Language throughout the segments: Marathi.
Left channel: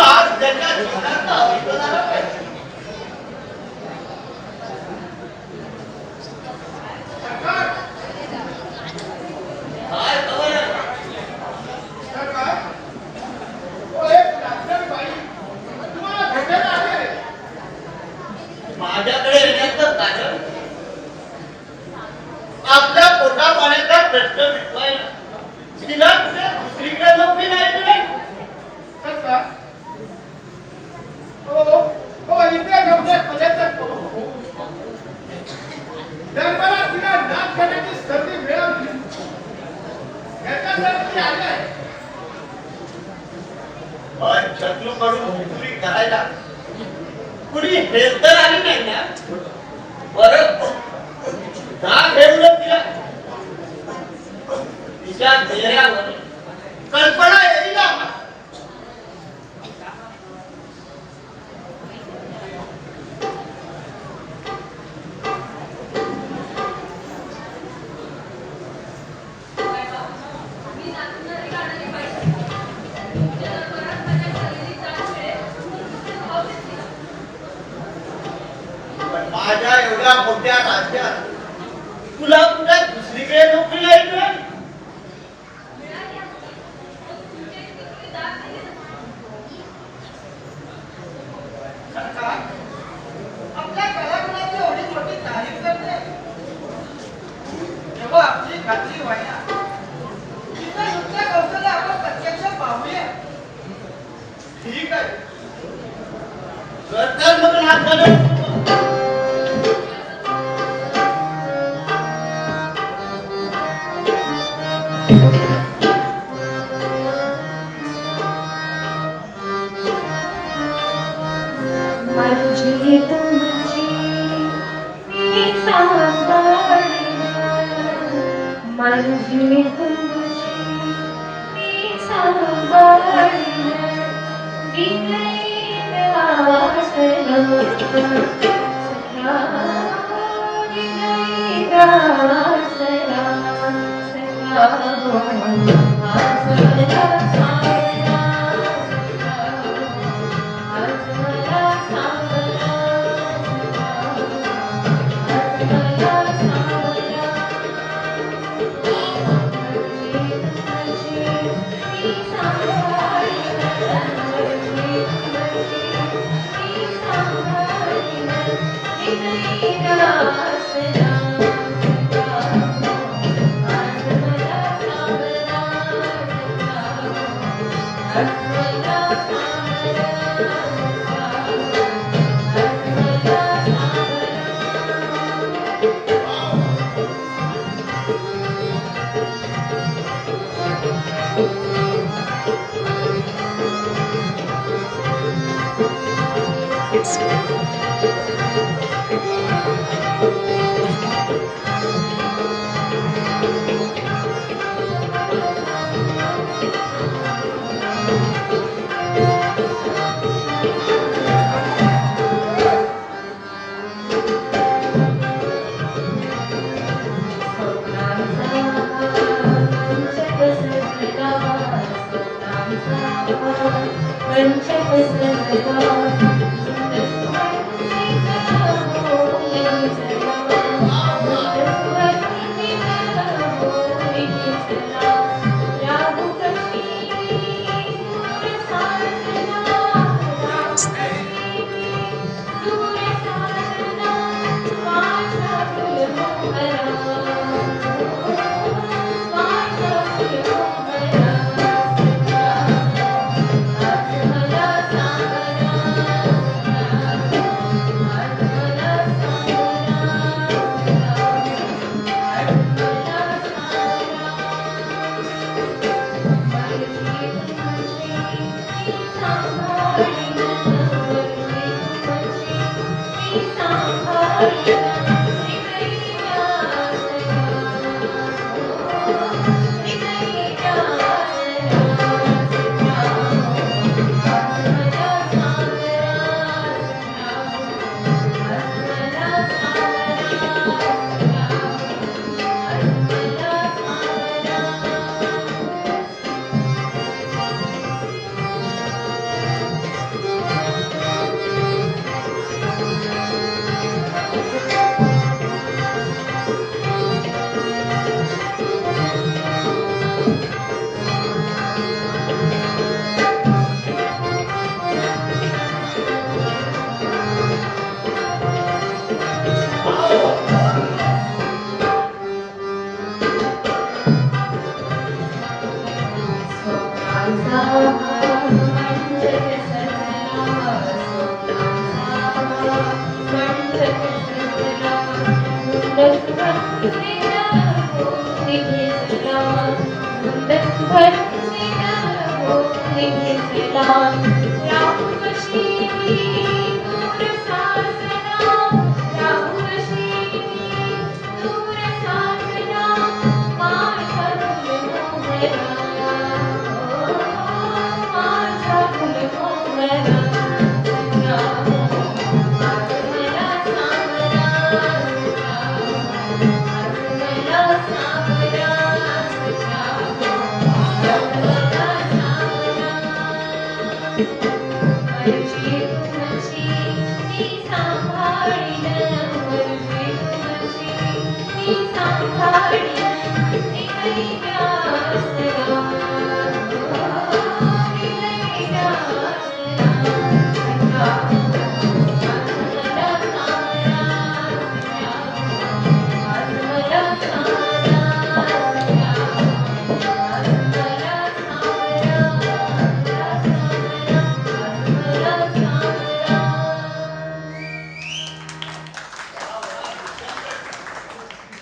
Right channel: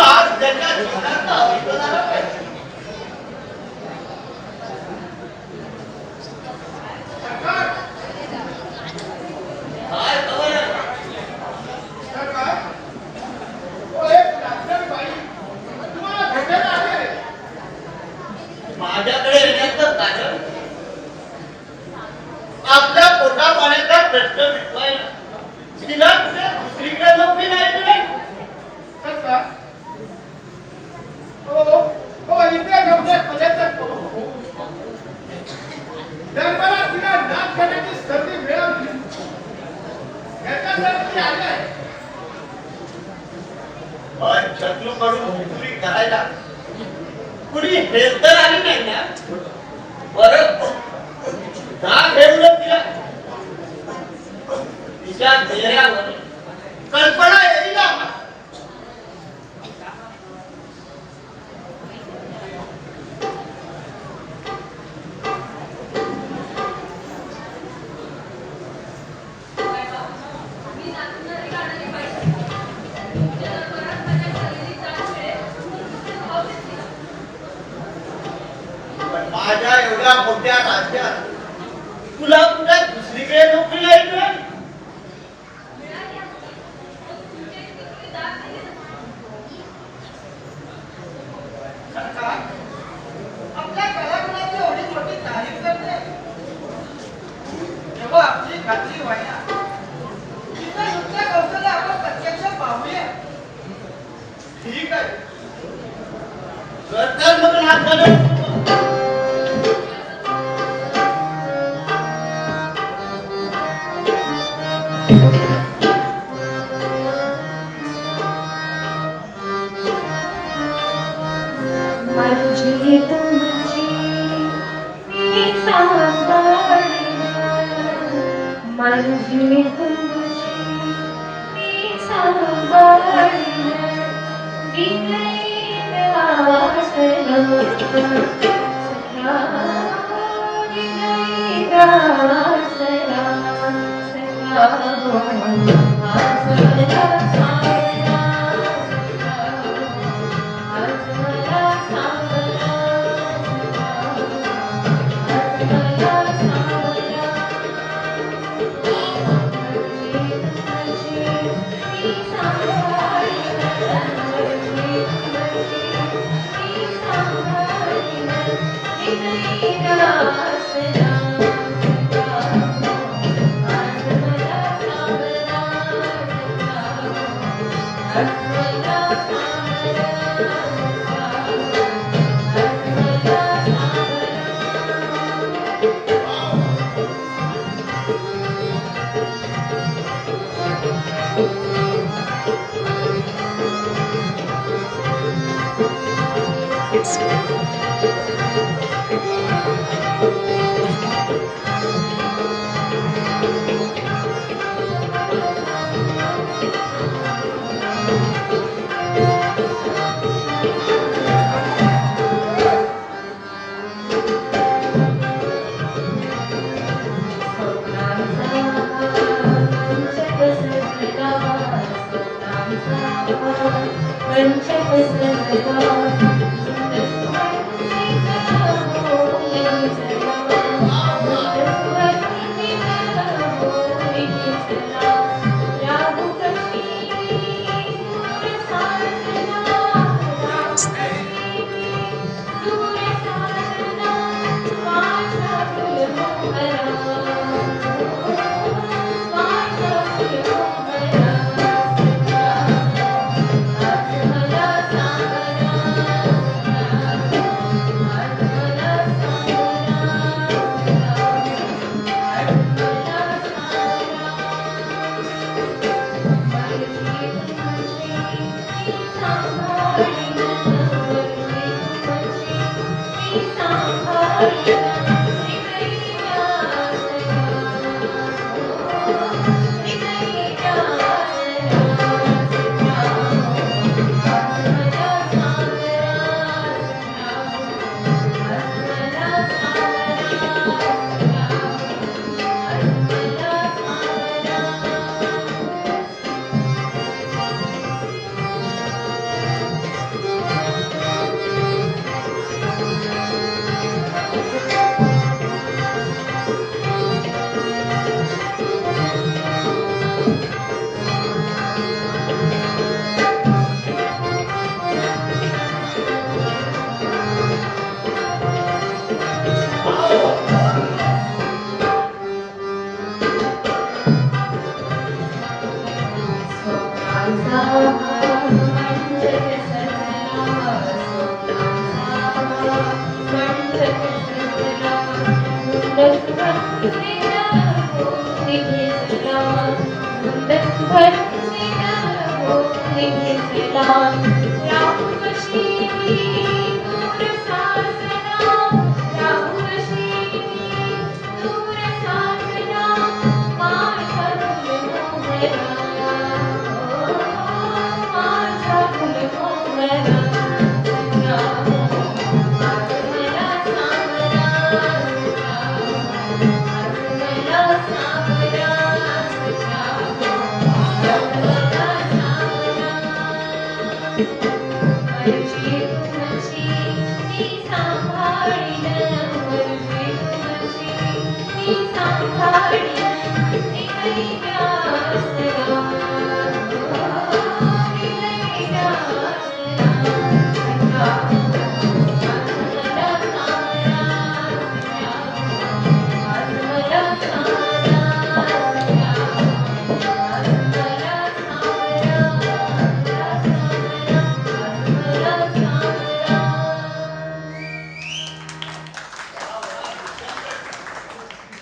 आज त्याच्या जीवनात अवतरणारा पाहिजे. काय खबर आहे? माझ्याकडे येण्याचं कारण आपल्या पोटा पाण्याचा प्रश्न मिटवायला. तिला कुठे दुसरीकडे नोकरी नाही मिळेल. शत्रूकडून नोकरी करायला कुणी हेच तर आली नाही ना. बरं जाग घेऊन तिला तिच्या चेहऱ्यावर कल्पना येईल. माझ्या एवढ्या मोठ्या राज्यात तुला कुठे दुसरीकडे नोकरी नाही मिळेल. आपल्या कलागुणाची एवढी मोठी तारीफ करते तेव्हा आपली खात्री व्हायला तिथं युक्त कौशल्य आपण प्रत्यक्ष पाहूया. ठीक आहे तर मग नाच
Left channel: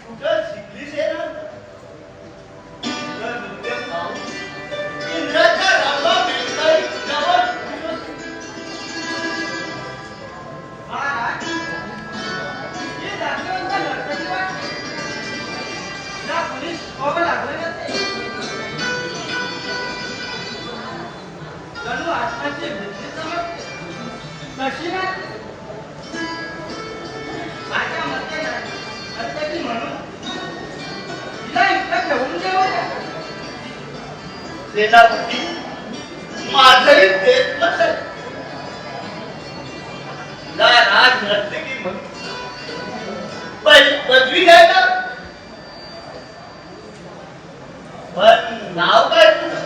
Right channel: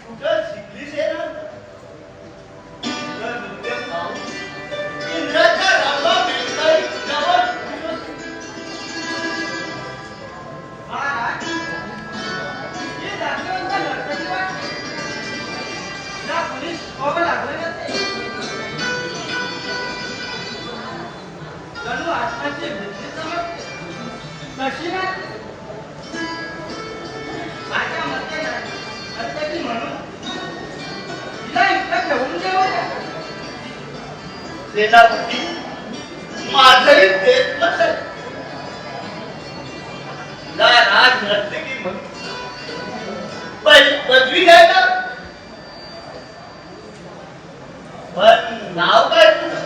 कुठं शिकलीस हे ना? तुझं नृत्य पाहून इंद्राच्या रांगा वेचताही तुझ्यावर खुश होते. महाराज, ही जातीवंत नर्तकी वाटते. तिला कुणी शिकवावं लागलं नसेल. जणू आत्म्याची वृत्ती समजते. कशी नाही? माझ्या मते नाही. नर्तकी म्हणून तिला इथं ठेवून देऊ द्या. सेनापती माझंही तेच मत आहे. तिला राज नर्तकी म्हणून पदवी द्यायला. पण नाव काय तुझं?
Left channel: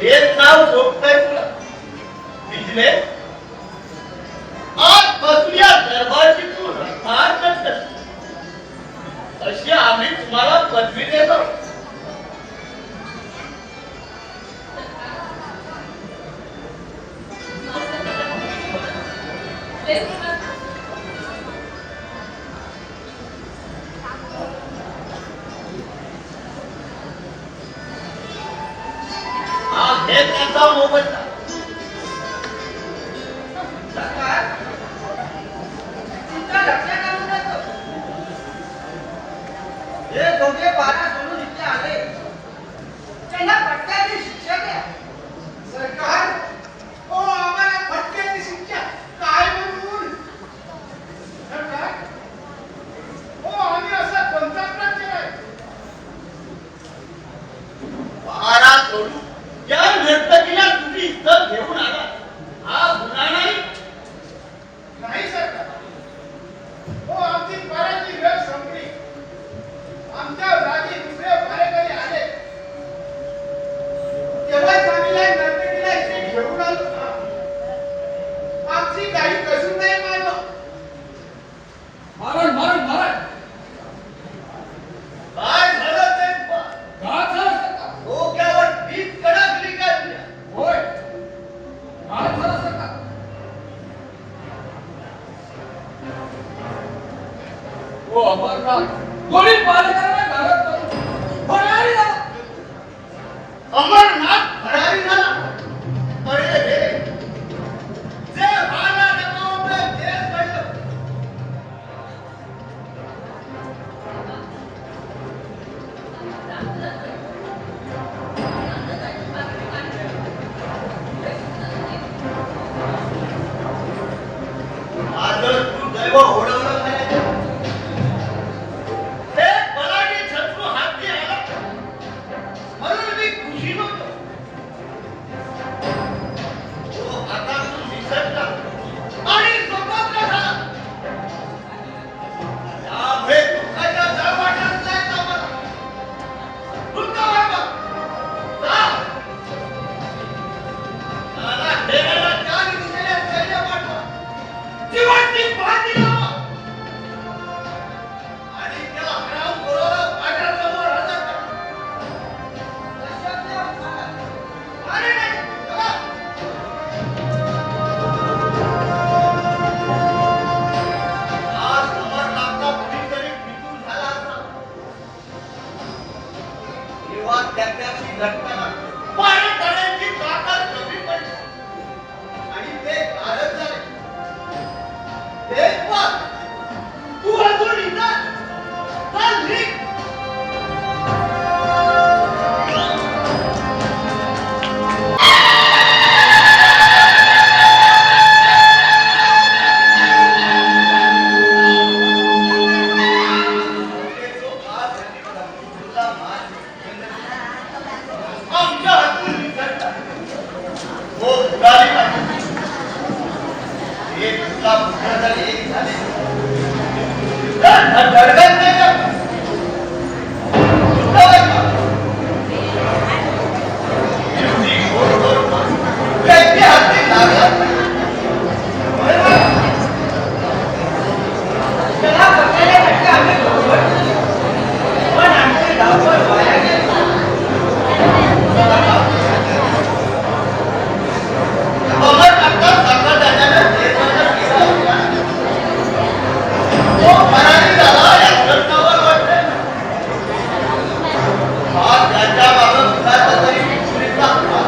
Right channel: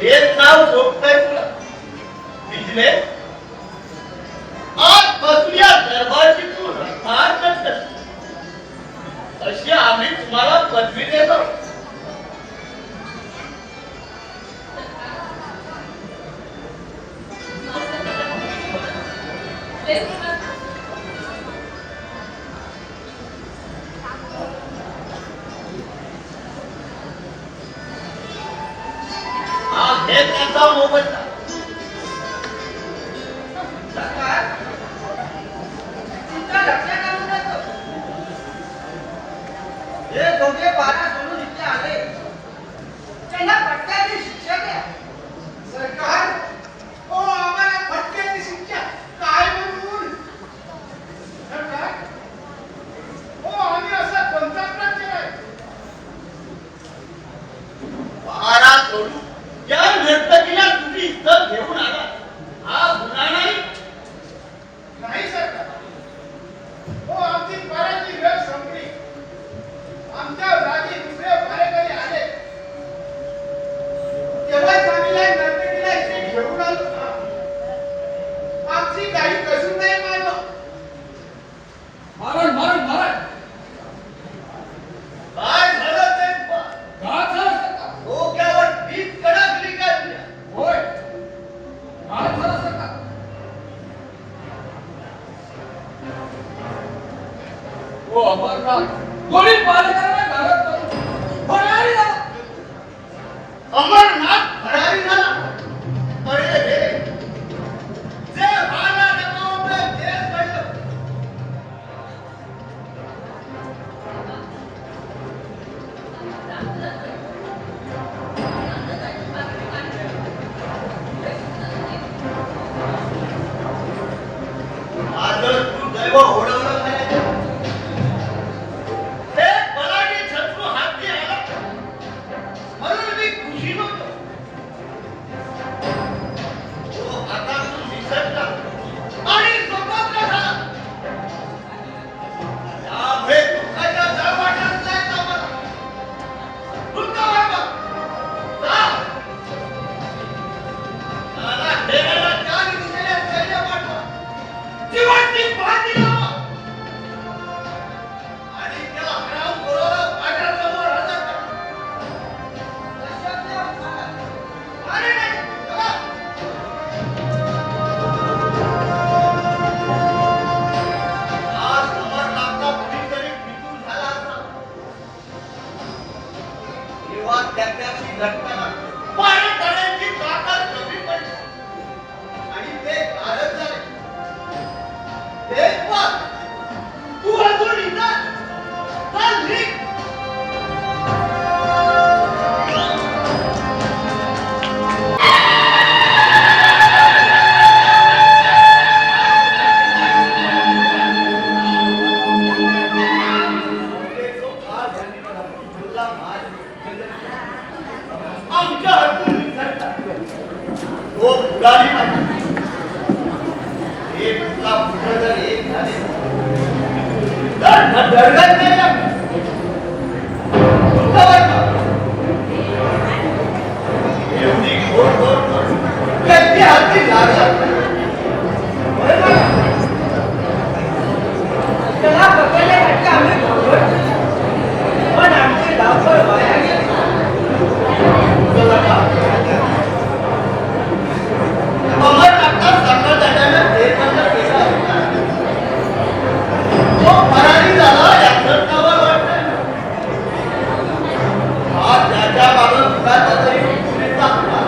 हेच नाव झोपतंय तुला? बिजले, आजपासून या दरबारची तू रहार नसतस. अशी आम्ही तुम्हाला पदवी देतो. हा हे त्यांचा मोबदला. सरकार, तुमच्या लक्षात आणून देतो. हे दोघे 12 सोडून इथे आले. त्यांना फटक्याची शिक्षा द्या. सरकार, ओ आम्हाला फटक्याची शिक्षा काय म्हणून? सरकार, ओ आम्ही असा कोणता अपराध केलाय? 12 सोडून या नर्तकीला तुम्ही इथं घेऊन आला, हा गुन्हा नाही? नाही सरकार. ओ आमची पराची वेळ संपली. आमच्या जागी दुसरे भाडेकरी आले. तेव्हाच आम्ही या नर्तकीला इथे घेऊन आलो. आमची काही कसूर नाही मानव. मारण मारण मारण काय झालं ते पहा. का झालं सरकार? डोक्यावर पीठ कडकली का तुझ्या? होय का झालं सरकार? ओ अमरनाथ कोणी पालकांना घालत करून फरारी झाला. अमरनाथ फरारी झाला. अरे रे, जे व्हायला नको होतं तेच घडलं. माझं तू दैव ओढवलं करायचं. हे बलाढ्य शत्रू हाती आला म्हणून मी खुशीत होतो. तो हातातून निसटला आणि स्वतंत्र झाला. त्यामुळे दुःखाच्या तळवाटात जायचं आम्हाला. दुःख वाटलं. जा. त्याला घेराला चार दिशेने सैन्य पाठवा. जीवाची बाजी लावा. त्याला पकडण्यासाठी आम्ही बरोबर केली. पण आमची धावपळ वाया गेली. अमर काका सांगत त्याच्याने देशाला केला होता. तो फरारी झाला याचं नवल वाटतंय. हा त्याच्या बाबत कुणाचा तरी विपरीत दाखला.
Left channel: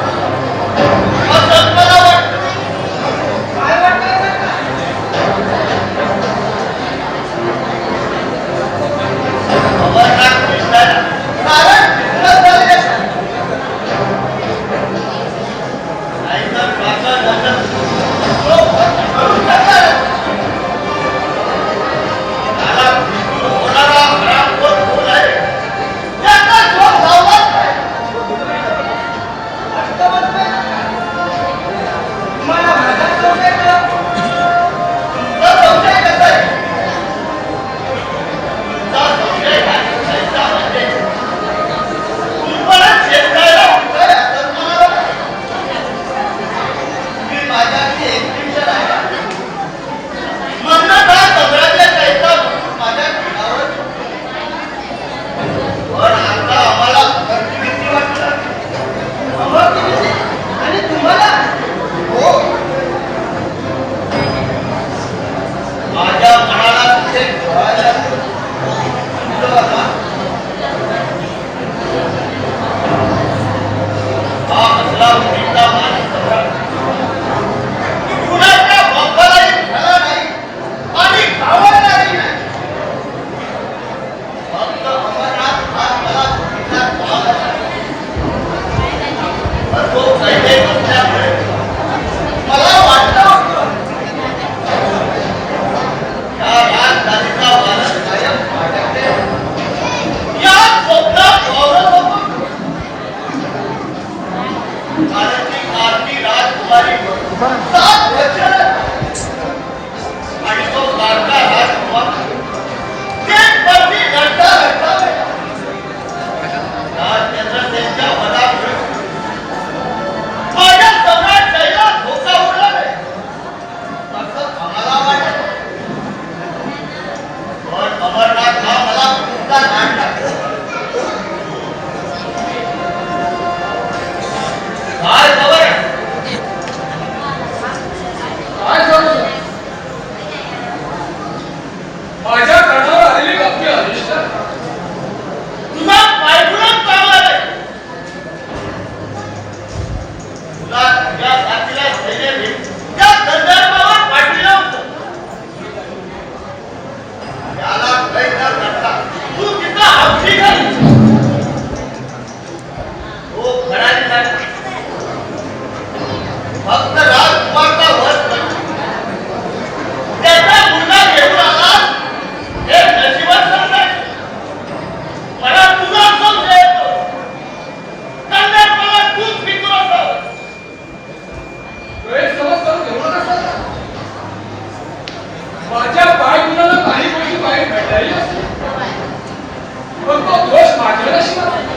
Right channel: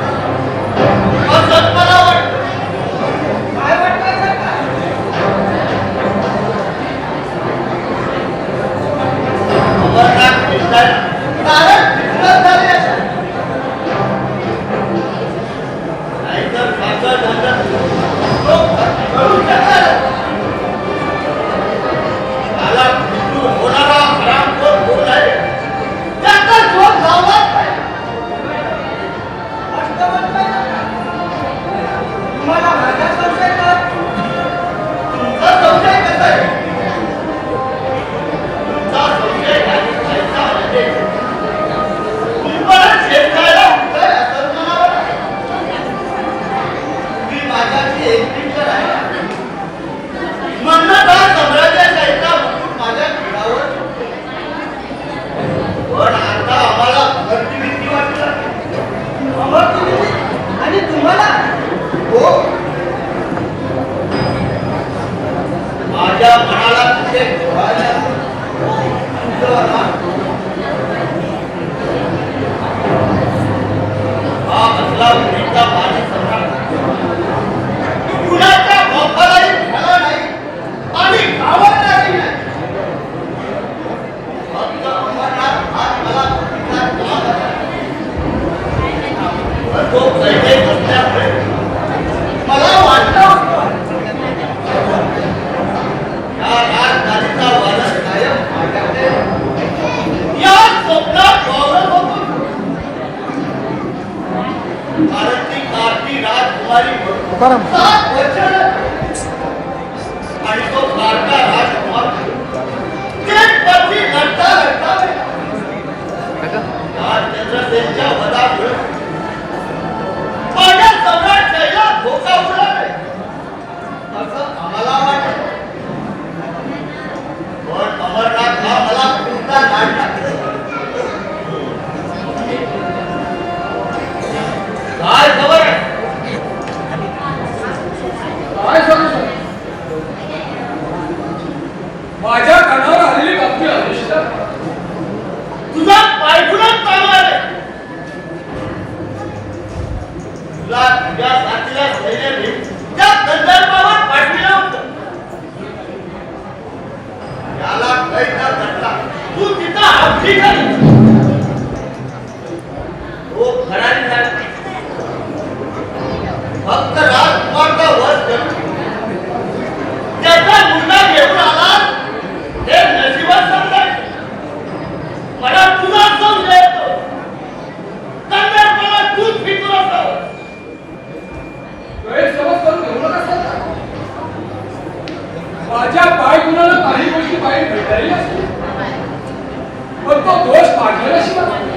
असं मला वाटतं. काय वाटतं काका? अमरनाथ कृष्णाला कारण कृष्ण झाले असेल. नाहीतर काका नंतर तो करू शकणार. त्याला मृत्यू होणारा हरामखोर कोण आहे? त्याचा शोध लावलाच पाहिजे. असं म्हणताय काका? तुम्हाला माझा संशय का? तुमचा संशय कसा आहे? तुमचा संशय आणि शंका म्हणजे तुम्हाला शेतकऱ्याला उत्तर असं मला वाटतं. तुम्ही माझ्याशी एकनिष्ठ राहिला. म्हणून हा सम्राज्य जायचा मुकुट माझ्या घरावर ठेवतो. पण आता आम्हाला भरती भीती वाटते. अमरगिरी आणि तुम्हाला हो. माझ्या मनाला तिथे कळायला तुझं बघा. हा कसला मुलीचा माझी सम्राट. कुणाच्या बापालाही झाला नाही आणि गावालाही नाही. फक्त अमरनाथ हा मला तिचा भाग असावा. पण तो पहिले नसल्यामुळे मला वाटलं होतं या राजधानीचा वारस कायम माझ्याकडे या स्वप्नात वावरत होतो. कारण ती कारती राजकुमारी 7 वर्षाला आणि तो कारता राजकुमार देशभरती लढता लढता या चंद्रसेनच्या वधामुळे माझ्या सम्राटशाहीला धोका उडला नाही असं आम्हाला वाटत. पण अमरनाथ हा मला खूपदा लाडला. काय खबर आहे? काय सांगू शकतो? माझ्या कानावर आलेली बातमी अनिष्ट. तुझा पायगुणच चांगला नाही. तुला तुझ्या साथीला सैन्याने त्या संदर्भावर पाठविलं होतं. त्याला कैद घातला. तू तिथं आपली झाली. तो फरारी झाला. फक्त राजकुमारचा वध करून त्याचा मुलगा घेऊन आला हे नशिबात समजायचं. मला तुझा संशय येतो. संदर्भाला तूच फितूर असावं. गैरसमज करून घेऊ नका सर. माझ्या पायगुणाला काही गोष्टी बाहेर भेटायला असतील. पण तो दोष माझ्या नशिबात.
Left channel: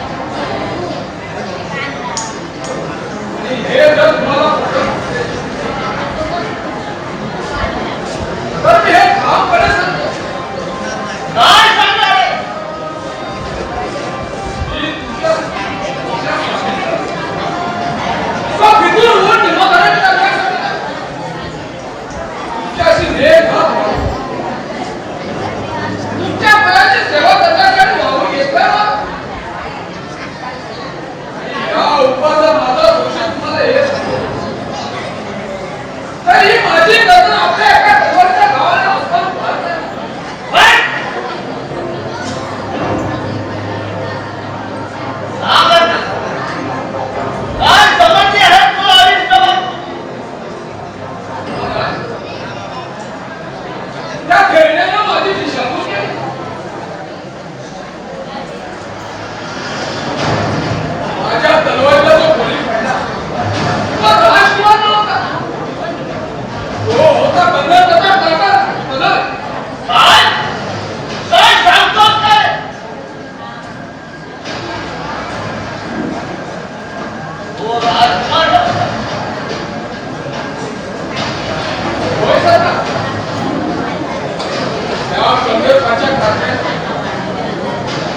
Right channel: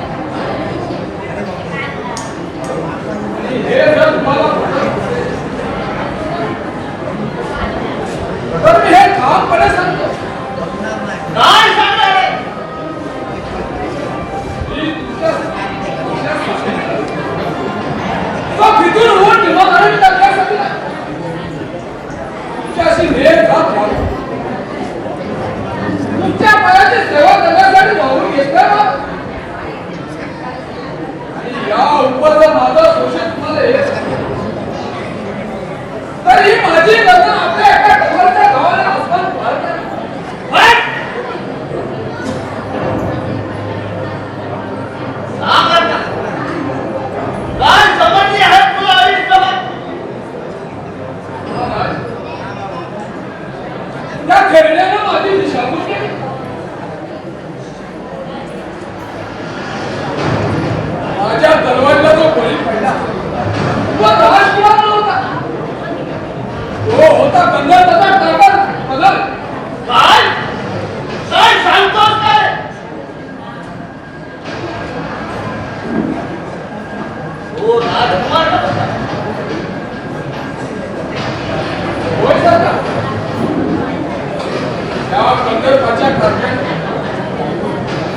संकल्पाच्या कारणे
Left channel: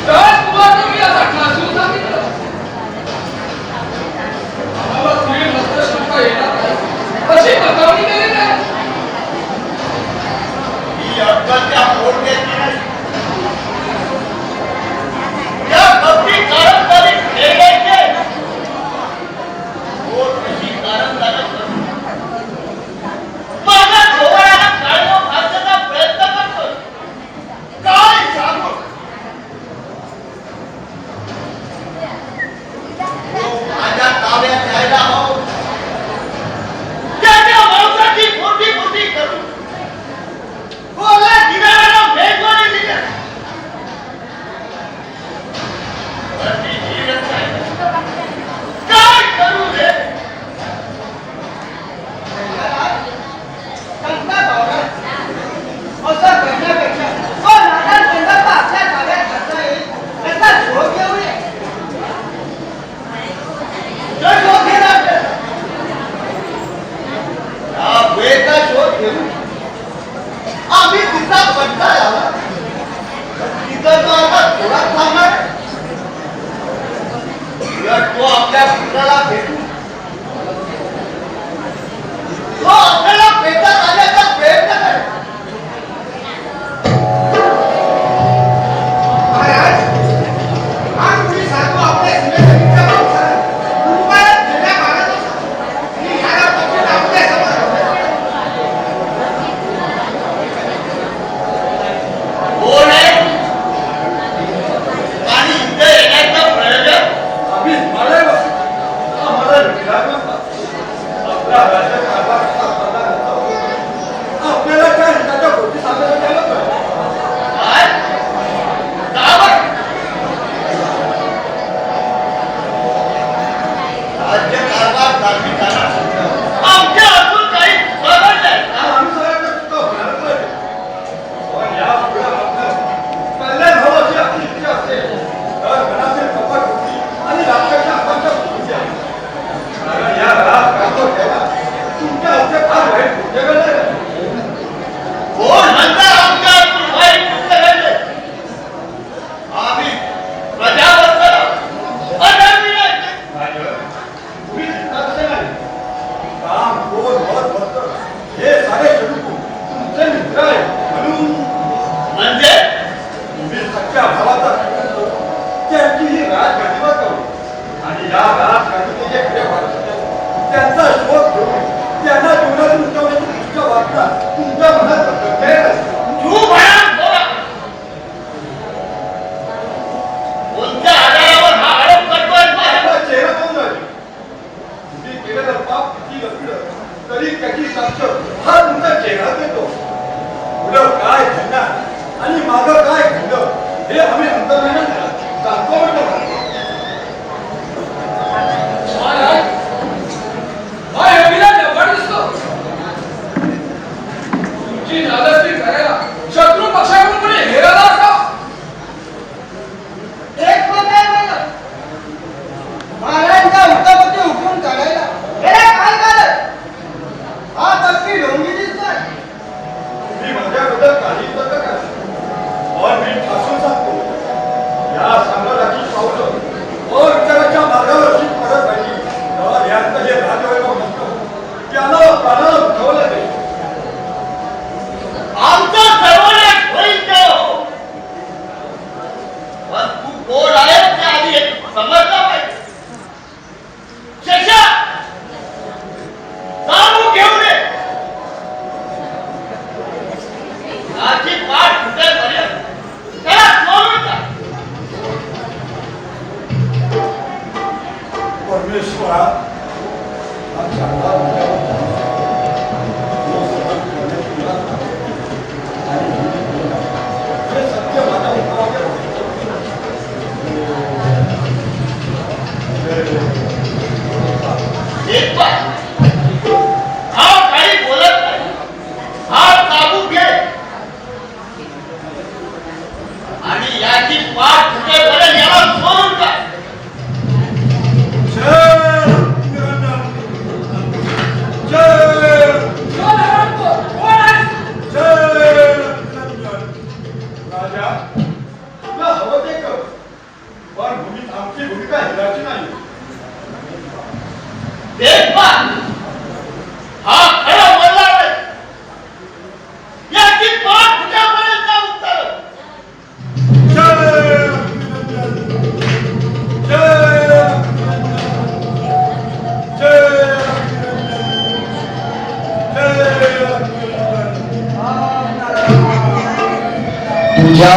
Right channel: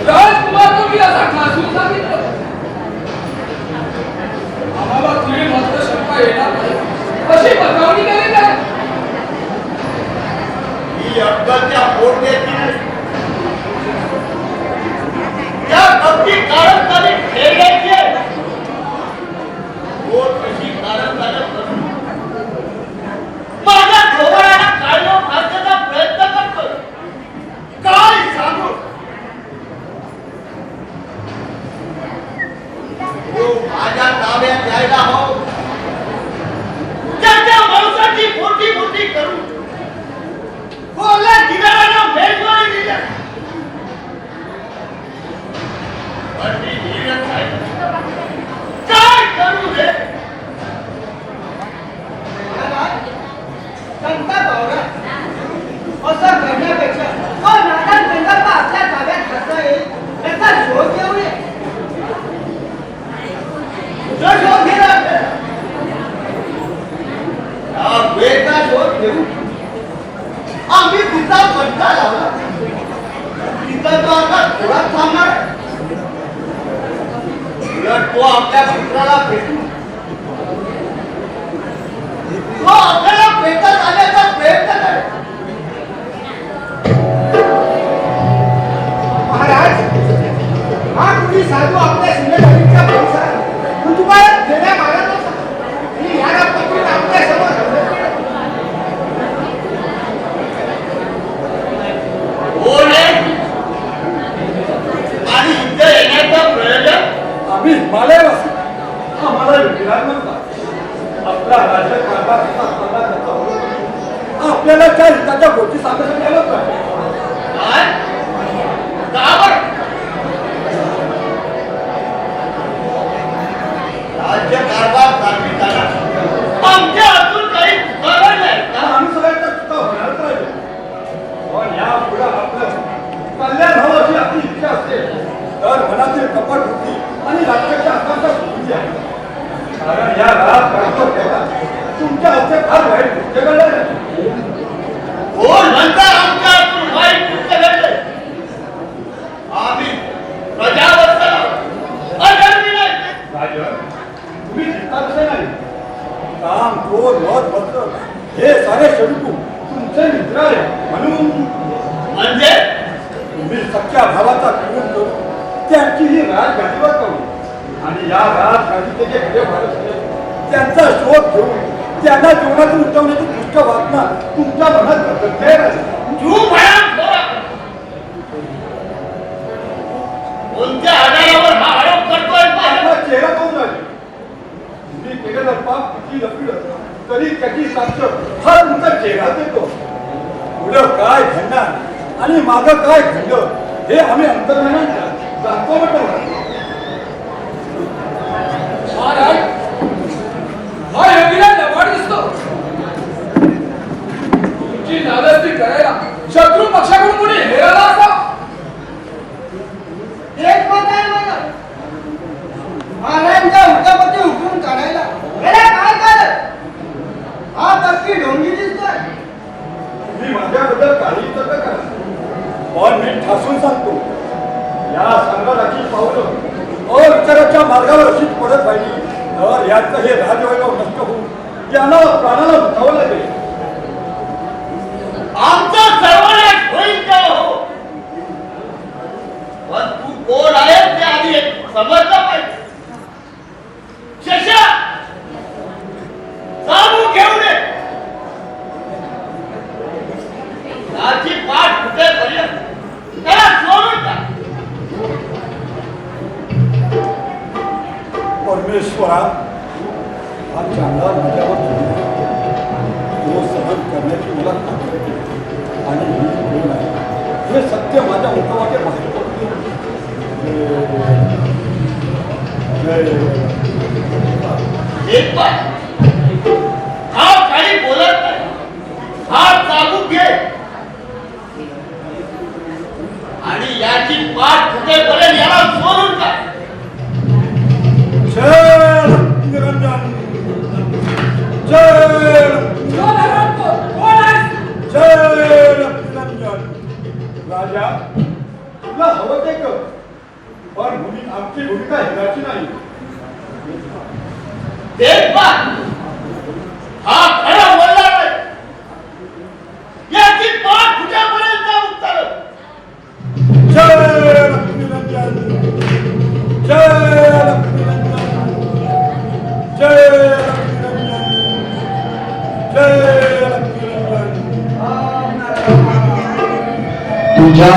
राजकुमार तुम्ही असा ठासून सांगितलं. आम्हाला तुम्ही मात्र शंका येणार नाही अशी बतावणी केली नाही. ही अक्कलच्या पोटण्याची नाही. या भक्ती पारंपरिक खेळण्याची आहे. पोट कशी कारंजानं करून माझ्या डोळ्याला काढून घालण्याचा प्रयत्न करतो. काय सांगू? तो माझ्या ताब्यात यायला हवं. त्याच्या वंशाची मोठी मोठी करून कोणा दिव्याला भेटवली दिल्या. पण मी धीरच आहे. काय करू रे? महाराज, संता भावना असं करण्यापेक्षा नादान संकल्प आपल्या ताब्यात करता येईल याचा शोध घेऊया. जो शोध घेला आपल्याला या वेळेचा शोध घेऊ. आम्ही तिचा पट्टा लावला. तिचा तो आता थोडाच थांबणार. उलट तो आपल्या पुत्राला भेटू. तो आपल्याला भेटत आल्याचा प्रयत्न करे. महाराज, हा तुम्ही साधू आपल्या सीमेधारीच्या माणसाला कुटुंबात गेल्या मारत होता आणि ह्या रात्रीत आपल्या समोर कोण आहे? आणि इथे येण्याचा प्रयोजन? आम्ही हिमालयवासी. आम्हाला विराम नका. आपला राज्यकारभार असा हातात घेता होता. आपल्याला त्या हिताच्या गोष्टी सांगायला द्यावं का? काय? का बरं? राज्यकारभार चालविताना आमच्या हातून काही चुकावं नाही. या अनुसरायचा चुका होणारच नाही. पण या पुढे आपलं कल्याण व्हावं अशी आपली इच्छा असेल तर मनातील कपट होती आणि राज्याच्या हाताच्या गोष्टी आहेत. कारण या तुमच्या हातचे फार वाईट जगाला कोण म्हणता आमच्या हातून वाईट कृत्य घडले? आम्ही प्रजावत्सल अधर्मी नाही. तुम्ही चिंता कसे नाही. काम क्रोध मत भक्त हे सारे शत्रू तुमचे मित्र आहे. म्हणून म्हणजे तुम्ही सख्या भावाचा खून करून त्यांची ही राज गाठीवर करू आणि या राज गाठीचे जे खरे भाव त्यांचा शोध घेऊन त्यांना जीवनातून उठवण्याची दुष्ट वासना तुमच्या मनात बदलते नाही. तू भयान बोला. कोणत्या आधारावर हा आरोप करतोय? माझा चेहरा पाहून जाईल. तुम्ही केलेलं पाप किती लपलं तरी त्याची साक्ष हा तुमचा चेहरा देतो. पुढं काय घडणार आणि मागं काय घडलं हे आम्ही अंतर्मनात जाणतो म्हटलं. महाराज, हा योगीला लबाड दिसतो. तुमची नादस्ती करायला शत्रू पक्षाकडून कोणी हेराला असा. एक मत आहे मला. महाराजांच्या हुकापती हुकूम काढायला याला काय कारण? हा तक्की ढोंगी दिसतोय. मी माझ्याबद्दल काही तक्क काय पण मी ठासून सांगतो या संघाची पावलं अविचाराच्या मार्गावर अशी पडत राहिली तर यांचं हे राजवैभव नष्ट होऊन त्यांना प्राणाला उठावं लागेल. आमचा सर्वनाश होईल का हो? पण तू कोण आहे ते आधी समजलं पाहिजे. शेषा जाणून घेऊ नये. याची पाठ फुटेपर्यंत त्याला सोडून टाक. परमेश्वरा हा चांगला माझ्यावर तो सहन करण्याची मला खात्री आहे. आणि ही जी गुण आहे हे सत्य माझ्या मुखामध्ये बाहेर पडते. एक पाय. हा काही बोलत नाही. हा काबू घे आणि याची पाठ फुटेपर्यंत याला सोडून टाक. जय निरंजन जय कोण आहे? जय निरंजन राजा तुला हवं ते कर पण आमची भूमिका हिराची नाही देखभाल हा खरा वल्ला आहे याची पाठ कुठेपर्यंत उतरल जय लक्ष्मीनंदन जय लक्ष्मीनंदन जय लक्ष्मीनंदन जय लक्ष्मीनंदन तुझ्या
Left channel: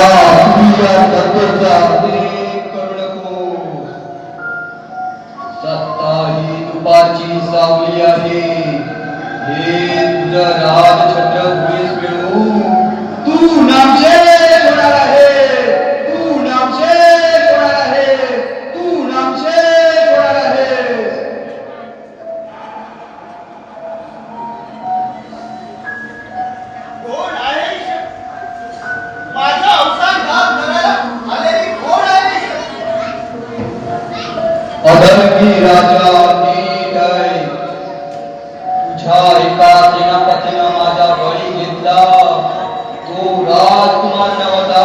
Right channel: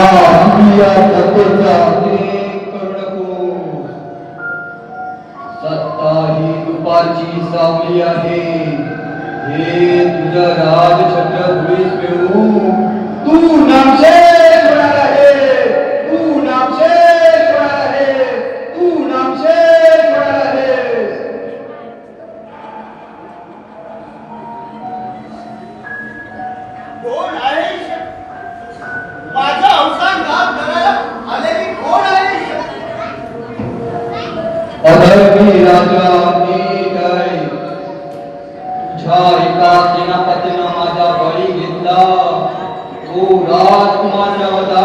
तत्वाचा अनेक करू नको सत्ता ही दुपारची सावली आहे हे तुझं राजछत्र पुढेच मिळू तू नामशेष होणार आहे तू नामशेष होणार आहे तू नामशेष होणार आहे कोण आहे माझा अवसान घात करायला आलेली कोण आहे अधर्मी राजा नीट आहे तुझ्या एका सेनापतीनं माझा बळी घेतला तो राजकुमार नव्हता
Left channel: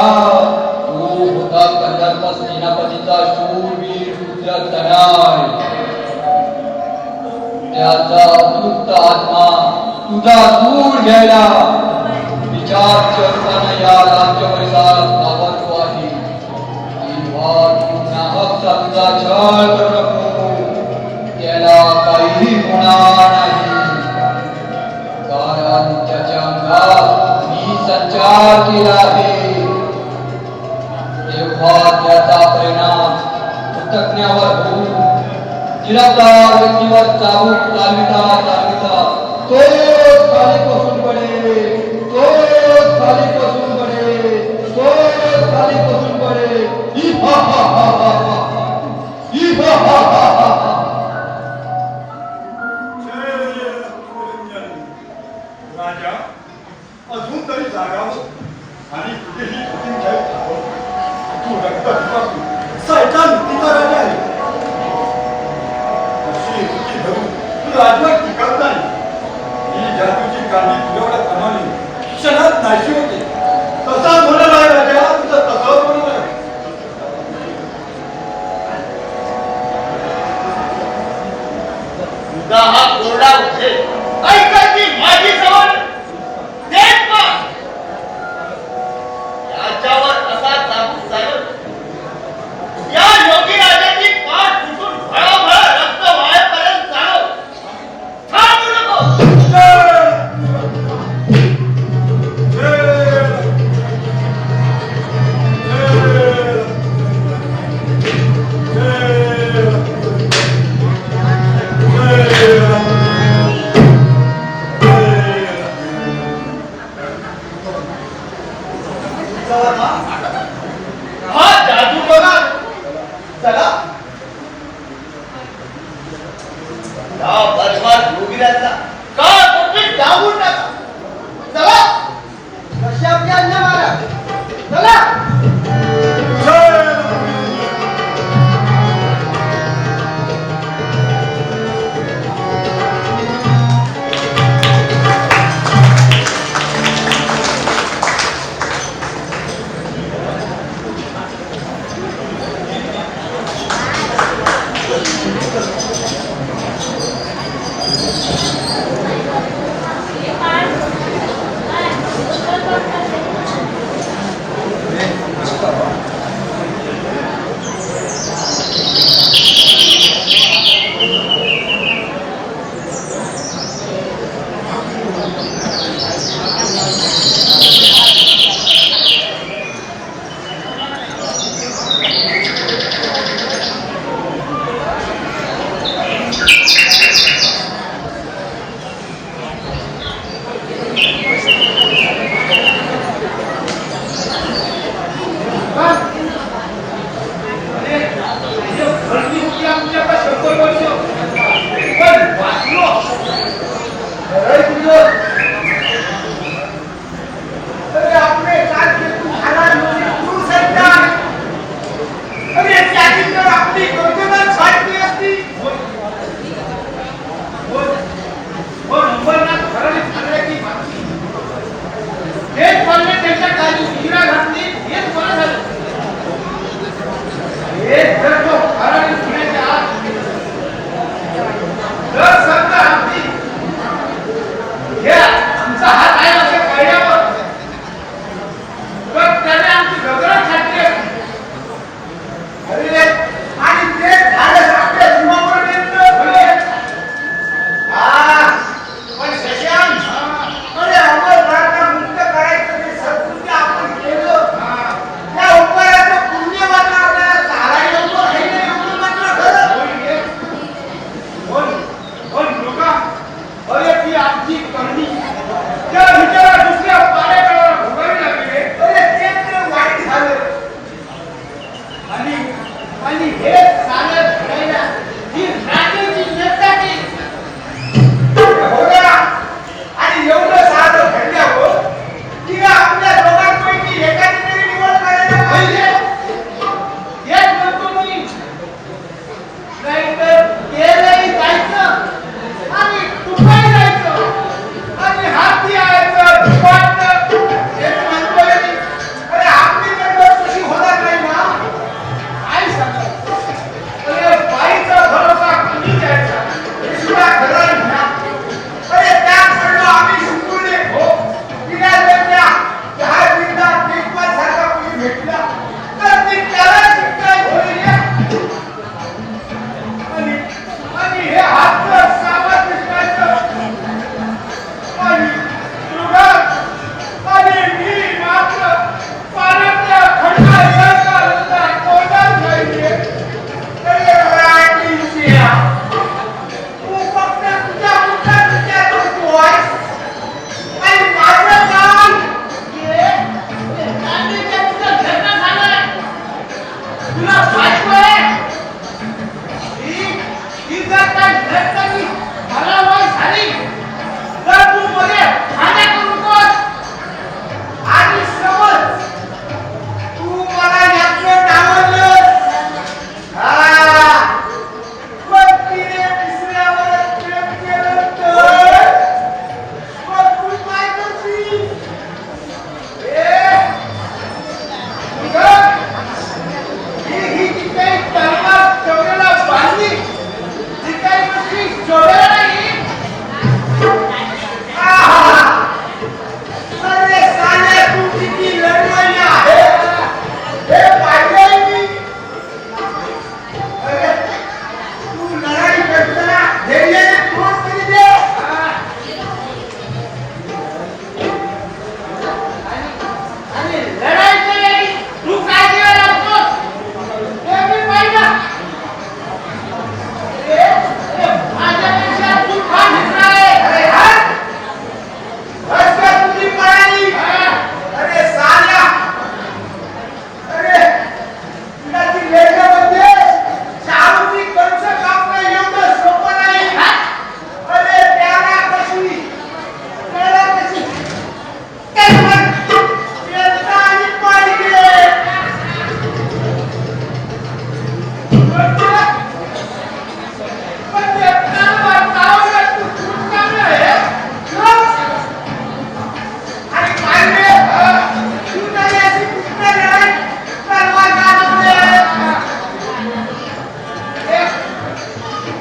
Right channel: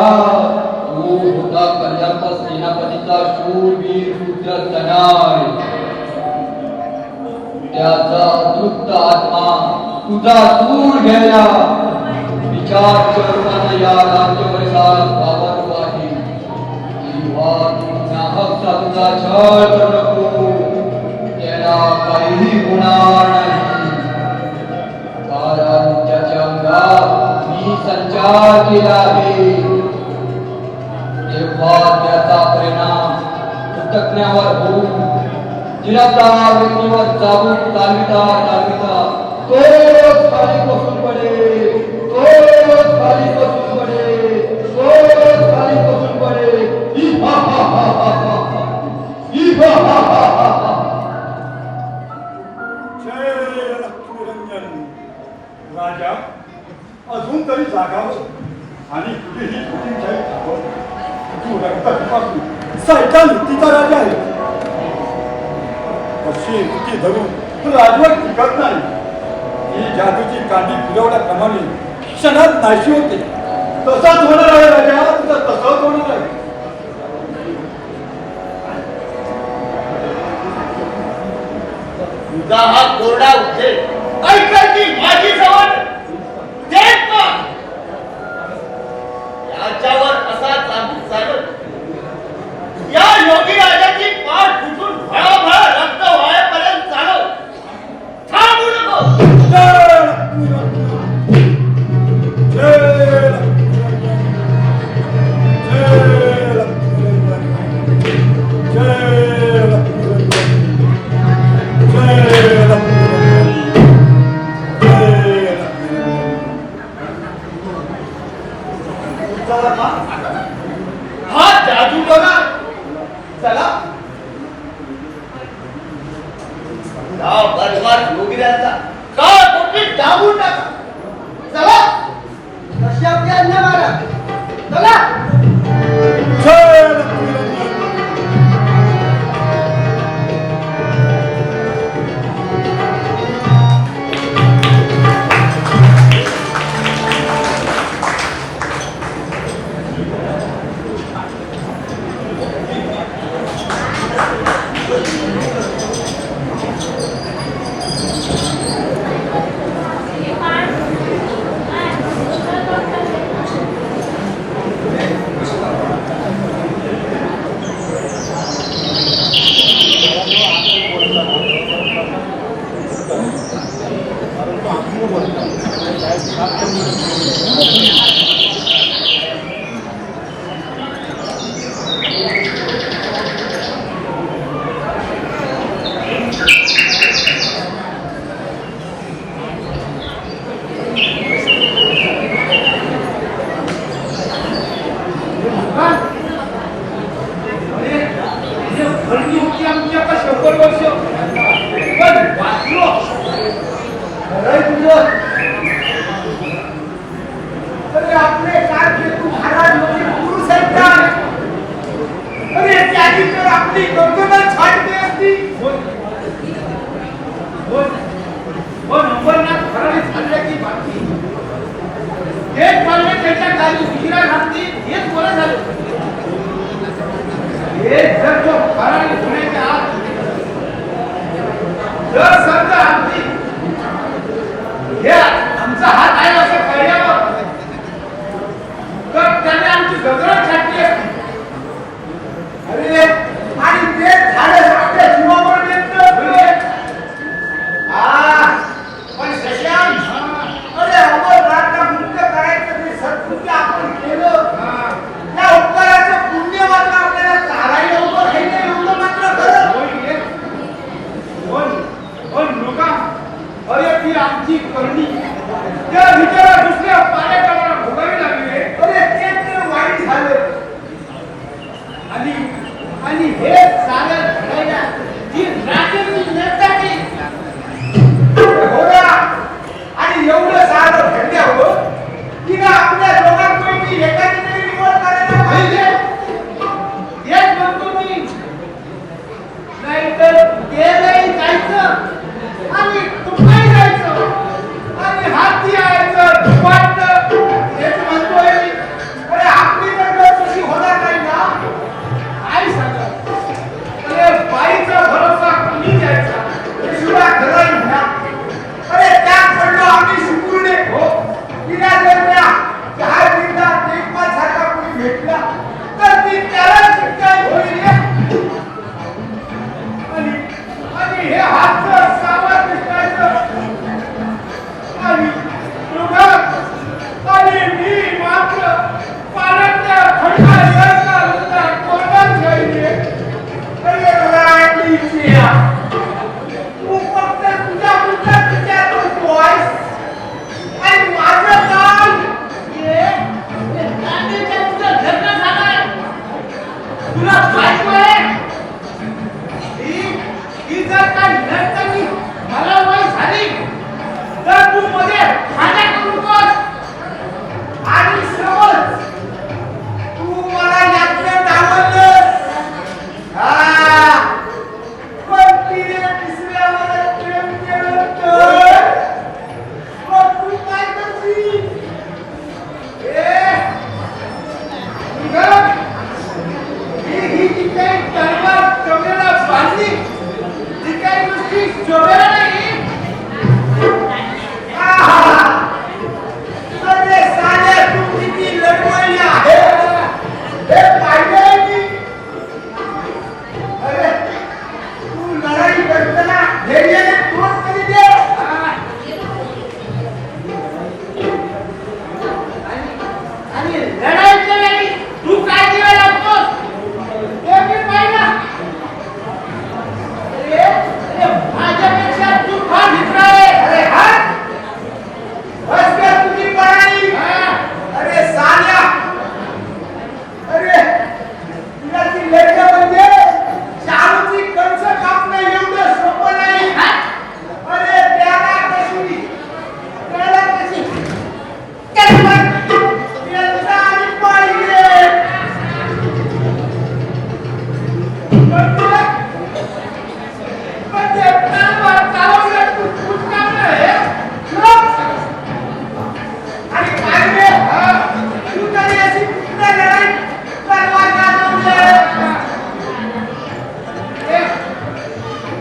तो होता कल्याणप सेनापतीचा शूरवीर पुत्र तनय त्याचा अतृप्त आत्मा तुझा दूर घ्यायला विचार करून या राज्यवैसाला घाबरतो आहे किंवा नाहकचा तुझा छळ करू नको त्याला काहीही होणार नाही कारण त्याच्या अंगात मी संचार केला आहे तेव्हा त्याचा परिणाम कृतज्ञावर होऊन निरपराध व्यक्तीवर जाऊन चालविता तोच खाली कोसळून पडेल तोच खाली कोसळून पडेल तोच खाली कोसळून पडेल ही हा हा हा हा हा ही हा हा हा हा हा जय लक्ष्मीनंदन राजा अजून तरी जागावं आणि कुठेही छोटी खावं तू रक्तापासून सायका नीतीचा राजा आहे अशी युक्ती धरून राजवट टिकत नाही ही जादूची कांदी पुरवल्याप्रमाणे क्षणात नाशी होते तसाच होणार आहे राजा तुझं तसंच होणार आहे तुझा हा कोरडा उद्देश ऐकायची माझी सवय देत पण याच्यावर असा चालू चालत या योगी राजाची पाठ फुटून भळाभळ रक्त वाळेपर्यंत चालव थांबू नको हा जादू टोना चला या बदमाश योगीराजा का टोपी डांबून टाका चला कशी आपली आज्ञा महाराज चला जय आणि हे सारं घडायला ही रात्रीची नेताची हो ना. आणि एवढं सारं घडल्यावर तिला आपल्या दोघांपैकी एकाची तरी निवड करायला पाहिजे. हेच म्हणतो मी. नाहीतर गेलंही जायचं आणि तुकडे जायचं आणि हाती यायचं झुपाटलं हेच म्हणतोय मी. अरे आपली तर तशी होणार नाही ना. काय सांगत? अरे बाईचा भरोसा कोणी द्यायचा हे सुद्धा खरं नाही ना. अरे त्यात पडलो आम्ही शुकुरले हो. तिला जर त्या दहा मिनिटात लेखपाल सारखा कोणी भेटला तर ती त्याला शिक्षा होईल. आणि हे हातचं सामान दिसण्याचं आणि दोघं आणि मी मात्र पालक खडका सरकार होता कोणाच पाहिजे. अरे राणीची तू फक्त तुझ्या विचार करतोय आणि माझं काय तुला बायको आहे. ही जर काय नर्तकी मला वय झाली तर तू मध्ये खाण्या करू नकोस. आणि समज तू मला यातले डावललंस पण तिने तिसऱ्यावर प्रेम केलं तर मग तू काय करशील? ही जी काही तलवार चौऱ्याला बांधली ती काही गोष्टी जोड्या नाही. अरे साल्या तू किती लढवाई आहे हे पाहिजे मी. अरे तू लढाई करताना धैर्याने तोड तरी दे. आणि लढाईचं नाही तू काय दिवे लागतोस हे मी पाहिलं. अरे माझ्यापेक्षा तू फार मित्र आहे. अरे हा बस कर तुझी पायानी. अरे साल्या अरे तुझ्याची लेकरामध्ये चालूची कंस कापणं एवढं सोपं नाही. अरे त्याला कशी त्याला कशी त्याचा आणि पाहिजे. पण तुला पण ते प्राणवार चालवलं तू फुटकावलं हे आणि काय रे तू तरी अशी कुठल्या लढाई प्राणवार गाजवले.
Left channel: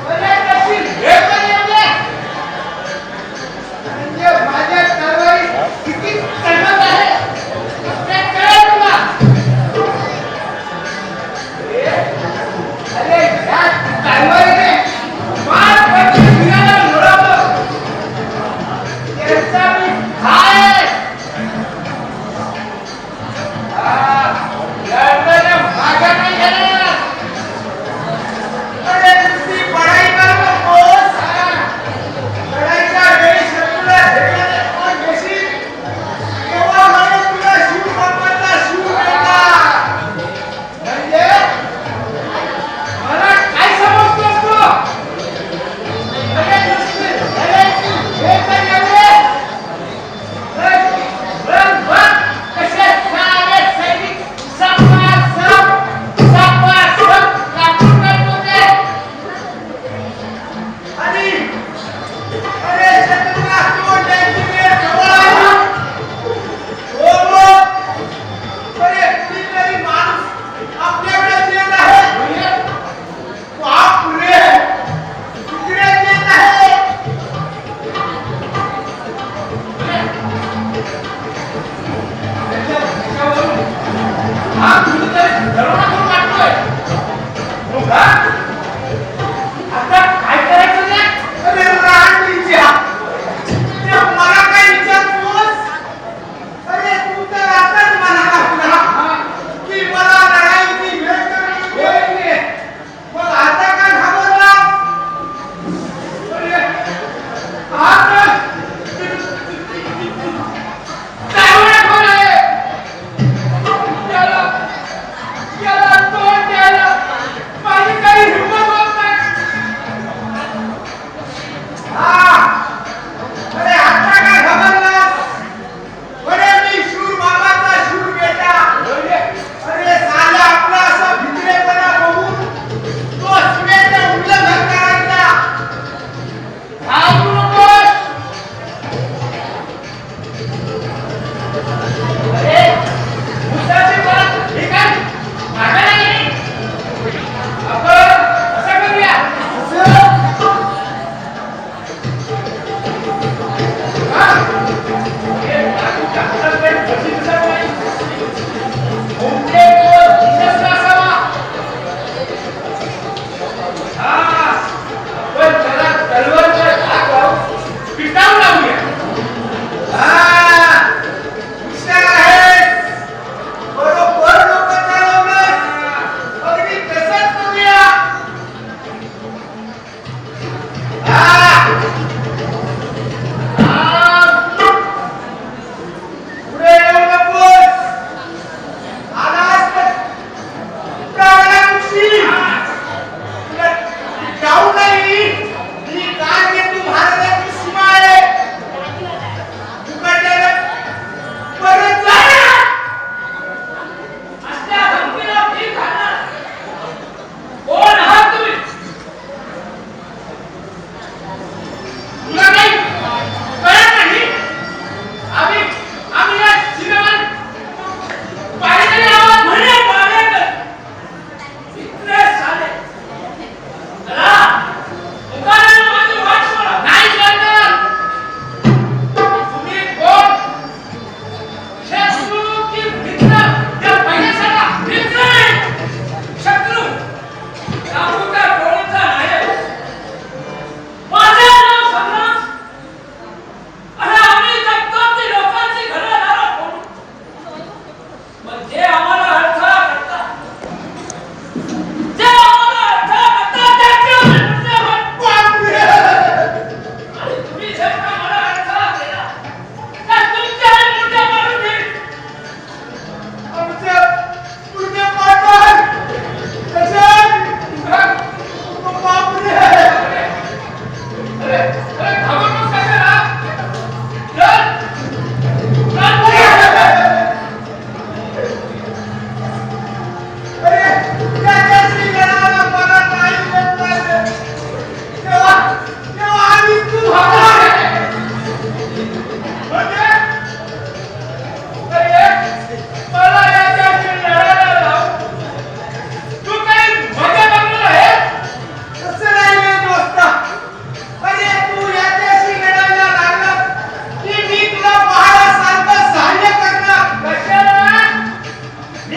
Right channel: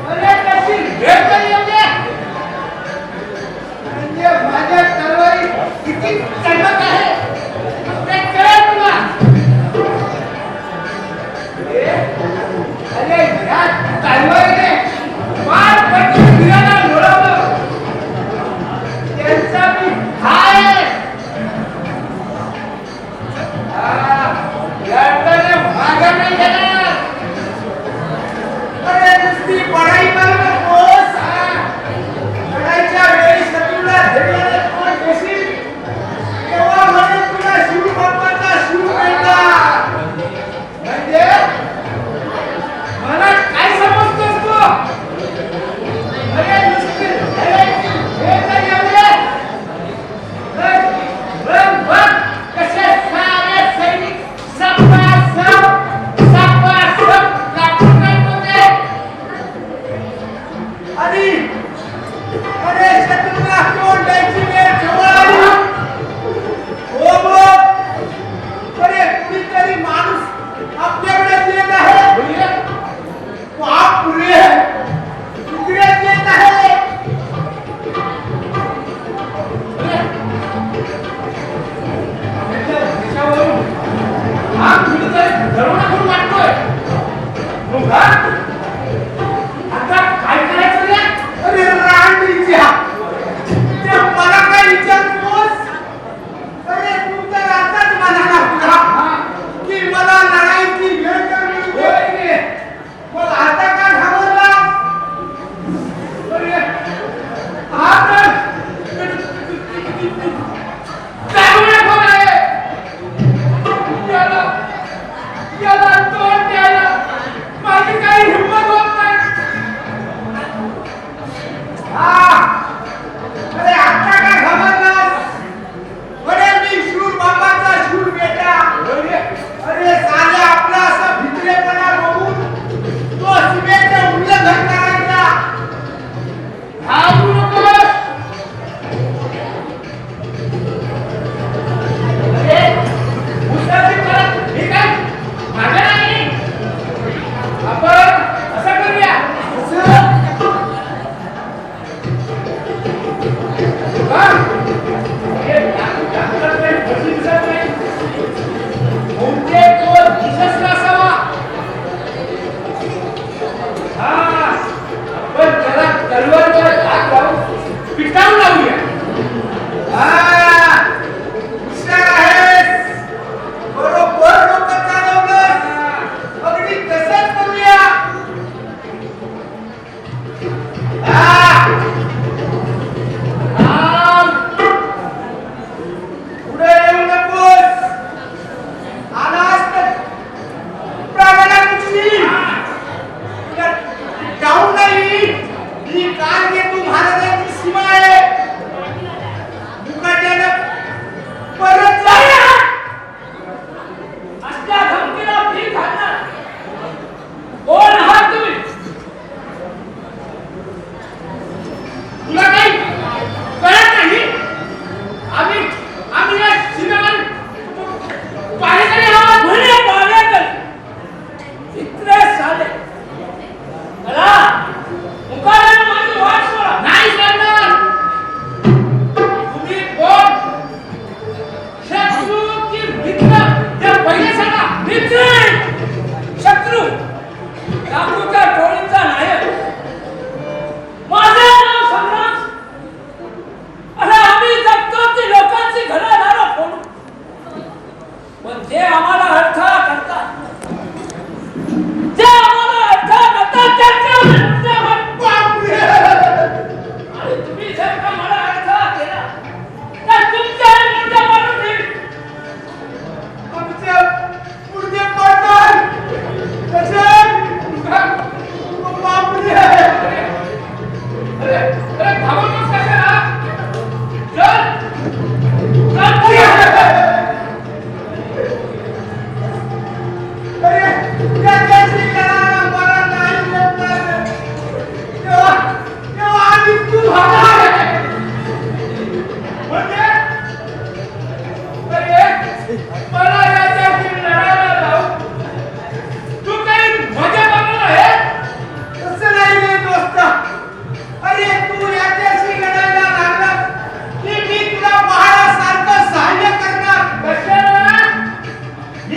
अरे कशी हे तरी येऊ दे. म्हणजे माझ्या तलवारी किती तडमत आहे ते कळेल तुला. अरे या तलवारीने फार पैकी फिरायला लोळवलं. त्यांचा मी हाय लढताना मागा नाही घेणार. अरे नुसती पढाई करू नकोस. लढाईच्या वेळी शत्रूला धैर्याने तोड देशील तेव्हा म्हणून तुला शिव बाप्पाचा शिव मिळणार. म्हणजे मला काय समजतोस तू? अरे नुसती लढाईची हे तर एवढे बघ कसे सारे सैनिक सपासप लागून राहिले होते. आणि अरे शत्रूला तोड द्यायची वेळ जवळ आली. हो मग अरे कुणीतरी माणूस आपल्याकडे येत आहे. बापरे तुकडे येत आहे. हा कुणीतरी दरोडा करून वाटतोय. आता काय करायचं रे? अरे राणीची ते मला काय विचारतोस? अरे तू तर आताच म्हणाला की मला लढाईची वेळ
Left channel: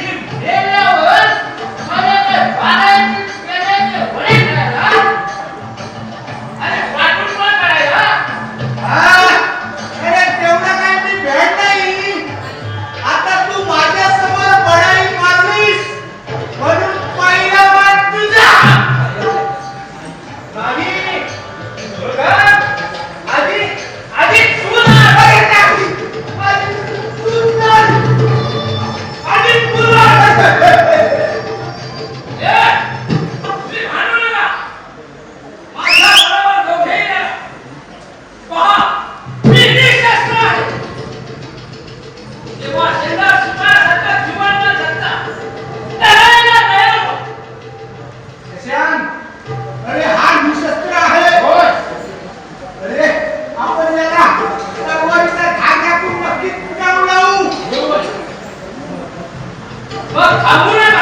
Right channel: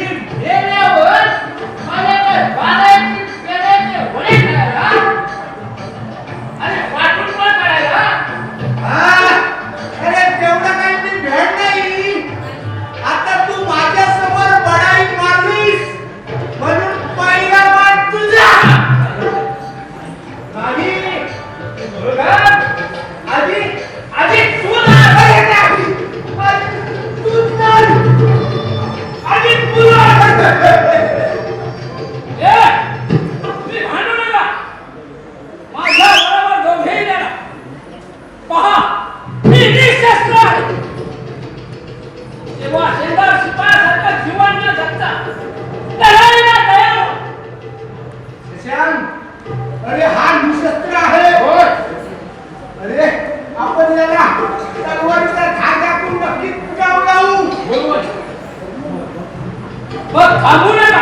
मेल्यावर मला काय वाढायची पेरायची वडे खायला आणि पाठून पण काढायला अरे तेवढं काही मी भेट नाही. आता तू माझ्या समोर बडाई मारलीस म्हणून पहिला मान तुझा. नाही मुलगा आधी आधी तू ना अरे नाही. तू नाही. आधी तुला ए तुम्ही भांडू नका माझ्या बरोबर दोघेही ना पहा मी निशस्त्र आहे जेव्हा शेजार शिपायासारखं जीवन न जगता लढाईला तयार हो. शशांक, अरे हा निशस्त्र आहे. होय अरे आपण याला तलवारीचा धागा करून नक्की कुठावर लावू. बरोबर मग थांबू नका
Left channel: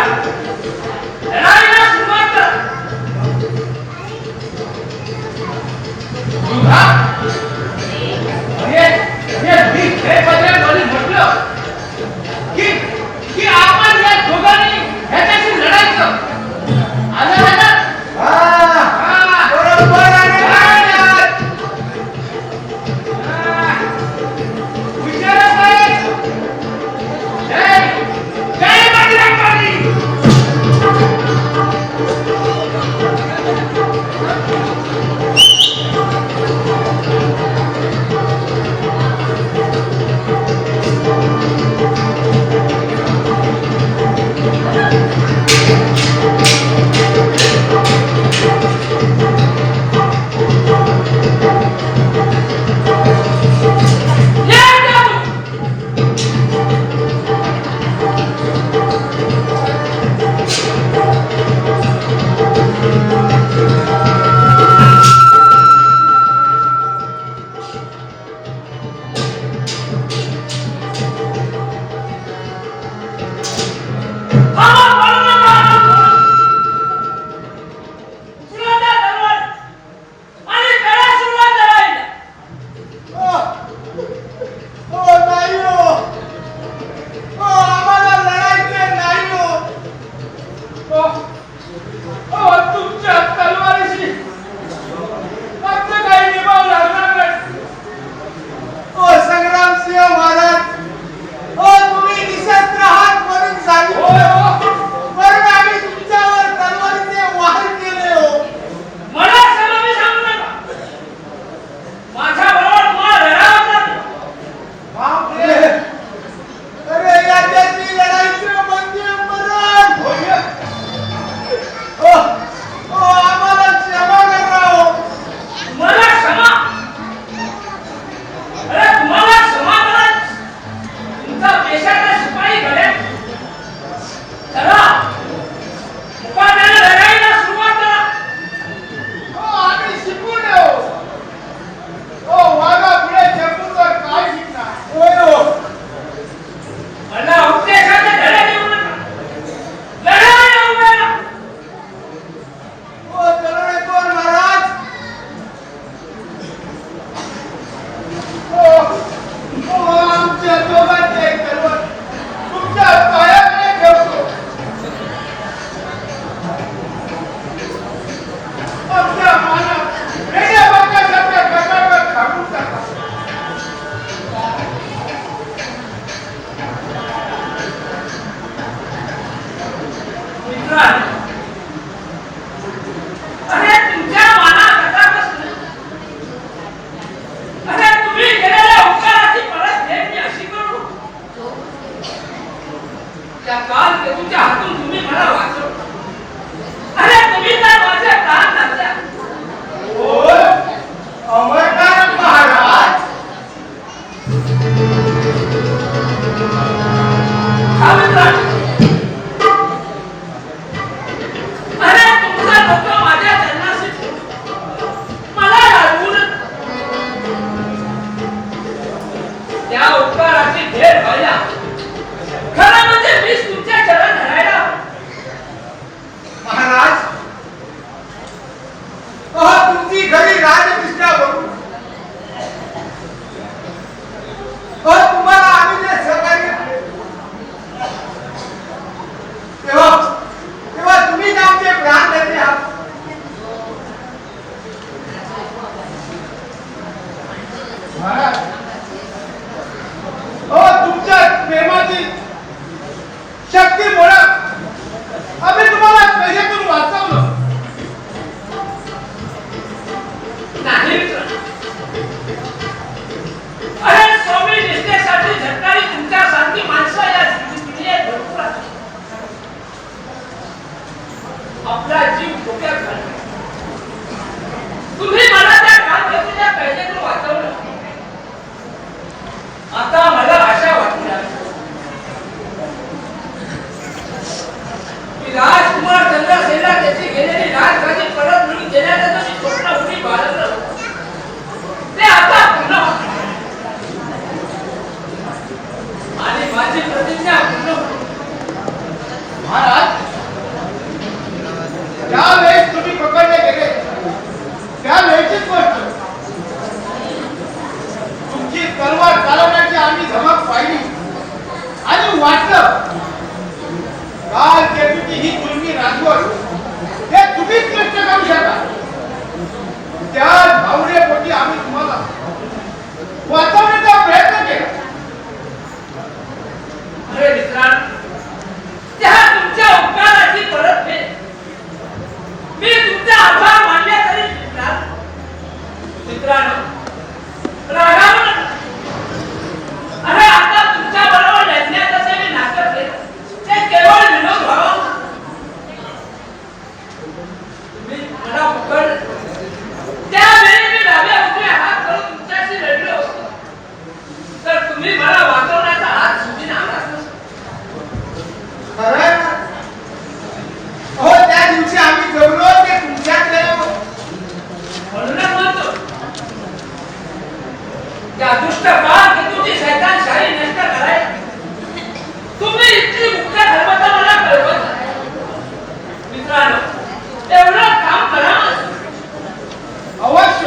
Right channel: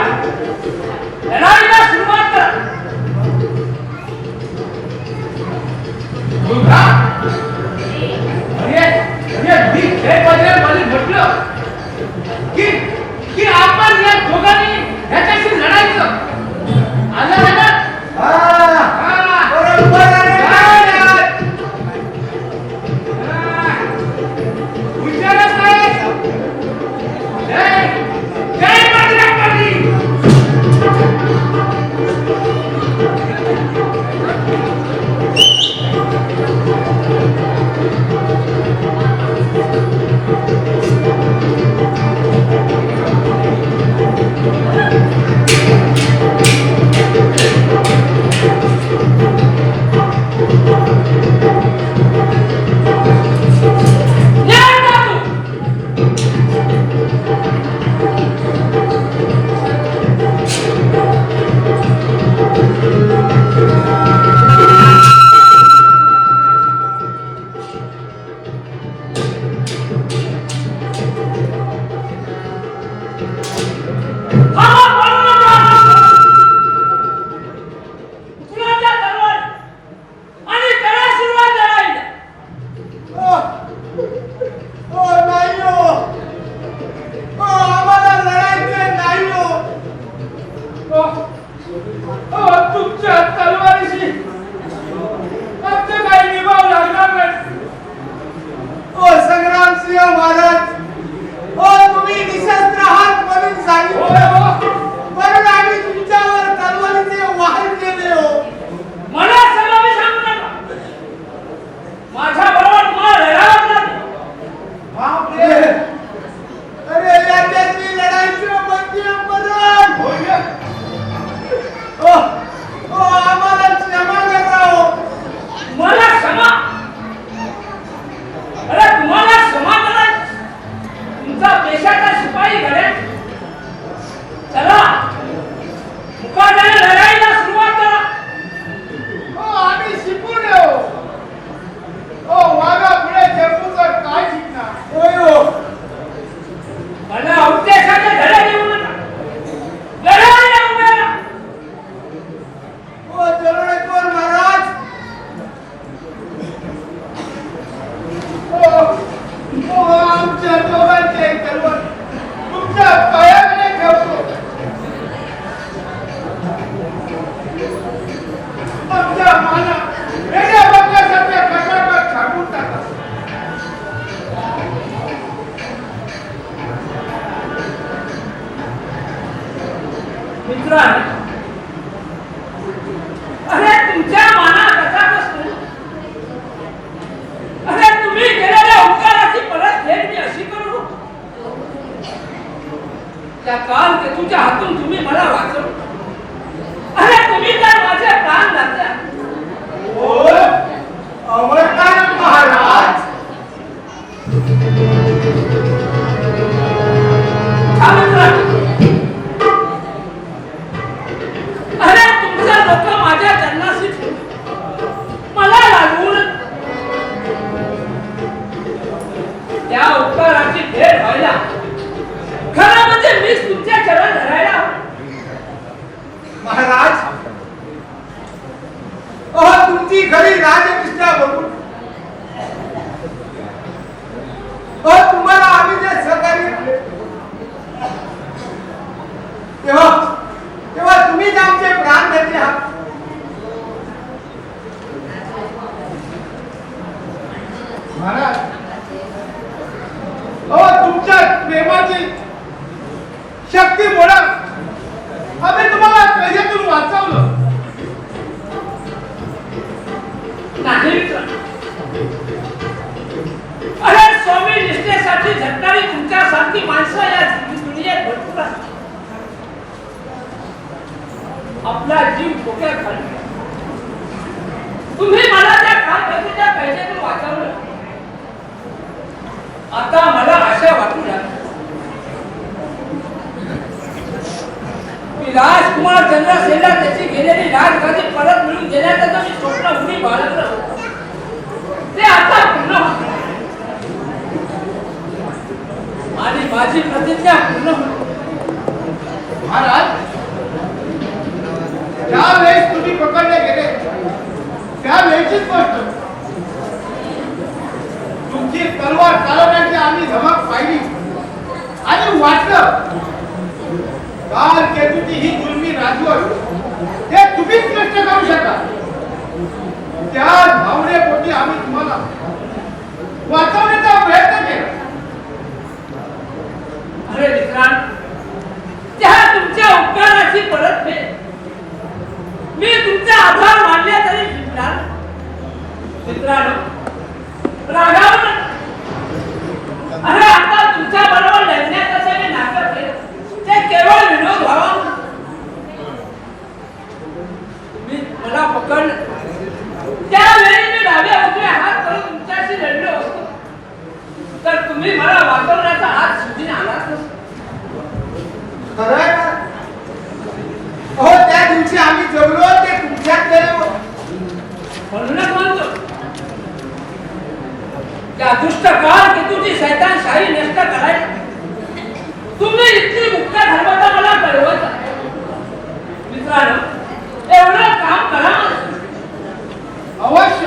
लढाईला सुरुवात करा मुलगा अरे मी खेळ मध्ये म्हटलं की आपण या दोघांनी ह्याच्याशी लढायचं आलं लक्षात? हा, बरोबर आहे. हुशारच आहे. जय जय बजरंगबली. या जाऊ. ओ नाही हो. ओ आम्हाला लढायचं नाही हो. तुमच्या तलवारीशी आमचं काही निभाव लागणार नाही. ओ संग्रामसिंह महाराज, ओ तुम्ही निशस्त्र आहात म्हणून होय सांगितलं. हो. म्हणून आम्ही तुमच्यावर तलवारीचे वाहन केले हो. मला सलामी सांगू नका. माझ्या बरोबर तुम्हाला लढावंच लागेल. बापरे. अरे याच्यातली लढाईचं मध्यम मरण. ओ ओ आम्हाला क्षमा करा हो. मला क्षमा अरे तुम्हाला क्षमा करायची तुमचा देशाचा शिपाई घडेल. चला मुकाट्याने लढाईला सुरुवात करा. आम्ही शिकून येऊ. वाघा पुढे जम्मूचं काय शिकणार. होय हो. मला उद्देशाने धडे देऊ नका. लढाईला उभे राहा. ओ दरोडेखोर महाराज. आमच्या दोघांचे तलवार तुमच्या पायाकडे ठेवतो. आमच्या माना वेगळ्या बंगासारख्या खटाखट थांबून टाका. मित्रांनो अरे तुमच्या मनात कसा कसं अरे तुम्ही केलेल्या उपकाराची परतफेड मी अशी करू त्या काल केतूच्या हातून तुम्ही मला वाचवलं. अरे तुम्ही तर माझे प्राण घातल्या. ओ अमरनाथ महाराज. हा मित्रांनो अरे तुमचे लोक माझ्या जन्माशी मला लागून त्या उपकाराची भेट व्हायला खरं म्हणजे मीच तुमच्या चरण धरायला. महाराज, तुमची खरी राजनिष्ठा बघून तेव्हा तेव्हा तुम्हीच आमचे प्राण नेते आहात. महाराज, तुमच्या प्रेमाची शक्तीमुळे आम्ही तुम्हाला कैदेतून वाचवलं. नाही, अरे स्वामी निष्ठेसाठी झटणारी तुमच्यासारखी माणसं या दुनियेत भरपूर आहेत. आपला जीव धोक्यात घालून तुम्ही मला त्या काळाच्या कैदेतून वाचवलं. आता मला आशा वाटू लागली की राजकुमार चंद्रसेनला त्याची गेलेली राजगादी परत मिळून देण्याचं जे मी स्वप्न उडी बाळगलं होतं ते आता पूर्ण होतं आणि माझी प्रतिज्ञा पूर्ण होती. महाराज, ज्यावेळेस तुम्ही पकडले गेले त्यावेळेचीच गोष्ट. तुमची तलवार चालवण्याची आम्ही धमक पाहिली आणि वाटलं काल केलेली ही जुलमी राजवट हे तुम्हीच नष्ट करू शकता. त्या भावनेपोटी आम्ही तुम्हाला वाचवण्याचा प्रयत्न केला. अरे मित्रांनो, त्या तुमच्या उपकाराची परतफेड मी तुमचा आभार मानले तरी मित्रांनो रागावू नका. अरे आता तुमच्या बरोबर लढण्याचं मी नाटक केलं ते केवळ विनोद व्हावा. तुम्ही मला पकडलं त्यावेळी मी डाव्या उजव्या हात करून तुमच्याशी लढलो असतो तर तुम्ही मला वाचवण्याचा हात सुधीन आलाच नसतो. खरं हो, त्या दिवशी आम्ही जगलो ते तुमच्याकडे म्हणूनच म्हणतो त्या दुष्ट काळ केतूची शैतानशाही नष्ट करायला तुम्ही इतकी मुख्य धर्माचा मला कळवत आहे. मित्रांनो, एवढं काम करा ना. अवश्य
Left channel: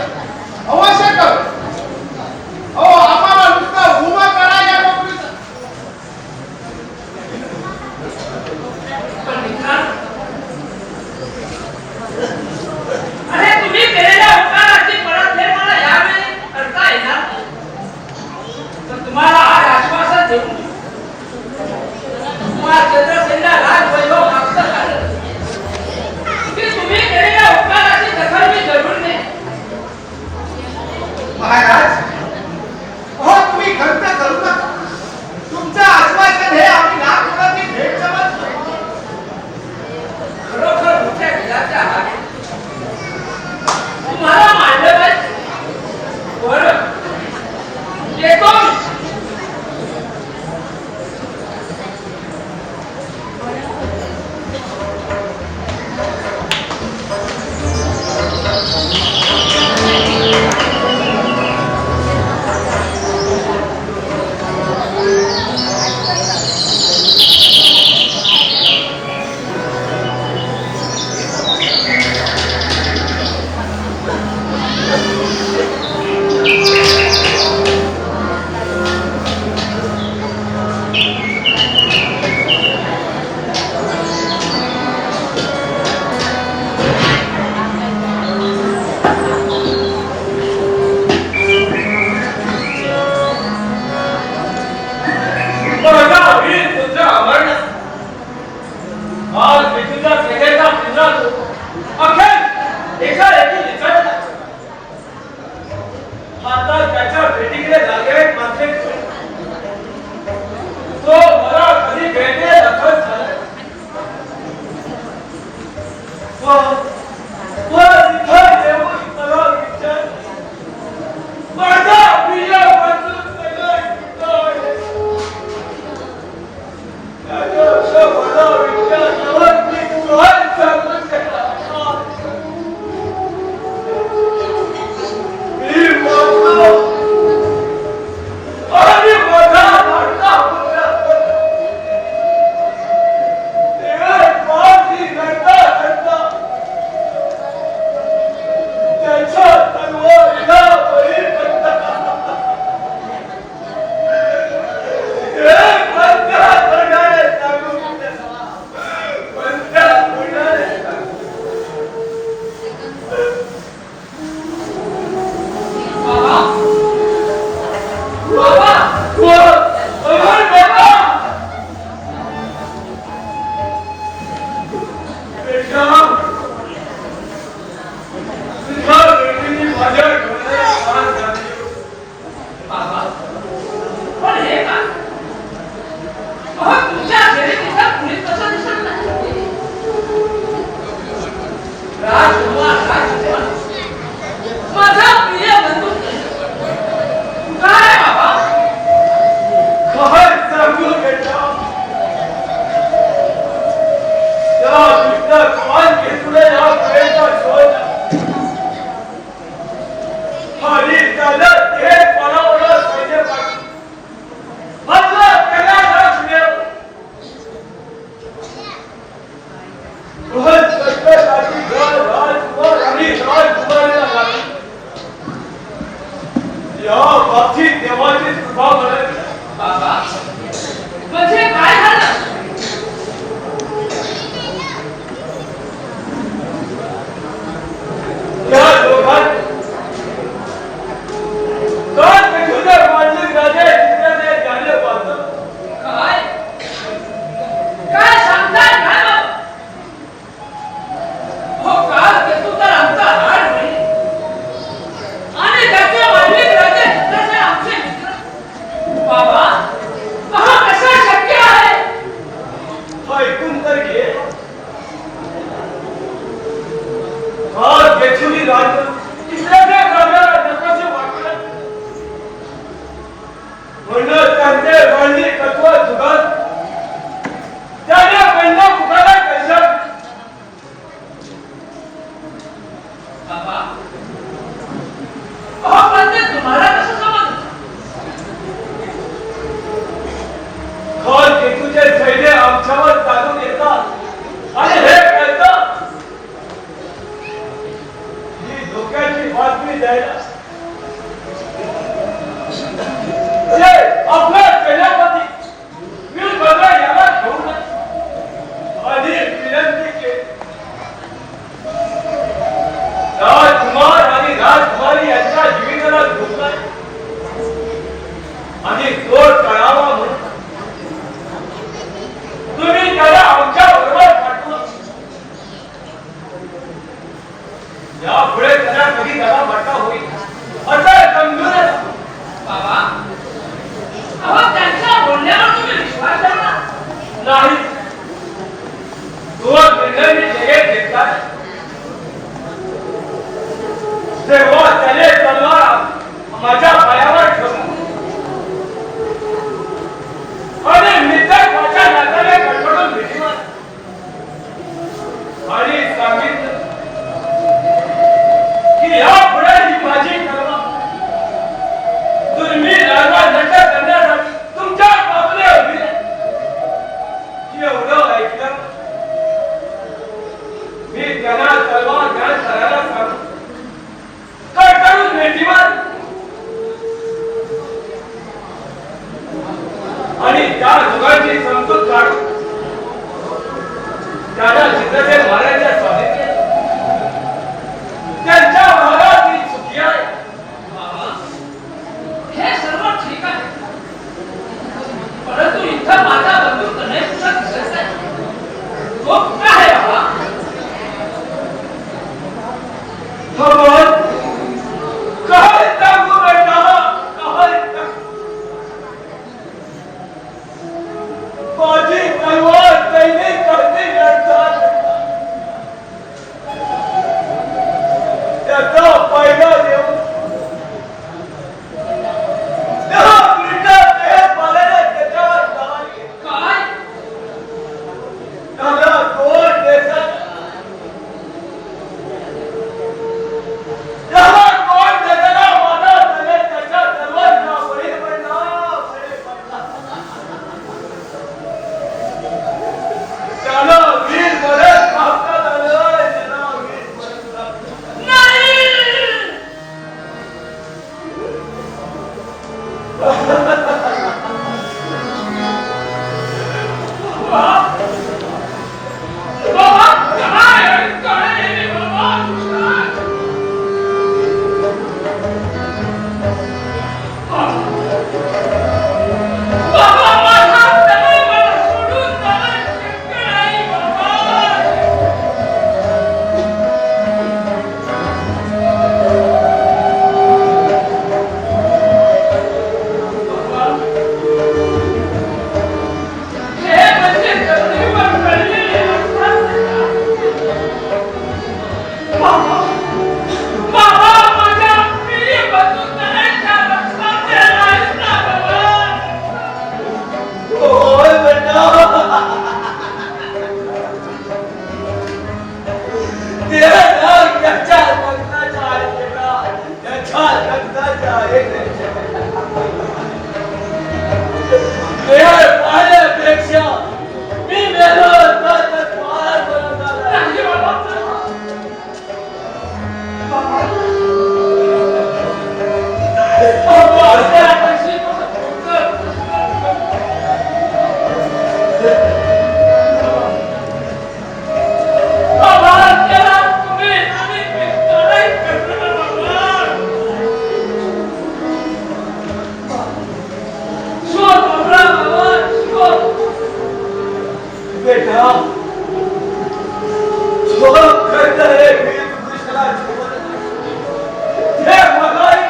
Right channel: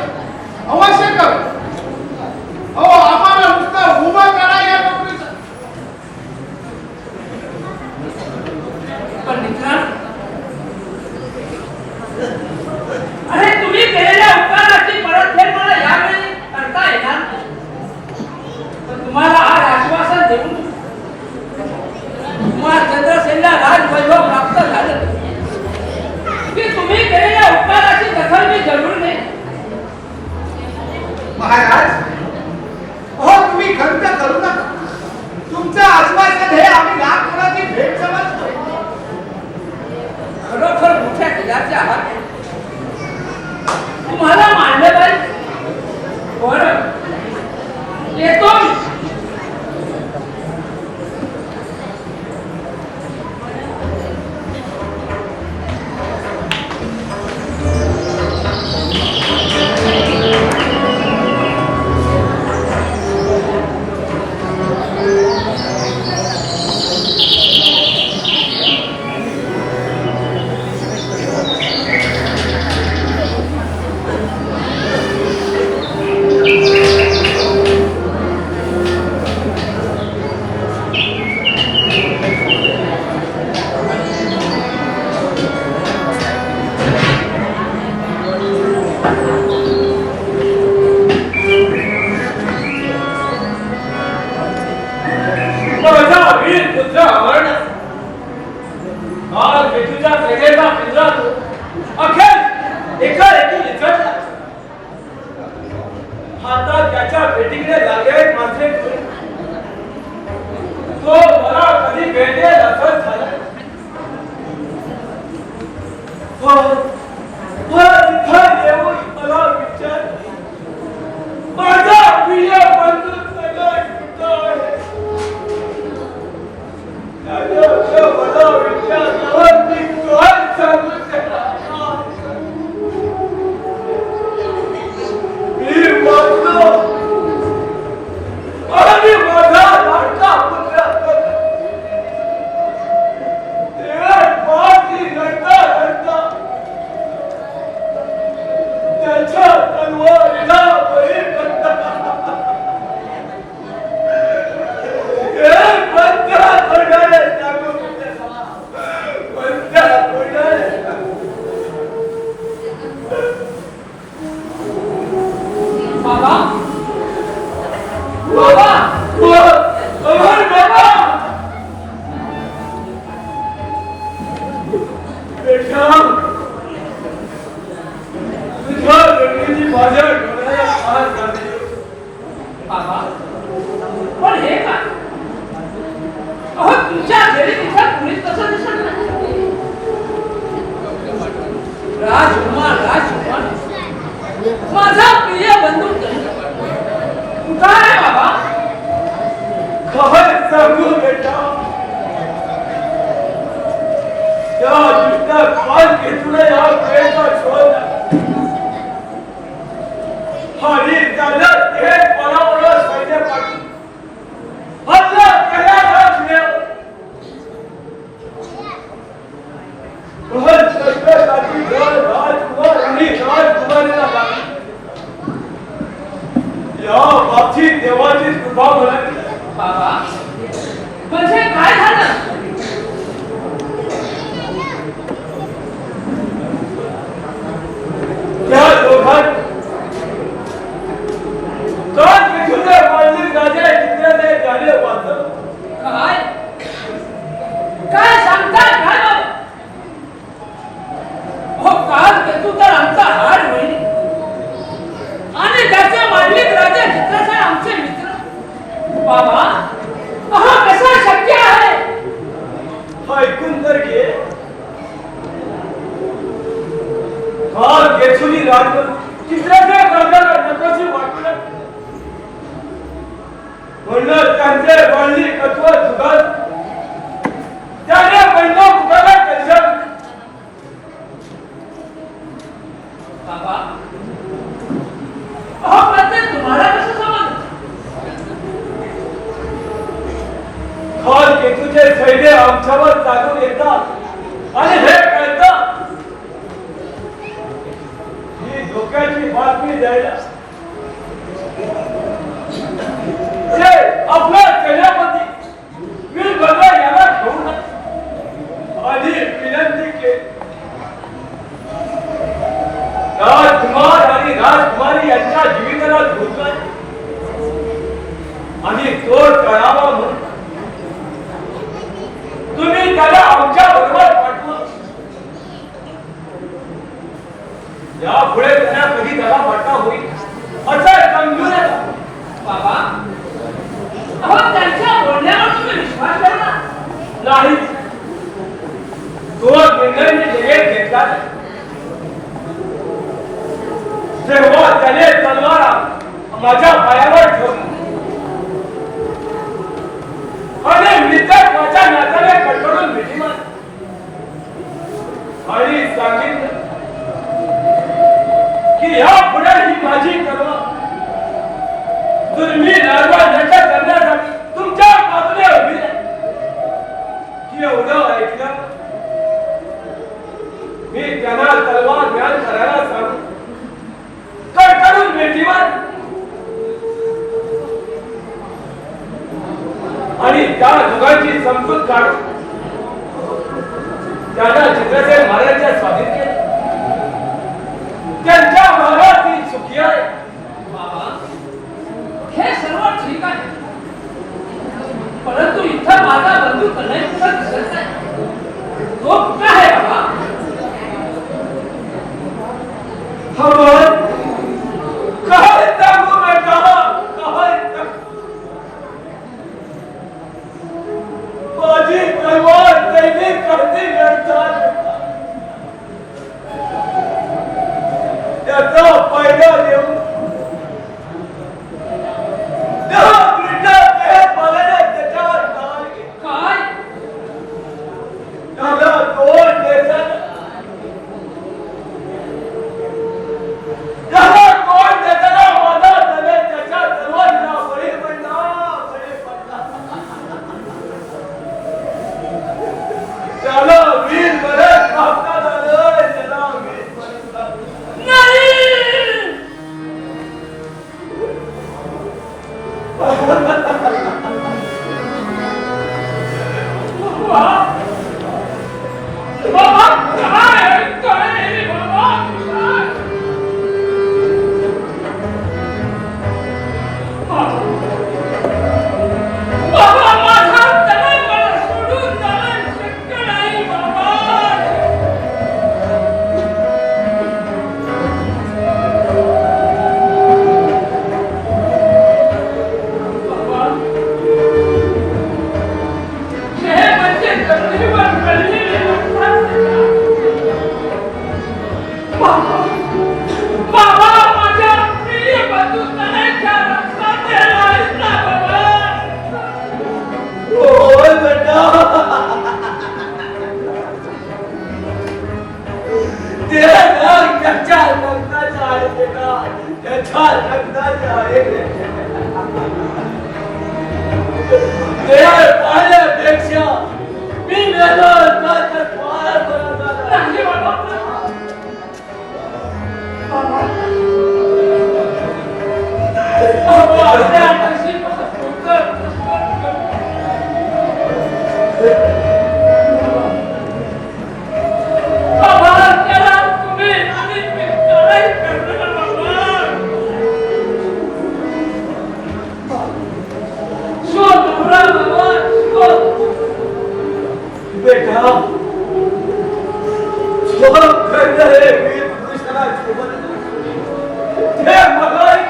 अवश्य करू. अहो, आम्हाला नुसतं उभं करा या नोकरीचं. पण मित्रांनो, अरे तुम्ही केलेल्या उपकाराची परतफेड मला यावेळी करता येणार नाही. पण तुम्हाला आज आश्वासन देऊन तुम्हाला चंद्रसेनला राजवैभव प्राप्त झालं की तुम्ही केलेल्या उपकाराची दखल मी जरूर घेईन. महाराज, हो तुम्ही खंत करू नका. तुमचं आश्वासन हे आम्ही नागपुराची भेट समजतो. खरोखर मोठ्या दिलाचे आहात. तुम्हाला मानलं पाहिजे. बरं, येतो मी. आता त्याच्या भेटीकडे लागेल मात्र तो मला कधी भेटेल असं झालं. तिथं येऊन मला विचार माझा प्रिय बंधू मला विचार मी काय सांगू बेटा तुझ्या बेटीने माझ्या डोळ्याला फार झाली. बाबा पण हे का अहो तुमच्या घरी तिचा कुणीच तसं दिसत नाही. राजकुमार माझा प्रिय बंधू कुठं आहे बाबा? काय सांगू बेटा त्या दुसऱ्या काल घेतला या वेळेचा शोध आणि त्याला ते परावलं सैन्य पाठवून आपला कराराच मिळव प्रत्येकाची घर राजकुमार आणि राजकुमारीला लागली. या बाबतीत देवाची कृपा म्हणाली. बाबा म्हणजे काय झालं? त्या दोघांत काल पेटूच्या मांडलिक राजा चित्राने झाले वाचलं. काय काय सांगताय काय हो? काल तू तर आमचा हाड होईल आणि त्याचे मांडलिक राजे चित्राचे आमचे मित्र. बाबा हा कसा शक्य आहे? ऐकून तर घे. काल गेचुनी राज चित्राच्या राजाला नकोशी वाटलं म्हणून त्यांचे मांडली तत्व जुगात त्याने पहिला मुखाला कशात. बाबा अहो पण ते तुम्हाला कसं समजलं? काल केतूचे सैन्य आमच्यावर चालून येतात आणि हे कळतं ही धोक्याची बातमी द्यायला ते आपला सेनापती वीरभद्र याला घेऊन आधी विनंती केली. राजकुमार आणि राजकुमारी यांच्या जीविताला धोका आणि तो टळावा म्हणून तुम्ही त्याला आमच्या बरोबर पाठवा. यापुढे त्यांना कधी त्याला फटका होईल असं समजू नका. बाबा अहो त्यांच्या बोलण्यावर तुम्ही विश्वास ठेवला नाही. तो निर्णय मी लगेच घेतला नाही. तेव्हा त्याने तलवार माझ्या पायावर ठेवली आणि मित्र माझ्या नात्याने कडकडून भेटी मारली आणि सांगितलं की यापुढे ही माझी कल्पना तुम्ही राजवा नष्ट करण्यासाठी तुमच्या बाजूने उभी आहे. एवढं ऐकलं मी त्यांना तलवार ज्ञान करायला सांगू कडकडून भेटी मारली आणि त्या जुगाची समजूत काढून त्याला चित्रसेन महाराजांच्या स्वाधीन केलं. त्यांच्या भागात ती चुकी आहे. बाबा हे सर्व ठीक आहे परंतु इथं माझा बंधू कन्हैया सुद्धा दिसत नाही. तो कुठं आहे बाबा? हवं काय सांगू बेटा काय सांगू. माझी तलवार पहिली करती लढतात त्याचा फायदा देऊन काय त्याला दोन देशात माझा झाले त्याच्या सर्वांना बळी पडला त्याला वीर मदत मागण्यात आलं. त्याला वीर मदत नाही बाबा काय काय बाबा बाबा माझा तलवार सोडून जाणं शक्य नाही बाबा. त्याच्या लग्नाच्या आहे बेटा, त्याच्या लग्नाच्या आहे. वेळ पाहण्यापेक्षा मी मेलो तर फार बरं झालं. नाही बाबा. बाबा, आपल्या हाताशी बाबा, त्याला तुम्ही आणि मी काय करणार बाबा? शोध बाबा, शोध. बेटा सोबत करता है वीर कृष्णा सोबत हे मगाई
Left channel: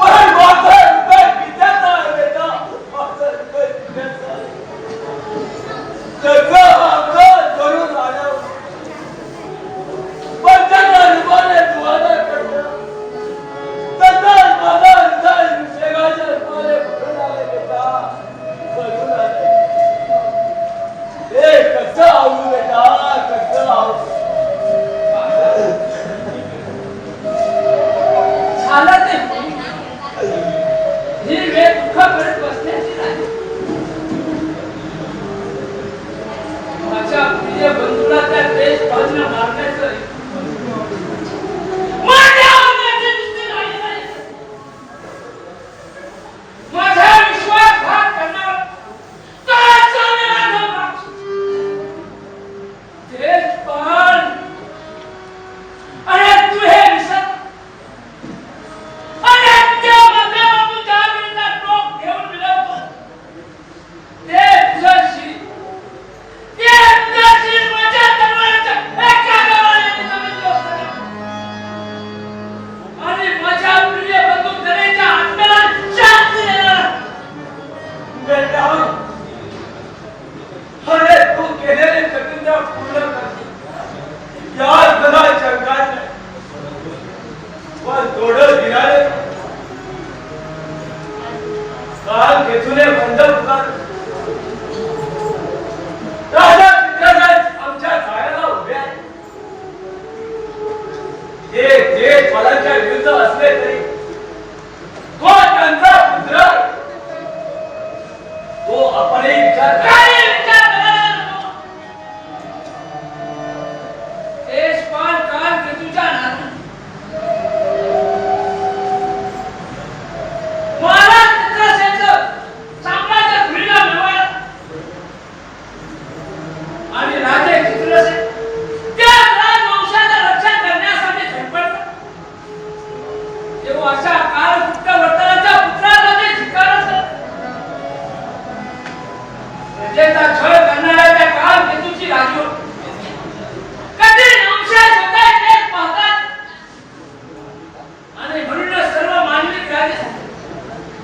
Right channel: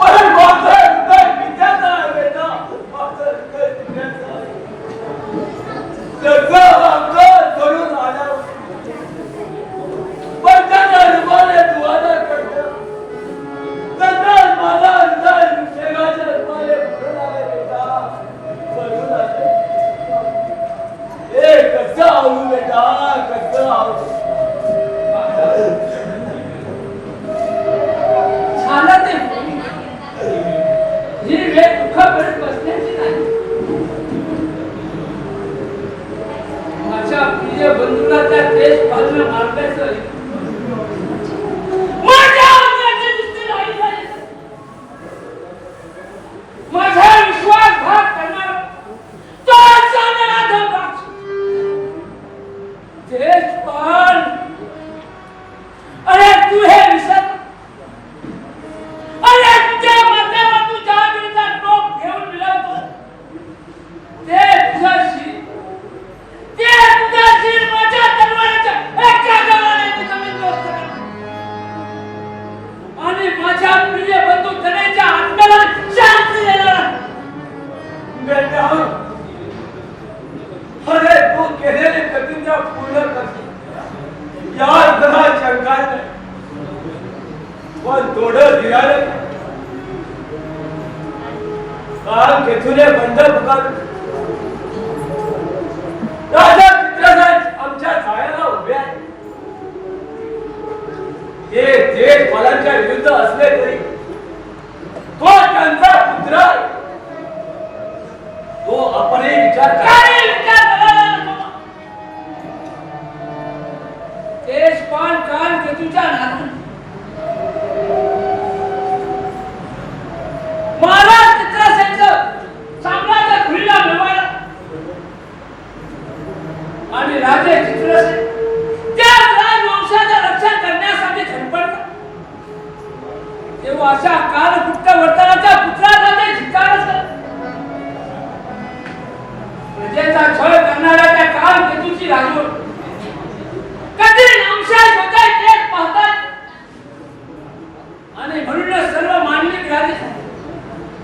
पण माझा काय विचारता आहे बेटा, माझा काय विचारता त्याचा अपघात करून आला पण त्याचा रुपाने दुआदा करता त्याचा माझा अंदाज शेगाच्या रुपाने भरून आले बेटा, भरून आले. ए कसं आवडू बेटा, कसं आवडू. झालं ते ही वेळ दुःखापर्यंत बसण्याची नाही. माझ्या प्रिय बंधूला त्या देश बाजूला मारण्याचं माझ्या आवडण्याची दृष्टी नाही. माझा विश्वासघात करणार तर चांगला धोका. देशपाल, अरे तू हे विसर. अरे तुझ्या मनावर तू जहागिरीचा टोप घेऊन मिळवतो ते तुझ्याशी, ते तुझ्याशी माझ्या तलवारीच्या एका गव्हाने मी जमीन दोस्त आणि माझ्या प्रिय बंधू गणेशच्या हातकडात शांती देणार. बेटा अरे तू केलेली प्रतिज्ञा पूर्ण कर. या जरा शंकाच नाही पण थोडं धीराने काल केतुने बंद कर. राजा चित्रराज आमच्या जाळ्याला उभे आहे. ते देश बालांच्या विरुद्ध असले तरी तो त्यांचा पुत्र आहे. तो आपणही विचार करा. काही विचार करायला नको. देशपाल काल तुझ्या नातू महाराज चित्रसेनचं साम्राज्य खुलीला मिळवायला आणि राजे चित्रसेन त्या राजवंशाचं रक्षण करण्यासाठी झटपडतात तेव्हा अशा कालकुट्ट वर्तनाच्या पुत्राला ते धिक्कारच करतात. प्रजेचा छळ करणाऱ्या त्या कालकेतूची राजवट कधी नामशेष होताय तेच पाहतात आणि म्हणूनच सर्व मानविक राजे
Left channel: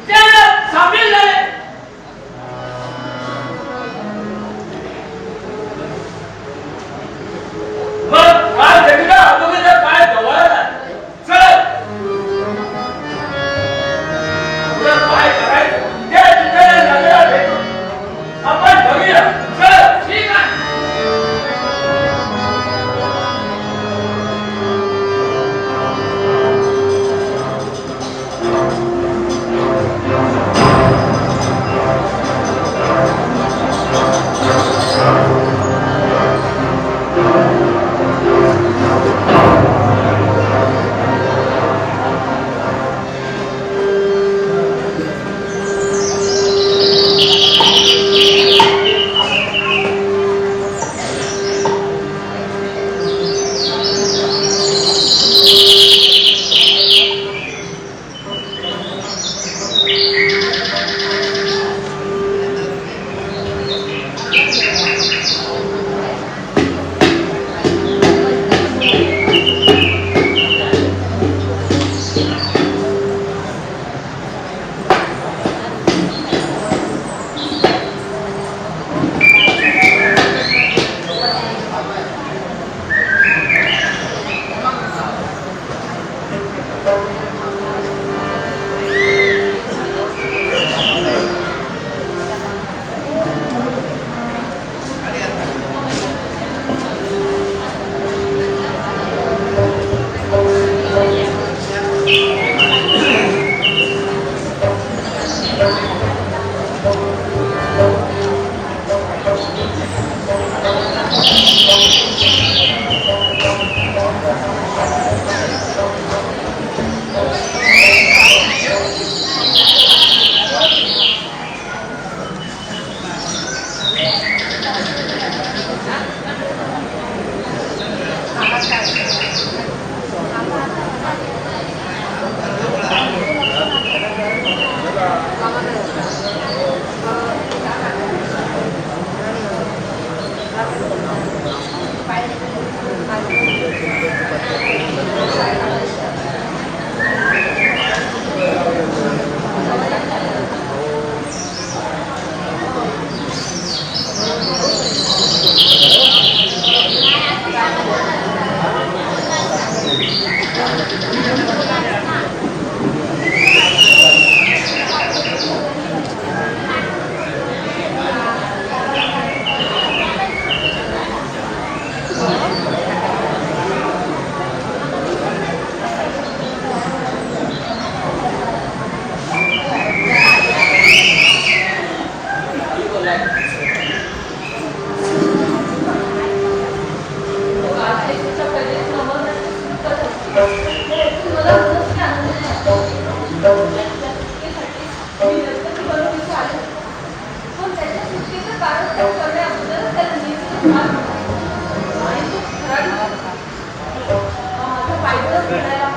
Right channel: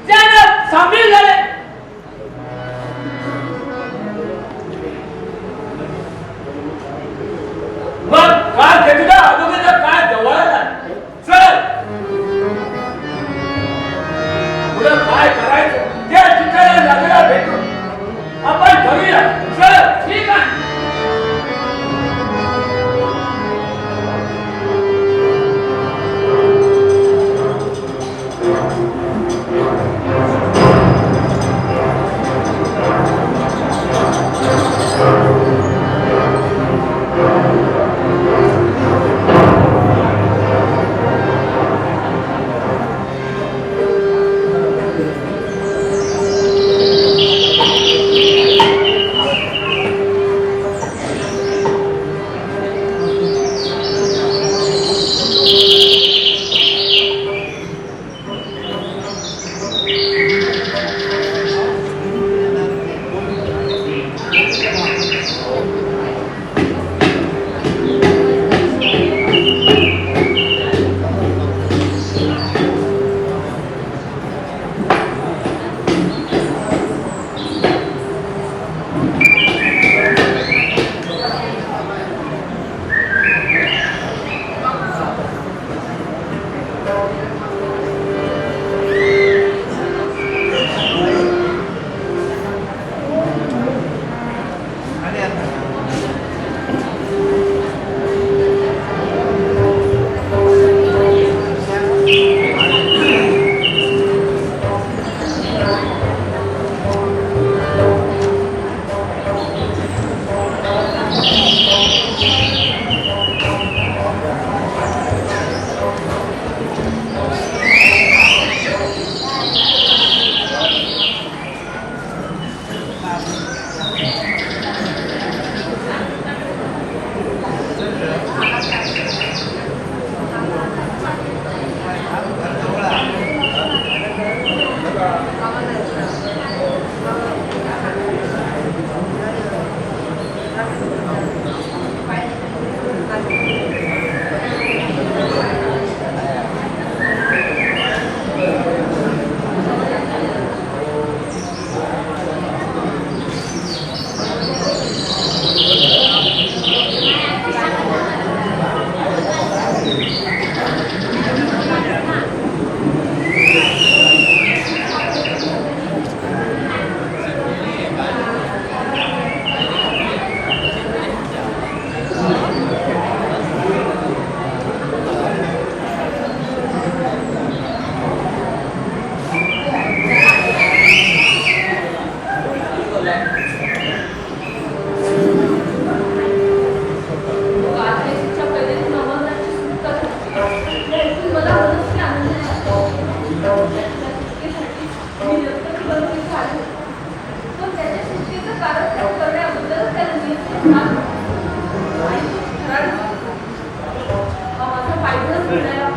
त्यांना सामील झाले. मग काल केतुला अगोदरचा काय जवळ आला. चल पुढं काय करायचं त्या ठिकाणी लागला भेटू आपण बघूया. माझा पायगुणच म्हणायला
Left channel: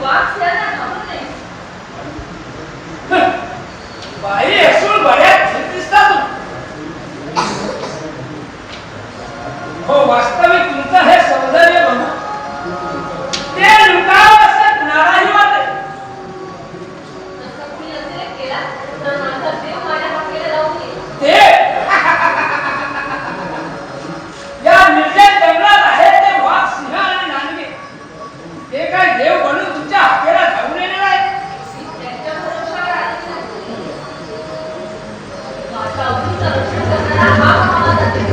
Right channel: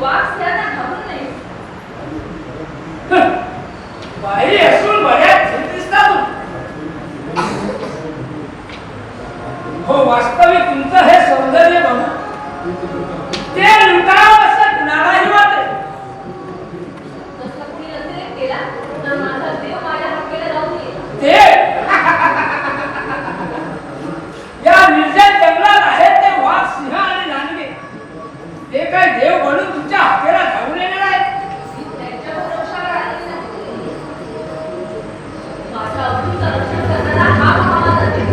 वाघ सिंहाला घाबरत नाही. बाई असून बऱ्याच झील दिसता तू. हो वास्तविक तुमचं हे सौंदर्य बघू ते लुटावं असं नाही वाटत. तसा कुणी अतिरेक केला तर माझा देव माझ्या हाकेला जाऊ नये. ते या निर्जन जंगलात आहेत ते वाघ सिंह आणि नांदगे. ते काय देव बनून तुमच्या हाकेला धावून येणार आहे. त्यांच्या भरोशावर आलेली नाही. माझ्या अवधीचा रक्षण करणारा हा माझा देव.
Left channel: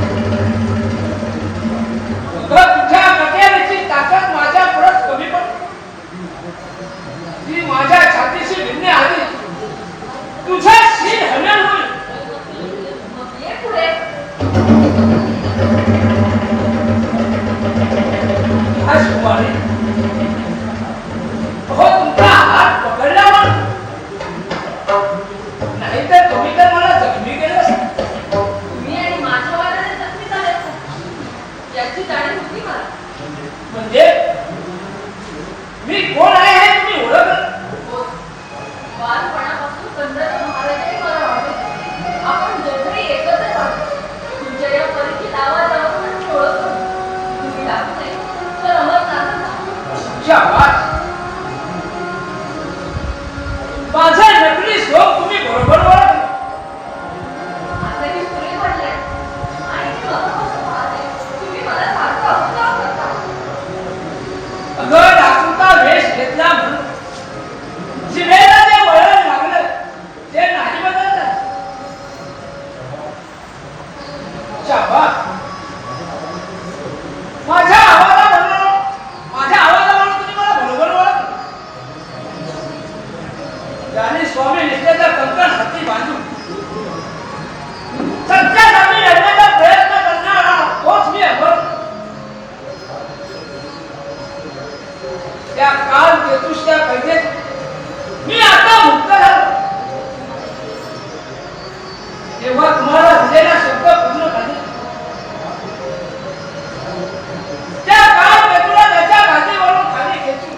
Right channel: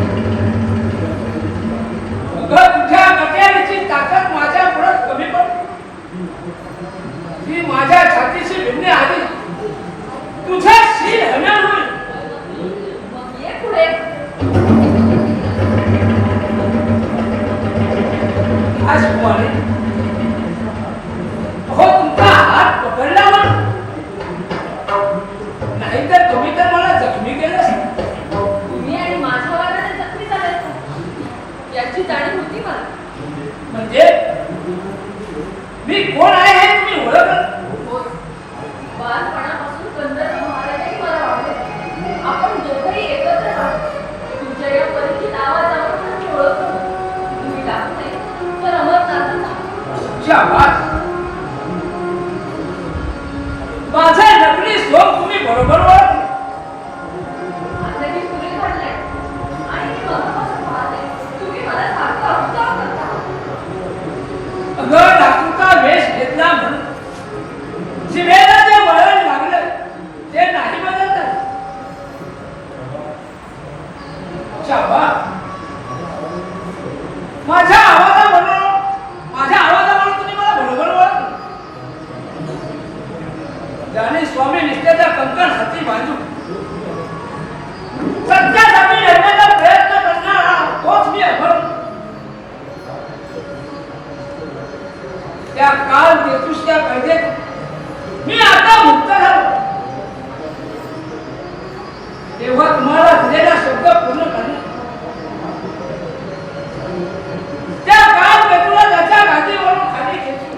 उगा तुझ्या नट्याची ताकद माझ्या पुढे कमी पडते. मी माझ्या छातीशी भिडण्याआधी तुझा शील हनन होईल. मग ये पुढे. आज कुमारी हो तुमचा हात पकडल्यावर नाहीतर तुम्ही तर मला जखमी केलं असतं. तुम्ही आणि माझ्या वादाने जखमी झाले असता याची जाणीव होती मला. म्हणजे मी कोण आहे हे तुम्ही ओळखलं. बालपणापासून चंद्रकांत महाराजांनी मला वाढवले. आपण दोघंही एकत्र राहू. तुमच्या या परिचित आवाजावरून मी ओळखतो. तुम्ही लागू नये तर अमरनाथात जा. तुमच्या आवाज माझा नकली श्लोक तुम्ही बरोबर ओळखले. आता मी सूर्य पडलाय आणि मी मनापासून पाहते. तुम्ही मला सारखं अपमान करता. अगं डाकूचा वेश घेतला म्हणून जिभेला जे वळण लागलं ते नाही बदललं. शाबास. माझ्या आवाजावरून तुम्ही मला बरोबर ओळखलं. ज्याने स्वामी निष्ठेचा कंकण हाती बांधून सत्यासाठी लढण्याचा प्रयत्न करणारा तोच मी अभर. त्या काल केतुष्या कैदेत मी आता मुक्त झालो. तेव्हा तुम्हाला दिलेला शब्द पूर्ण करणे त्या काल केतुला त्याच्या गादीवरून खाली खेचून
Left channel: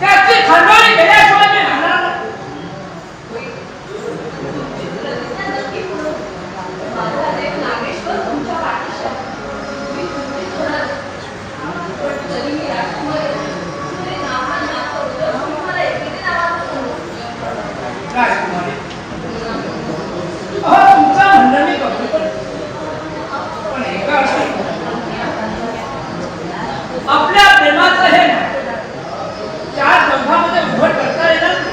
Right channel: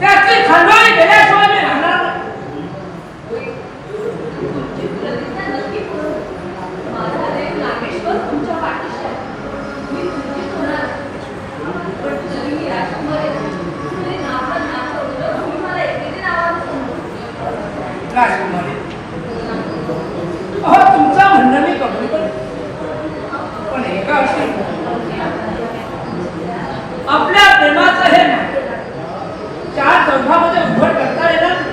त्याची खंडोळी केल्याशिवाय मी राहणार नाही. माझा देव नागेश्वर तुमच्या पाठीशी आहे. मी तुमचीच होणार. पण जरी मी राजकुमारी तुम्ही नावाला नाव करू तर तुम्ही मला एकेरी नावानं बोलू. राजकुमारी अहो तुमचं म्हणणं मी बघतो पण एका विषयी आपल्या प्रेमाचं हे नातं चार चौघामध्ये उघड करता येणार नाही.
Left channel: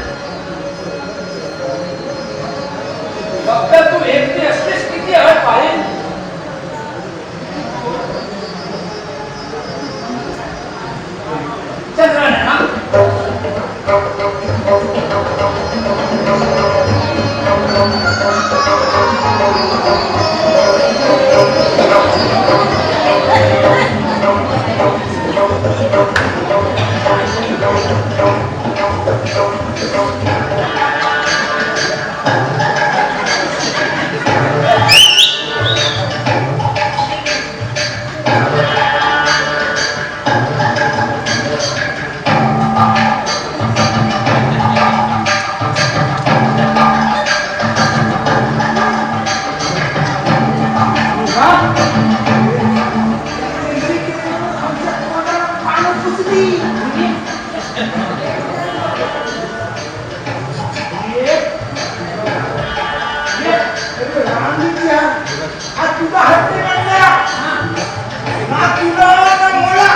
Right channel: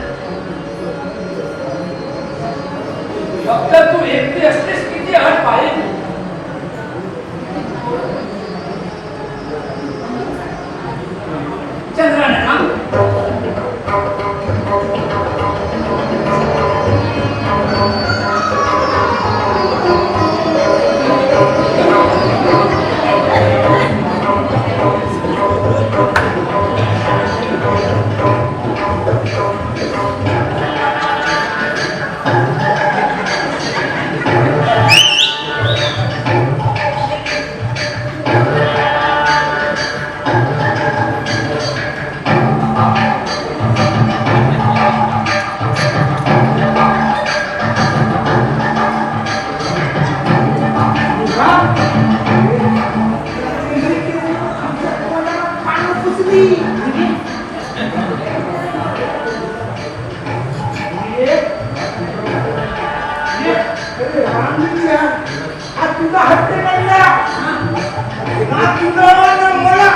फक्त तू एकटी असलीस किती अट पाहिजे. चंद्राने तुझा हट्ट काढला ना तुला ना मला.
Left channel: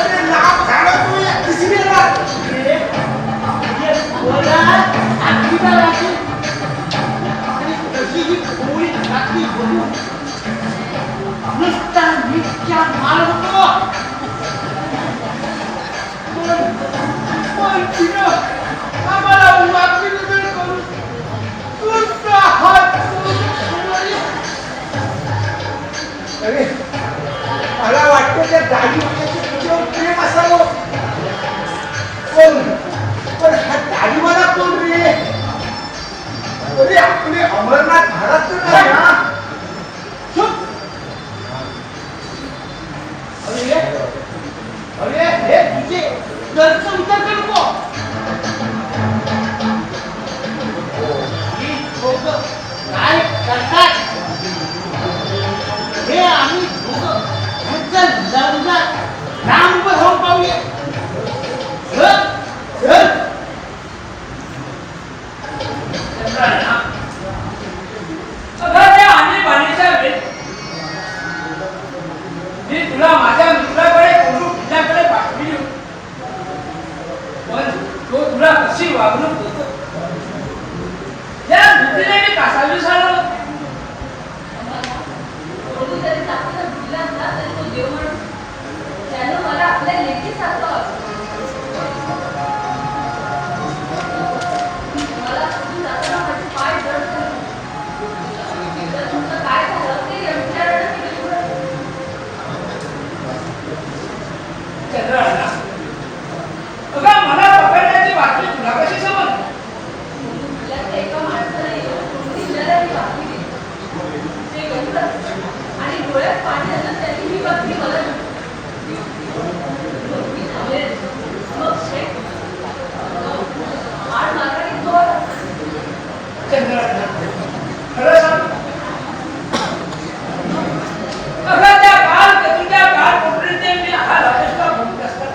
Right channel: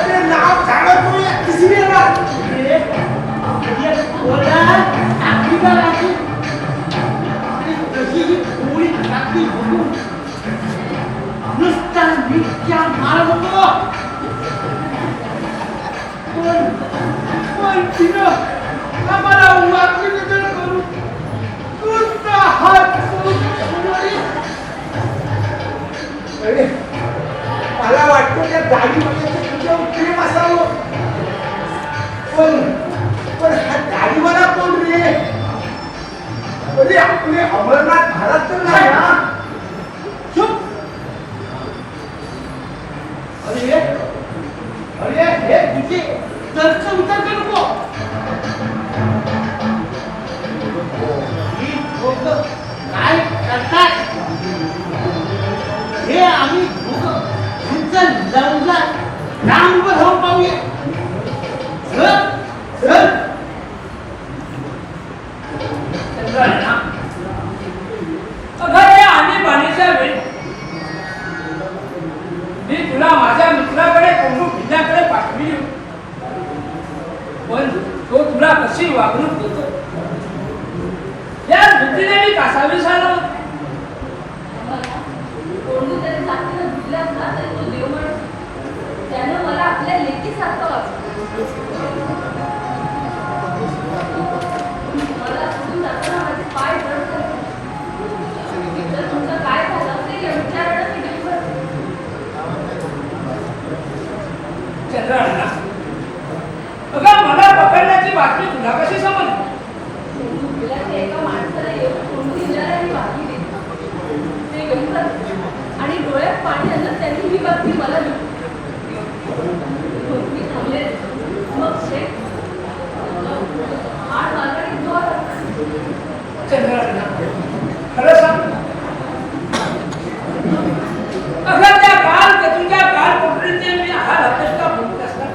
अरे नाव झालं तू या तिसरीला. नुसता मीठच्या मार नको. पण तिनं आम्हाला वाकडी बदल करून तुझा हात अरे मला वाटतं त्या गाडी तुझ्यावर प्रेम असावं. पण हा गाडीवाला कोण रे. अरे आपले अमरनाथ महाराज तर नाही ना. चुप. अरे घरचा विचार करू नको. ही दोघं काय करतात हे आम्ही दोघं ह्यांचं लग्नात राम उभं राहून पाहूया. चल चल. चंद्रांना अगं त्या आणीबाणीच्या वेळी मी तुला माझ्या मित्राकडे कौरव किल्ल्याकडे पाठविली होती. पण तो तुला कशी वागणूक देतो या भीतीने मी कासावीस आलो होतो. कोणीतरी चांगलं भिडलाच ना तरी तो देव म्हणून त्यानं मला आपल्या लेकीसारखं वागवलं. मला सोडून जाताना माझे पाय जड झाले. तिथं तुमचं काय झालं ते या विचारानं मी दिवसभर चंद्रांना अगं मला पकडण्याची बातमी तुला कशी समजली? मुलाच्या एका माणसाला येऊन कोणती विचाराची बातमी दिली. ते गणपत आणि डोळ्यात पाण्यानं त्यांनी ही बातमी मला दिली. मी थांबले. मग शेठ आठ मार्गाने तो आला. चंद्रांना खरं सांग अगं त्या काल कोठडीचे मी हाल अपेक्षा भोगत असतात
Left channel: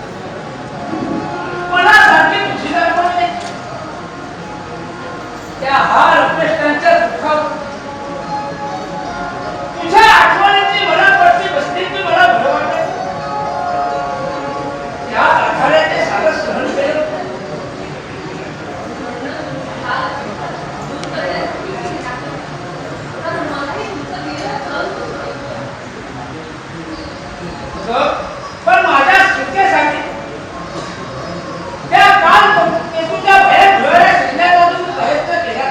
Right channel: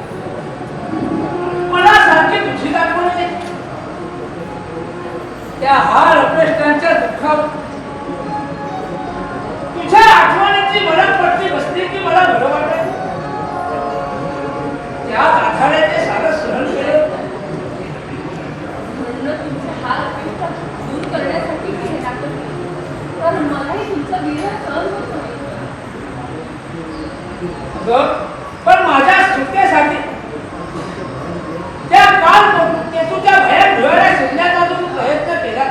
मला सारखी तुझी दाखवण नाही. त्या हाल अपेष्टांच्या दुःखावर तुझ्या आठवणीची मला पडती बसली की मला बरं वाटत. त्या आखाड्याचे सारं सहन केलं. म्हणून तुमचा हाल अपेक्षा दूर करण्यासाठी मी हे टाकलं. पण मलाही तुमचं विरह सहन होत नाही. पण माझ्या सुटकेसाठी त्या काल केतूच्या भयात धुळ्याला शोधण्याचा जो प्रयत्न केला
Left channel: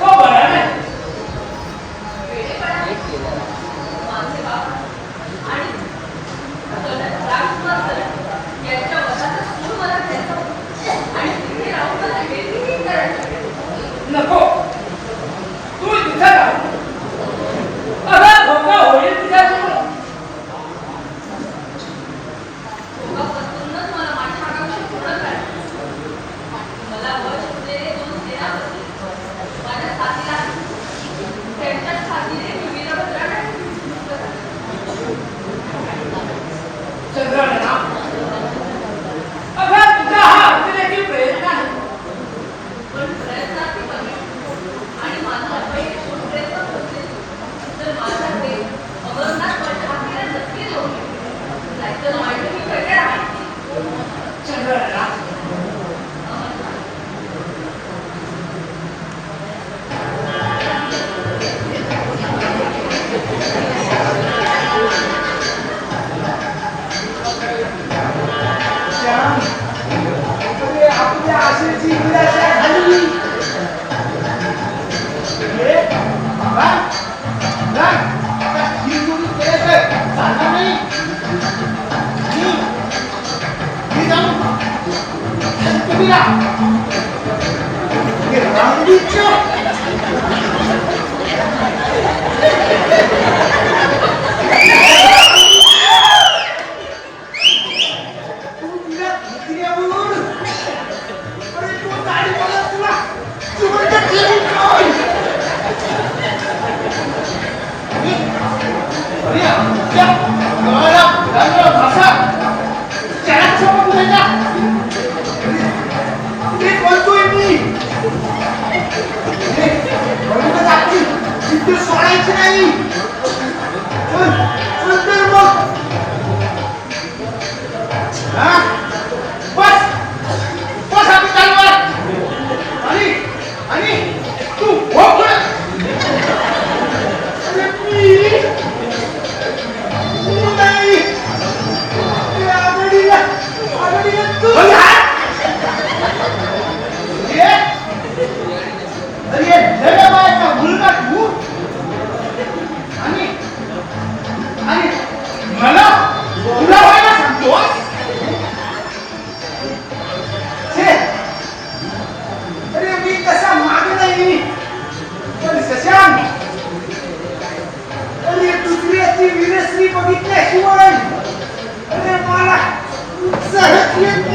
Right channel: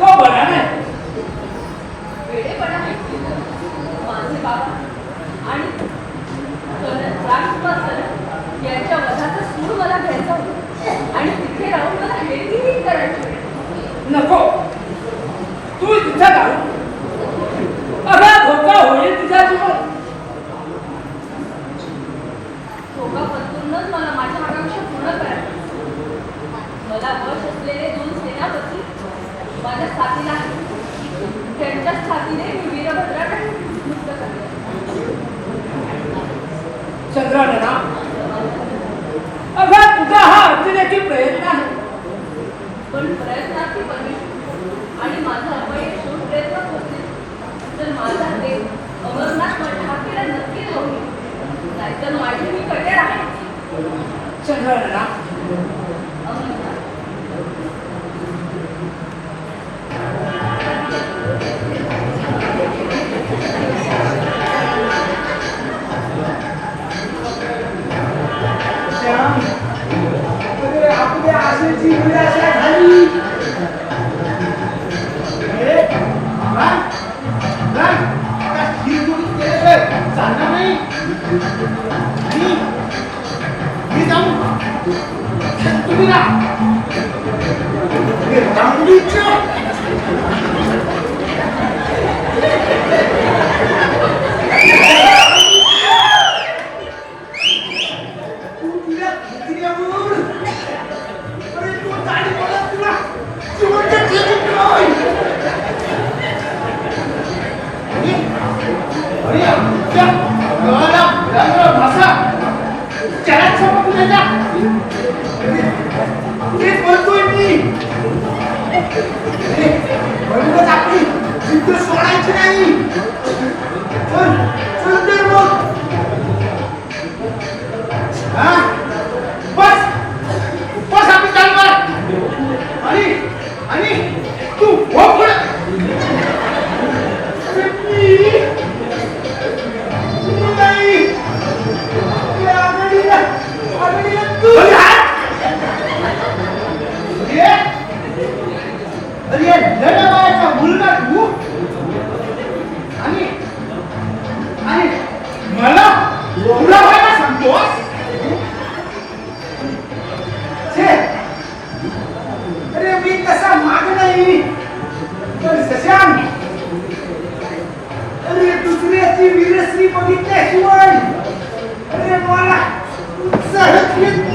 तो बरा नाही. वेडेपणा माझे बाबा आणि राजकुमार यांच्या वधाचा सूर मला घ्यायचा होता आणि तिथे राहून मला वेगळीच करायचं. नको तू तिथं जाऊ. अगं धोका होईल तुझ्या समोर. धोकापासूनच मला माझ्या आकांक्षा पूर्ण करायचं. मला वश असलेले 2 सेनापती माझ्या साथीला त्यांच्याच साथीने मी वीरभद्राकडे मुक्त झाले. चंद्रांना अगं तुझा हा अतिरेकी प्रयत्न आहे. पण प्रयत्नाची पहिली आणि माझा अपयश होऊन प्रयत्न होते तर माझा देव अमरनाथ ठाकरेला नक्की राहून नाहीतर माझी मी कडेड आहे. चंद्रांना अमरनाथ श्याम, अरे आपल्या आशेची निराशा झाली. अरे, काय? काय? आता ही चूक केल्याशिवाय चालणार नाही. मी जाऊन तुम्ही रामडीच्या सोडायचं नाही. सुंदर मग बस बस आपली चालणार आणि तू भोग नाही तू मुलगा तू आणि मला तुला व्हायला सांगतोस. अरे मी कसा माग नाही पण शशांक अरे दुसऱ्याची वीरश्री बघितल्याशिवाय अरे मला सहज येत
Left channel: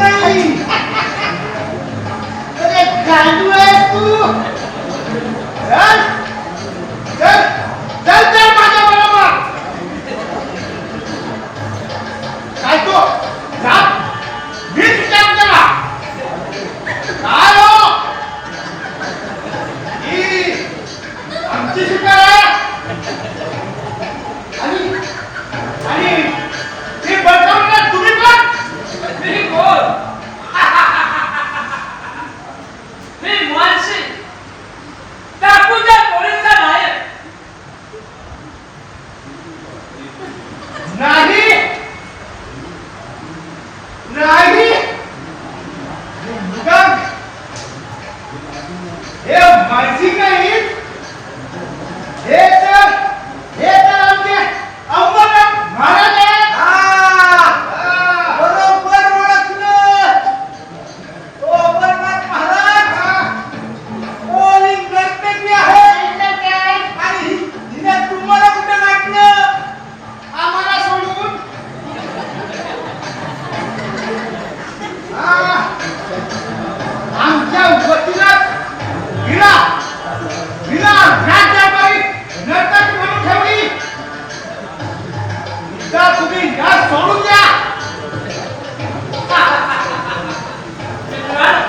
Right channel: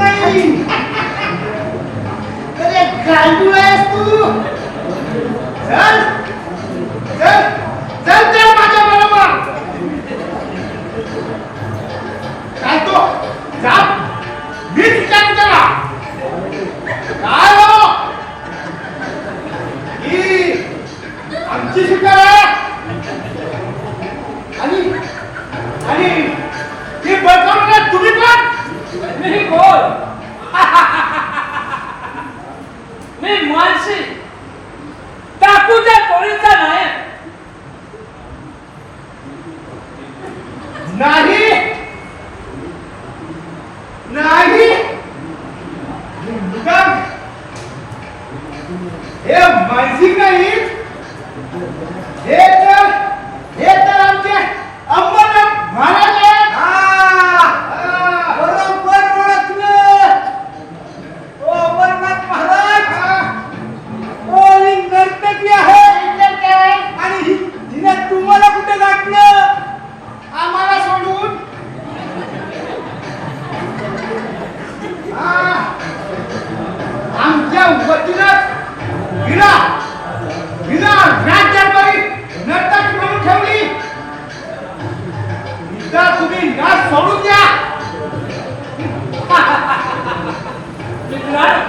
विलास सोडून द्या. विक्रांत,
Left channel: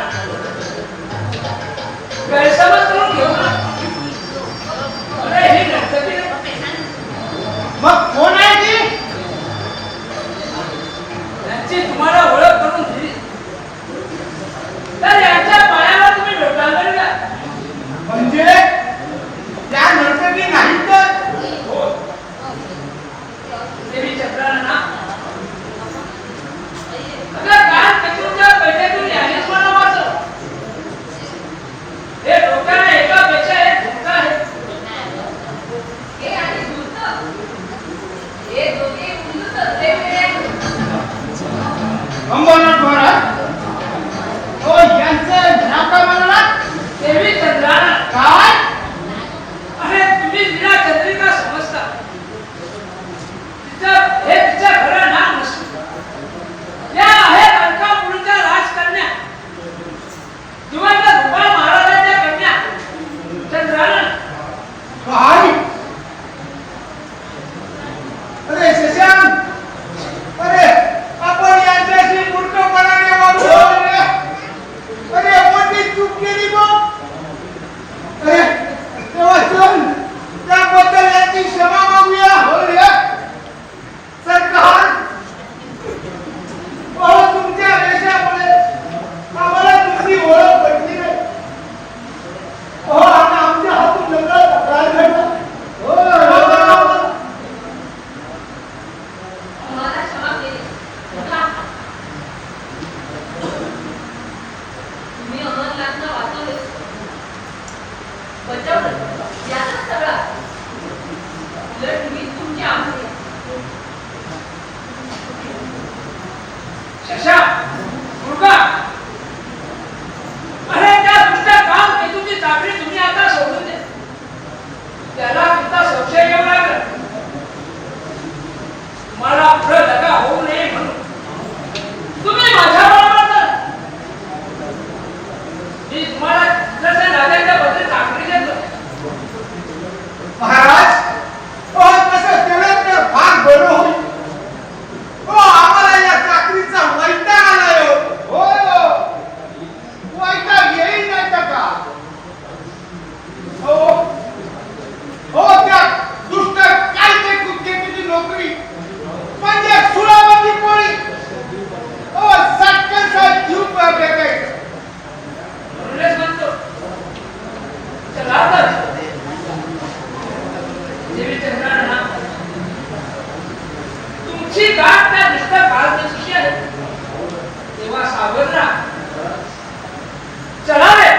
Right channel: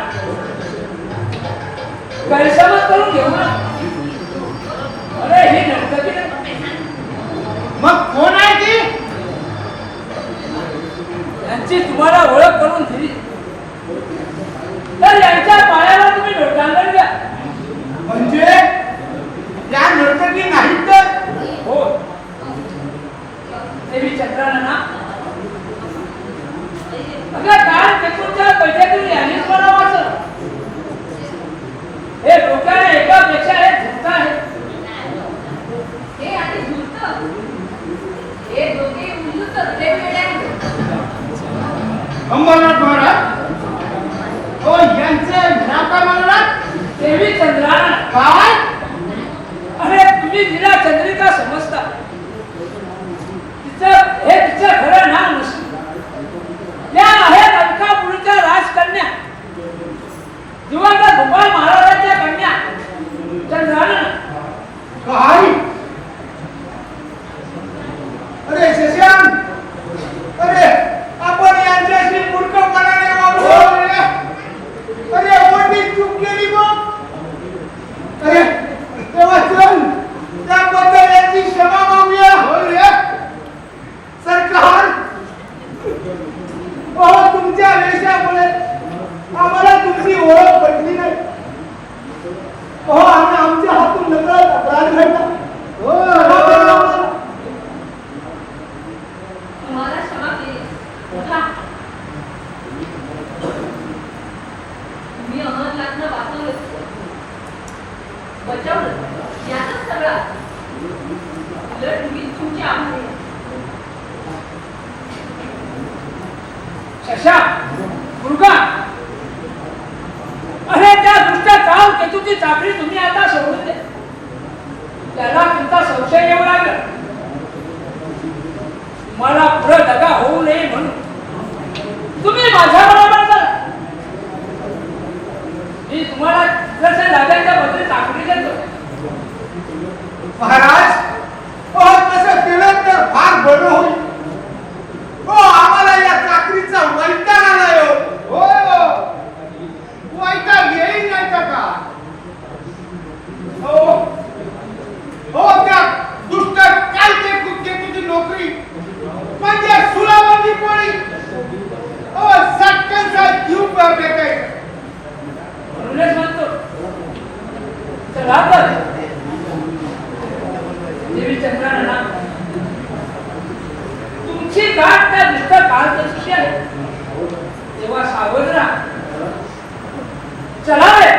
गैरसमज करून घेऊ ना. अरे ही नर्तकी मग कोण आहे ती? यांची तुम्हाला ओळख करून दिली तर यांच्या पायावर तुम्ही लोटांगण घ्या. म्हणजे त्या नर्तकी नाही तर हो, देवी चक्रांना अगं काय चक्रूच्या पैठ्यातून यांनीच मला वाचलं. हे डोक्याला एकापेक्षा एक झुकता आहे. हे आणि झुरतं. हे दोघे उंचूच असले वेळे आहेत. अंबरनाथ महाराज. हो यांचं नाव काय म्हणणार? देवी चंद्राना. काय? अरे तुम्ही तिला चंद्रिका समजता. तिचं हे तिचं खरं नाव नसून या आहेत अलकापुरीचा राजकन्या जिवंत गोपाळ महाराजांच्या कन्या चंद्राना. काय? अरे शशांक, अरे आपण यांच्याशी मूर्खपणाने वागलो. अरे मोठी चूक केली मग. अरे तेव्हा चल त्याबद्दल यांची क्षमा मागूया. होय सरकार, तुमच्या वेशामुळे आम्हाला तुमची ओळख पटली नाही. आणि आमच्या हातून नकळत अपराध घडला. तुम्हाला क्षमा केली. उठा. तुम्ही अमरनाथला वाचवलं, बचावलं, याचाच सगळा उलट तुम्ही तुमची आमची. शशा मुलगा, अरे त्या दुष्ट काम केतूची चाकरी तुम्ही आता सोडून द्या. त्याला तुमचा संशय येऊ लागला. मला पुढे दगा होऊ नये म्हणून तुम्ही माझ्या बरोबर करा. मी तुम्हाला जसे राजांच्या बदली चाकरी देतो. महाराज, तसं केलं तर फार बरं होईल. आम्हाला या चाकरीचा वैताग आलाय. हो वैताग येईल नाही का? हो त्या दुष्ट काय ते कुत्तेची नोकरी म्हणजे सुराबंदी पोळी. सटकनचा जीव भेटायचा. म्हणूनच म्हणतो चला तर देवी चंद्राना तुमची गाठ त्या दुष्ट काळकशी आहे. तेव्हा सावध राहा. चला रे.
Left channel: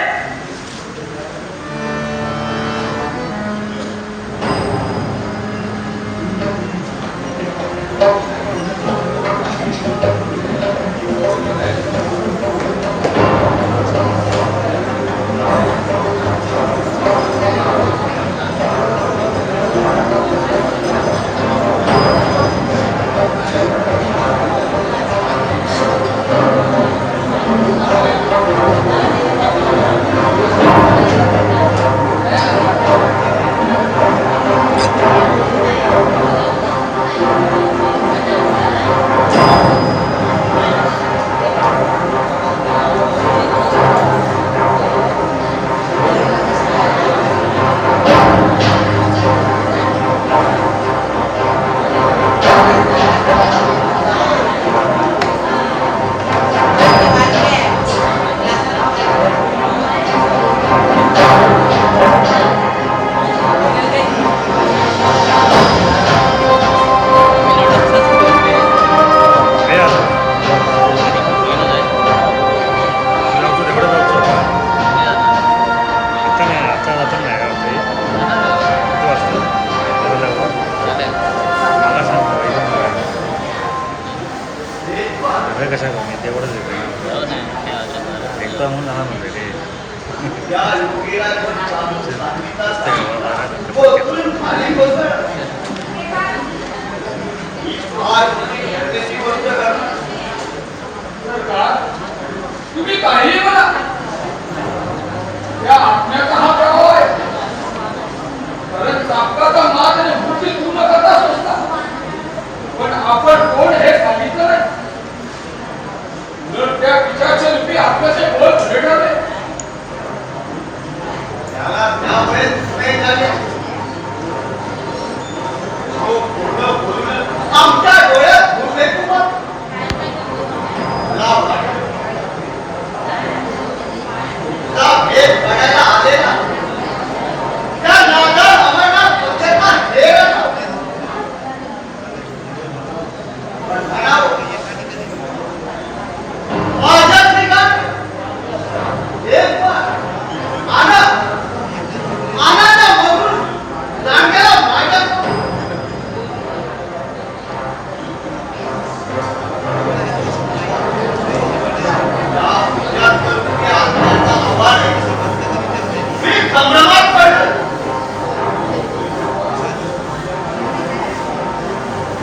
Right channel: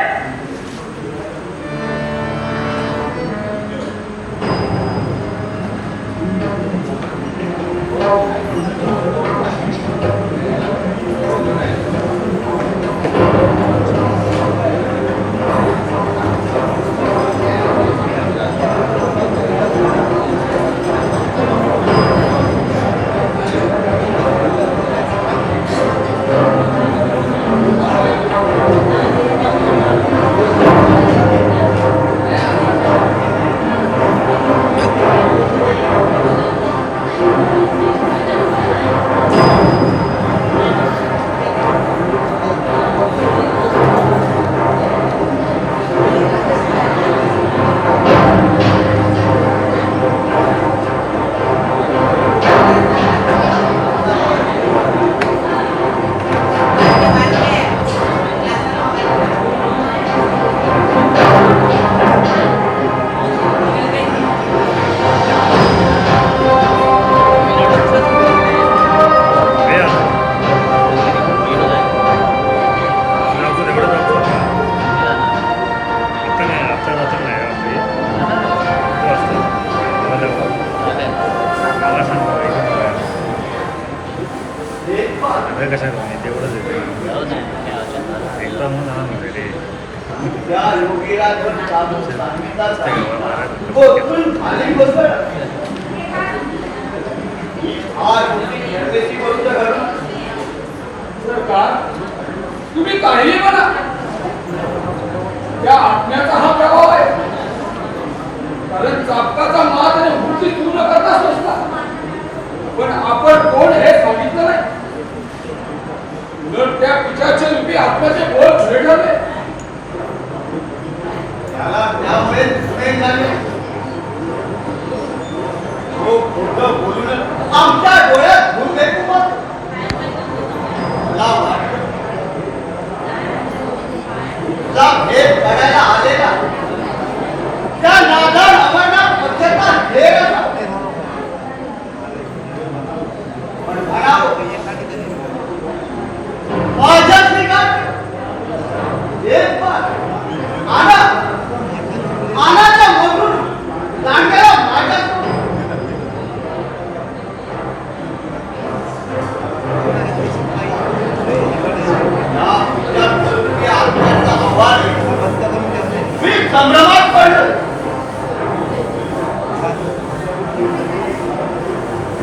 कसं कमी तेवढंच एकदा म्हणून लहान होते ते त्या योगीला पण चाबूक सांगितला बोलून खाली बसला. आज परदेशी गोष्ट करू. सरकार, तुम्ही काहीही म्हणा, या आत्म्याचा हा प्रभाव आहे. कारण चापकाचा मात आणि वृत्ती पूर्ण करता सोसला. पण आपण कोण हे सांगितलं नाही. उलट त्या पिशाच्या लिपी आत्म्याचे बोल खरे ठरले. त्याला त्यामुळे पुणे झाले. तो खोटं बोलून आमच्या डोळ्यात धूळ फेकू मग. लाव आहे. तुला भेद पडायला आलेला त्या नादार अमरनाथ पक्षाचा ढेर होता. पण म्हणावं, माझ्या श्रीकांत एक बार आनंद मधून लांडग्याला माझ्या मी संभ्रमात पडलो.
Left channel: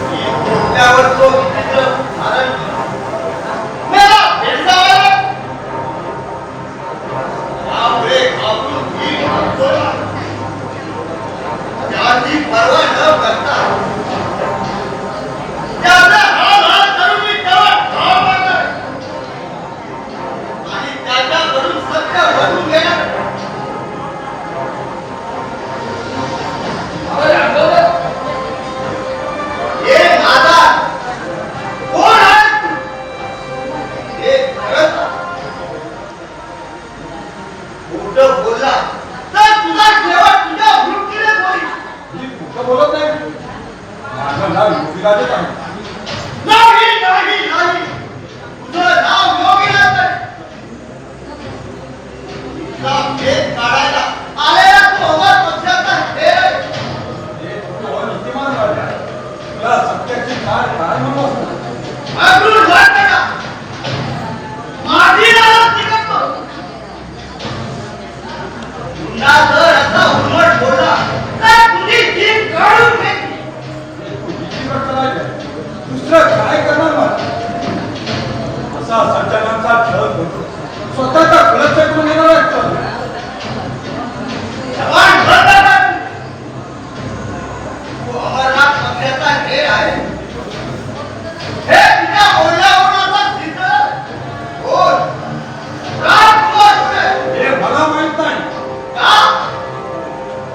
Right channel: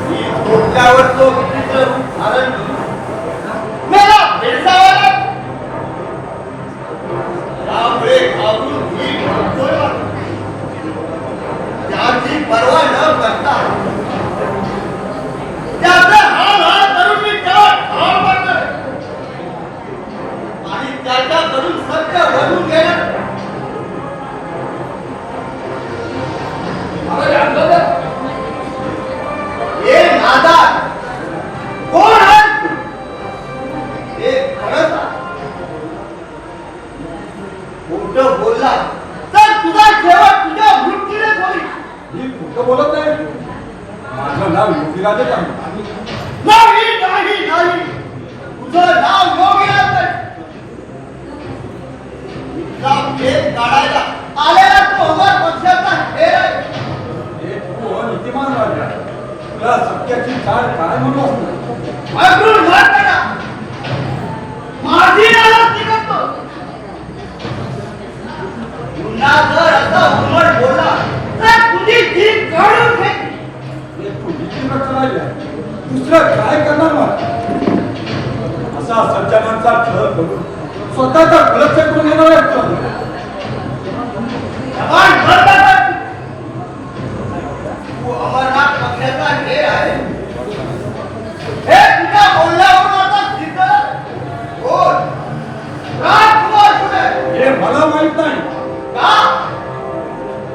मी डोक्यावर तो विचित्र धारण मला भेडसावला. त्यामुळे घाबरून मी भागतो. त्याची पर्वा न करता त्याचा हाल हाल करून मी त्याला ठाव मारणार आणि त्याच्याकडून सत्य वरून घेणार. हे नादार कोण आहे तू? हे खरंच खोटं बोलला तर तुझा शेवट तुझ्या मृत्यूने होईल. मी खोटं बोलत नाही. माझं नाव योगीराजच आहे. नाही नाही नाही, तुझं नाव योगीराज नाही. तुझा भेद काढायला आलेला तू अमर पक्षाचा खेळ आहे. हे तू अनितिमान राजा. तुला सत्याची काळ काय म्हणू असतं. अगदी वाटतं माझी नाराज निघतो. पुन्हा जर असा उन्मट बोलला तर तुझी जीभ काढून फेकली. हे तू भीती राजा. दुसरं काय करणार मग. असा सज्जनांचा छळ करून स्वतःचा कलश करून घेणार असतो. जवान बंद. तू अमरनाथ पक्षाचा खेळ आहे. हे तुझ्या बोलण्यावरून सिद्ध बोल. राजकुमार कुठे? हे मला माहित नाही. का?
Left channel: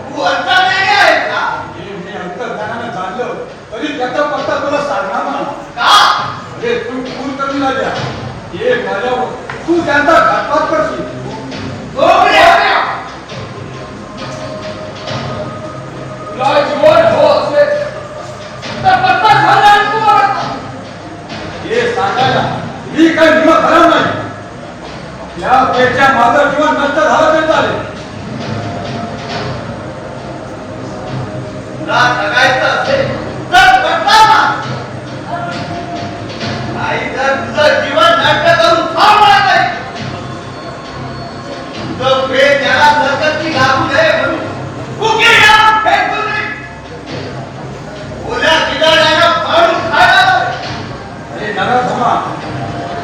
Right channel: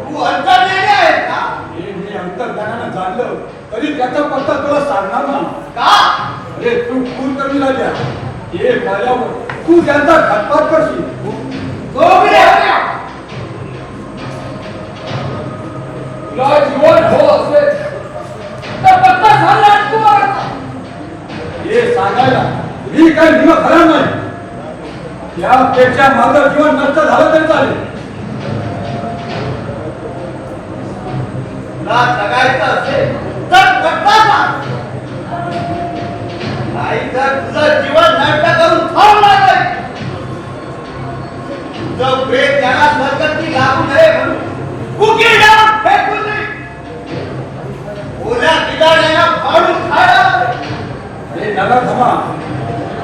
तू अंतर्ज्ञानी आहे का? हे मी अंतर्ज्ञानानं जाणलं तरी त्याचा पत्ता तुला सांगणार नाही. का? अरे तू खून कमी राजा. हे झाल्यावर तू त्यांचा घातपात करशील. तुला जीवन हो असेल तर पत्ता झाला आणि तू ओळखता. हे सांगायला मी काही निम खरा नाही. या पेक्षा माझं जीवन नष्ट झालं तरी चालेल. तुला जगायचं असेल तर पत्ता सांग. नाही तर तुझं जीवन नष्ट करून थांबणार नाही. तुझं प्रेम त्याला सरकती लागू नये म्हणून उकिरडा फेकून दे. ओल्या बिदाण्याला फाडून खायला. हे नराधमा,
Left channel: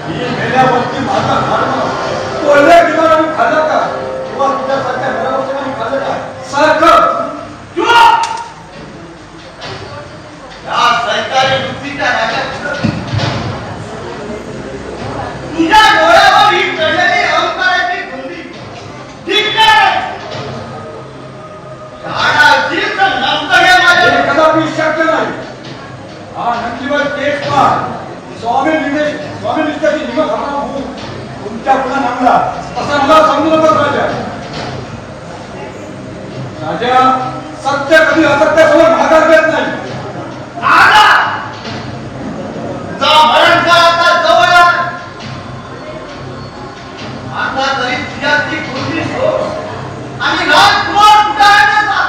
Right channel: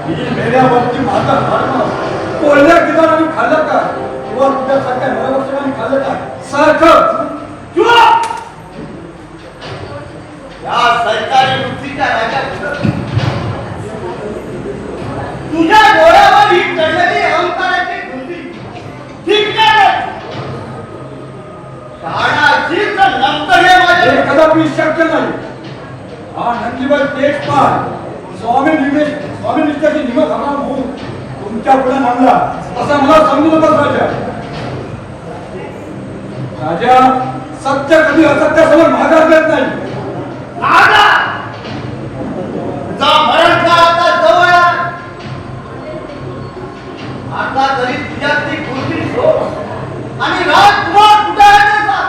मी मेल्यावरती माझा धर्म ओल्या बिदाराने खाल्लं का किंवा तुझ्यासारख्या नरवसनाने खाल्लं का सारखं. चुप. या सरकारी वृत्तीच्या राजात तुझ्या डोळ्यावर ही चढलेली अहंकाराची गुंडी धिक्कार आहे. शहाणा असेल तर नंतर हे माझे हे कदापि शक्य नाही. हा नंदीवर तेच पार स्वामी निष्ठाची निम खरा होऊन तुमच्या पुढे मांडला असं मला समजू नका राजा. राजा सत्य कधी असत्यासमोर माघार देत नाही. नादा तुझा मरण काळ आता जवळ आहे. आता तरी तुझ्यातली गोष्टी शोध आणि राजकुमार कुठे आहे त्याचा?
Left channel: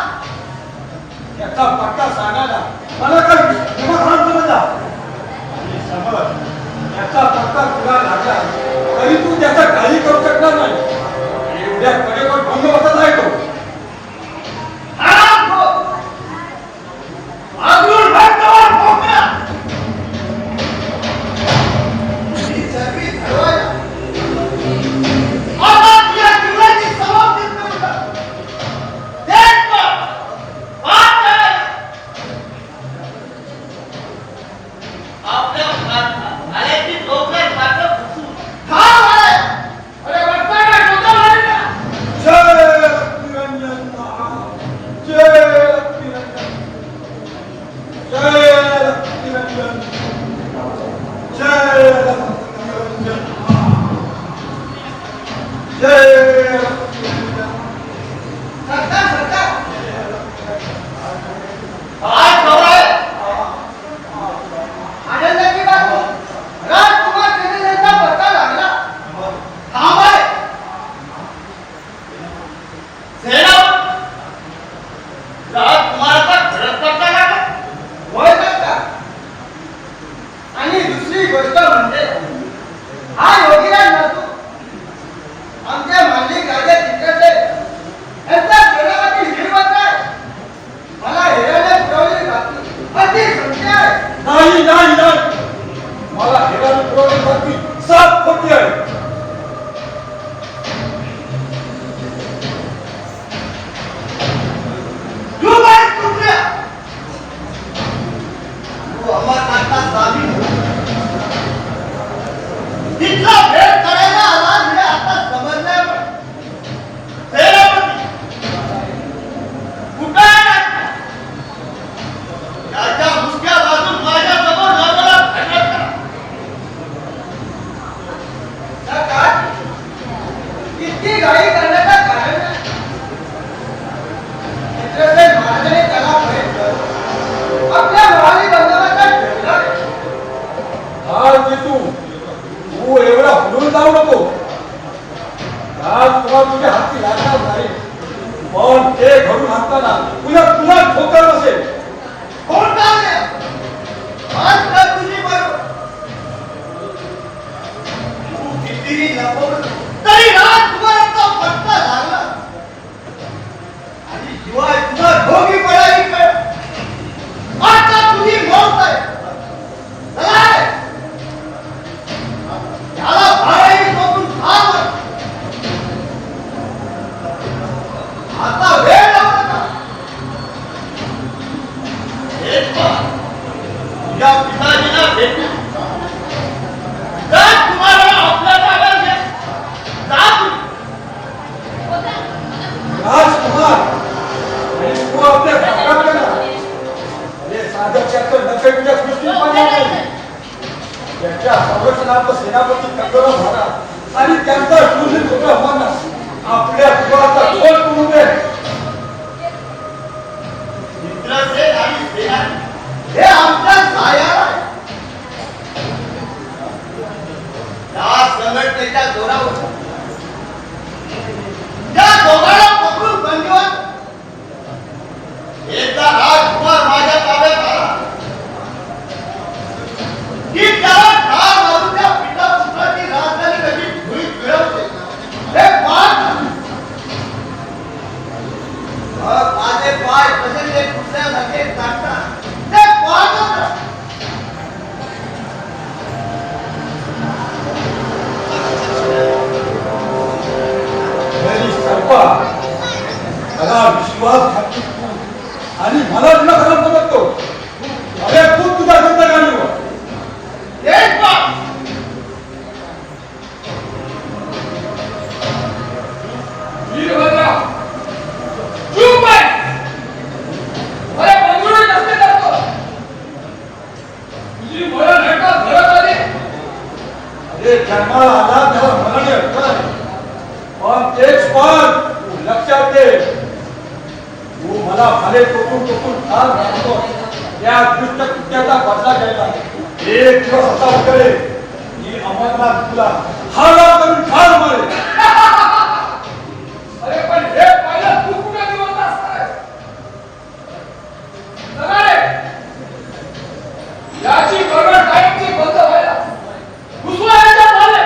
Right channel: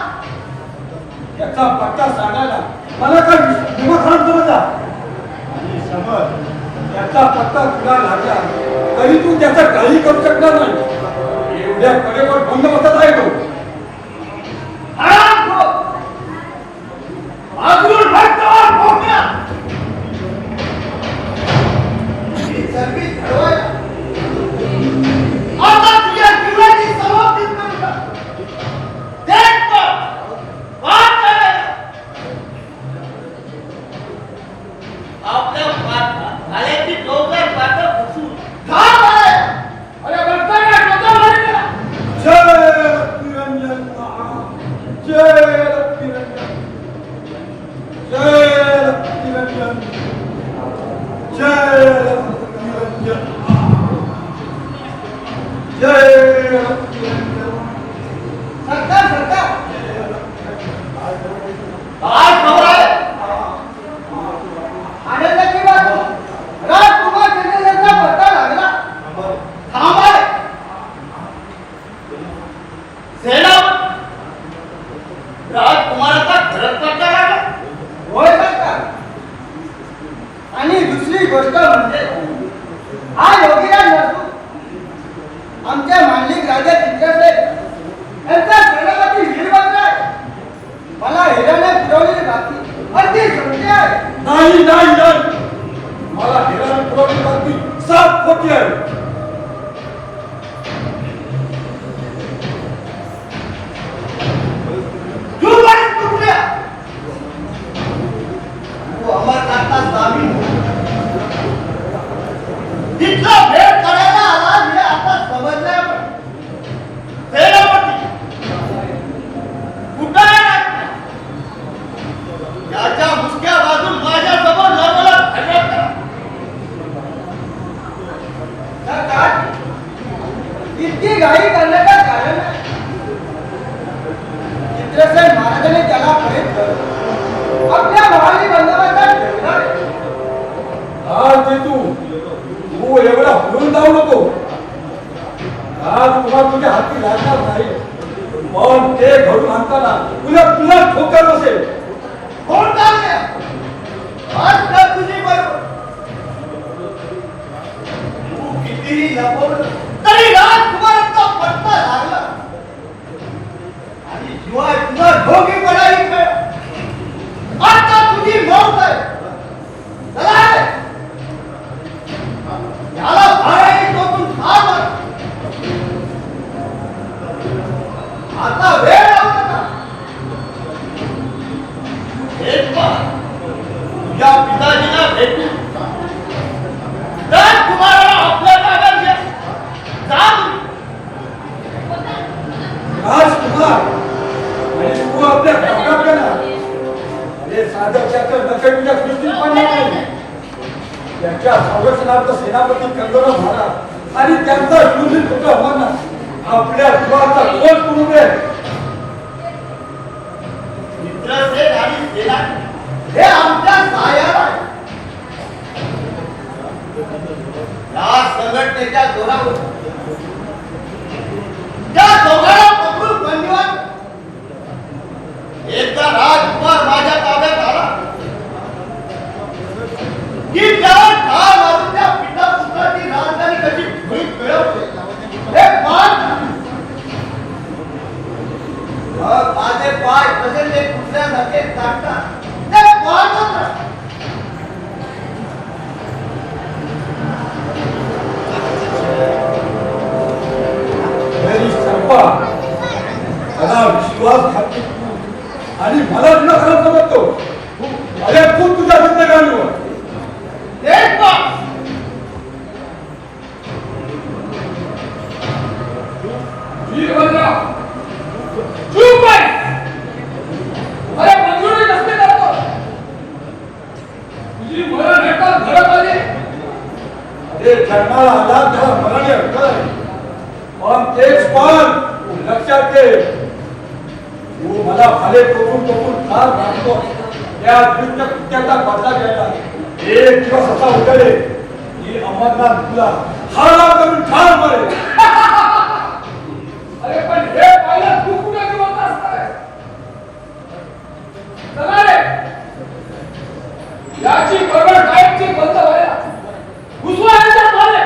याचा पत्ता सांगायला मला काय निमखान समजला. आणि समज त्याचा पत्ता तुला लागला तरी तू त्याचा काही करू शकणार नाही. एवढ्या कडेवर बंद बसत आहे तो. आराम कर. मागून भटकवर भोगला. ही सर्वी ठरवायला आता तुझ्या जीवनाची समाप्ती करू का? देख कर. वाट करायला. आल्याची चौकार पाठव फुटून ठाम आहे. अरे बघताना डोकं मारायला. जय रक्तिरंजन जय रक्तिरंजन जय रक्तिरंजन जय रक्तिरंजन जय रक्तिरंजन. सरकार सरकार काय खबर आहे? आनंदाची बाब राजकुमार केंद्रेचा पत्ता लागला. ठाम आहे. सेनापती राजकुमाराचा खरंच पत्ता लागला. होय सरकार. आणि दुसरी गोष्ट म्हणजे हा योगीराज नसतो आमच्या मांडलिक राजा चित्रसेन यांचा सेनापती श्रीमंत आहे. मला हिराने पुरवलेली बातमी अगदी सत्य आहे. नाही नाही नाही मला हेराने पुरवली बातमी 7 कोटी आहे. तू बाई कुठल्या? तू अमरनाथला सामील हो. तिथला भेट करायला आला हे आता समजल्यावर सेनापती कुठं आहे ना? याच्या मुसक्या बाजून माझ्यासमोर लग्नाला भांडण करा. सरकार इतकी घाई करण्याचं कारण नाही. चित्रसेन महाराजांनी त्याला प्रेम करून आपल्या भावानी बंदोबस्तात ठेवला. आज ते तू एवढा हलून जाऊ नको. आज तुला तुझ्या हाती लागणार नाही. पण ते घडून आणताना तुला तुला ठोकर बसेल. कोण टाळले? आज का तुझी बरोबर? तू कितीही लपवलं तरी राजकुमाराचा पत्ता लागला. आणि शिवाय तुझा ढोंगी पडायची वेळ. आता तुझी मौत आहे. चला रे. याला भाड्याने टोकून ठार मार. आता वेळ लावू नका. एक बार तुझ्या पिताजीला भेटू. राजकुमाराला आपल्या जागा घ्या. जा तुम्ही. राजकुमार आणि तू आपल्या घरात गेला. हे साधक चक्र नकळीच्या दृष्टीत पडणार नाही. त्याच्या संरक्षणाचा सेनापती कंगना झाला आणि त्यांचा शूरवीर पुत्र होणार आपल्या जीवाचा कोण करू दे. चित्रसेन आणि सेनानी हे आमच्या सहाय्याला आहे. या संघटनेच्या जोरावर त्या दोघांना पकडून बंदिवान. एकदा राजकुमार माझ्या ताब्यात आला की त्याला ठार मारून त्या पितापुत्राची राजधानी कशी धुळीत मिळवते हे पाहत. माझे पाय कसे ते कुठल्यासारखे काढतात ते पाहतच राहा. मेरी सर्पा मला विश्वास घातली आणि मला तुला खरं समजतो. अरे खूप तुझ्या जिंदगानीवर एक बार वीरभद्रा चूप आहे. अरे मंजुरी नसते करतो. तुझी मरण हटकात घरात आली. अरे जन्माला आला तेव्हा मराठी ऐकलं. पण तेच पण तू लक्षात घे. तू मला भाले टोकून टोकून ठार मारतो. त्या दुष्ट कृत्याचा बदला घ्यायला एक दिवस असा उठले की अमरनाथ तुला ठार करून ठार मारेल. अरे पण हे पाहिलं तू कुठे जिवंत असताय. चला रे. याची बरोबर कायमची बंद व्हायला घुसवायच्या झाले.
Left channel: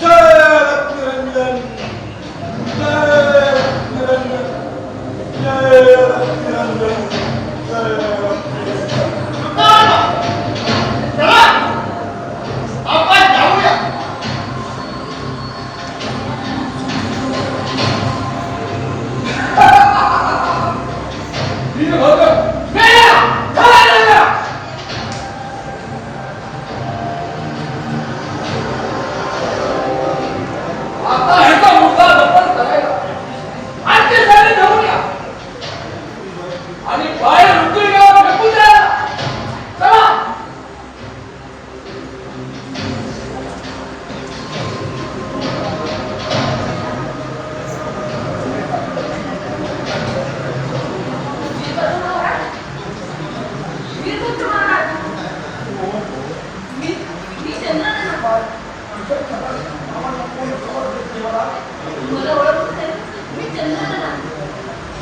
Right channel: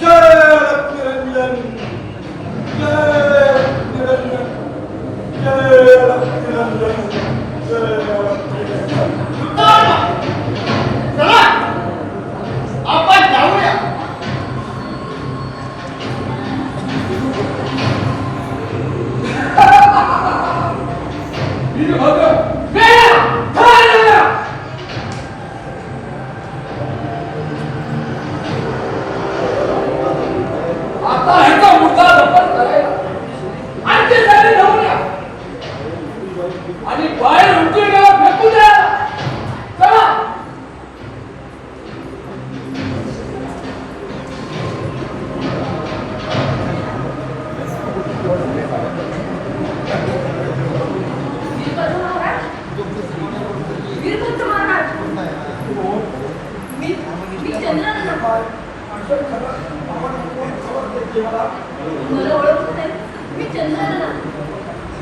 जय रक्तिरंजन जय रक्तिरंजन जय रक्तिरंजन जय रक्तिरंजन. चला आपण जाऊया. वीरभद्र मेला ठार झाला. चंद्रनना मला ओळखत नाही. मी चंद्रनना.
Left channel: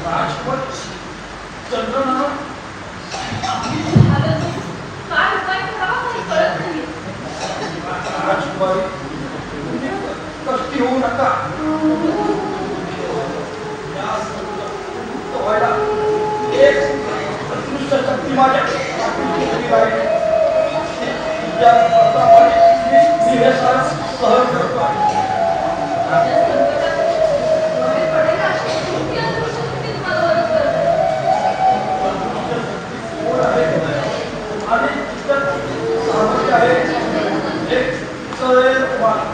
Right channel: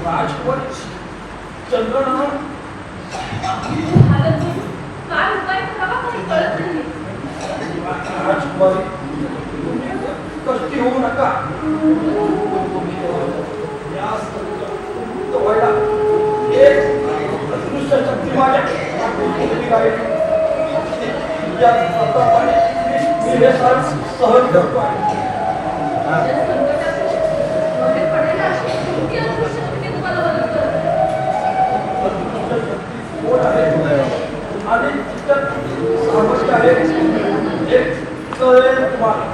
राजपत चंद्रनना आता तू काय उपाय करावा काही कळत नाही. राजकुमारी कष्टी होऊ नका. या व्हायला एक अदृष्ट शक्ती माझ्या पाठीशी आहे. या प्रतापाने मी हे सारं सहन करतो आहे. या संकटात बाहेर पडायला अशी कोणती अदृश्य शक्ती तुम्हाला मदत करते? कोण आहे आणि इतर सामर्थ्य आहे एक सदैव तुम्हाला.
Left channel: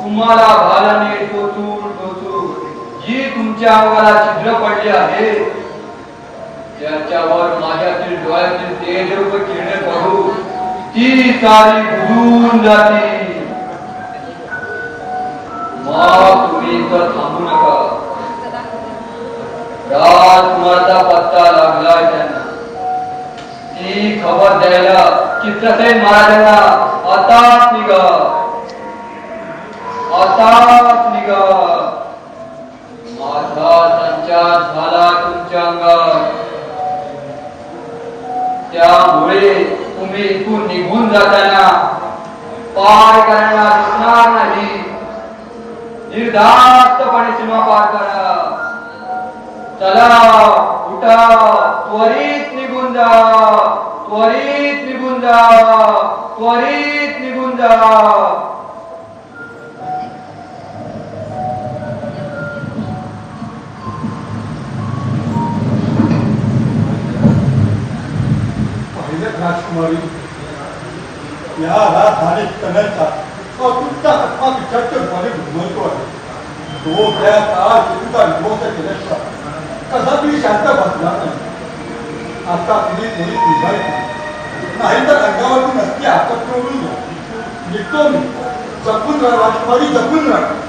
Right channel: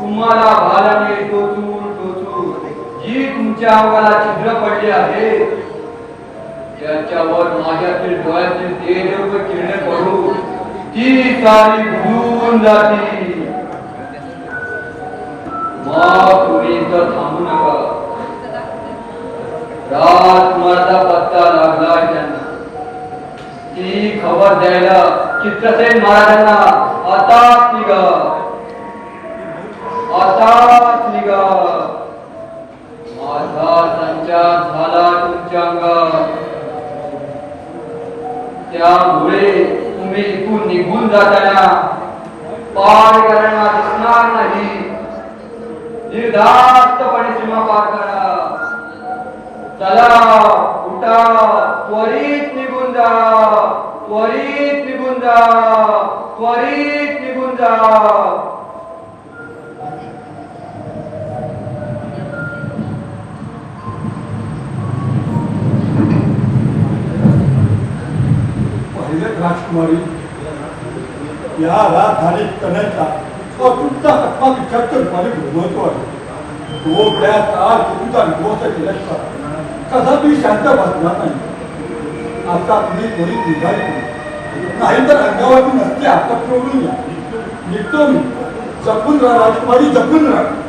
तुम्हाला भालाने टोचून जी तुमच्या अंगाला छिद्र पडले आहे त्याच्यावर माझ्यातील डोळ्यातील तेज व किरण पडू ती सारी भूल जाती. तुम्ही तर थांबू नका. राजकुमाराचा पत्ता लागलाय त्यांना. ती खबर द्यायला चित्रसेन महाराजांना आताच निघा. आताच निघा. माझा संचार झाला तुमच्या अंगात. त्यामुळे तुम्ही इथून निघून जाताना पार करण्यात दिसणार नाही. निर्धास्तपणे सीमा पार करा. चला उठा. त्वरित निघून जा. त्वरित निघून जा. त्वरित निघून जा. राजकुमारी या राजधानी तनयचा अतुलता आत्मा विचारतो मला घुमवतो आहे. तो त्या काळात तुमचा निवस्त केल्याशिवाय कदापि शांत बसला नाही. आता तुम्ही थोडी निभाई नाही तर अंगावरती नक्की आपत्ती ओढून जा. निघतो मी. जपून राहा राजकुमारी, जपून राहा.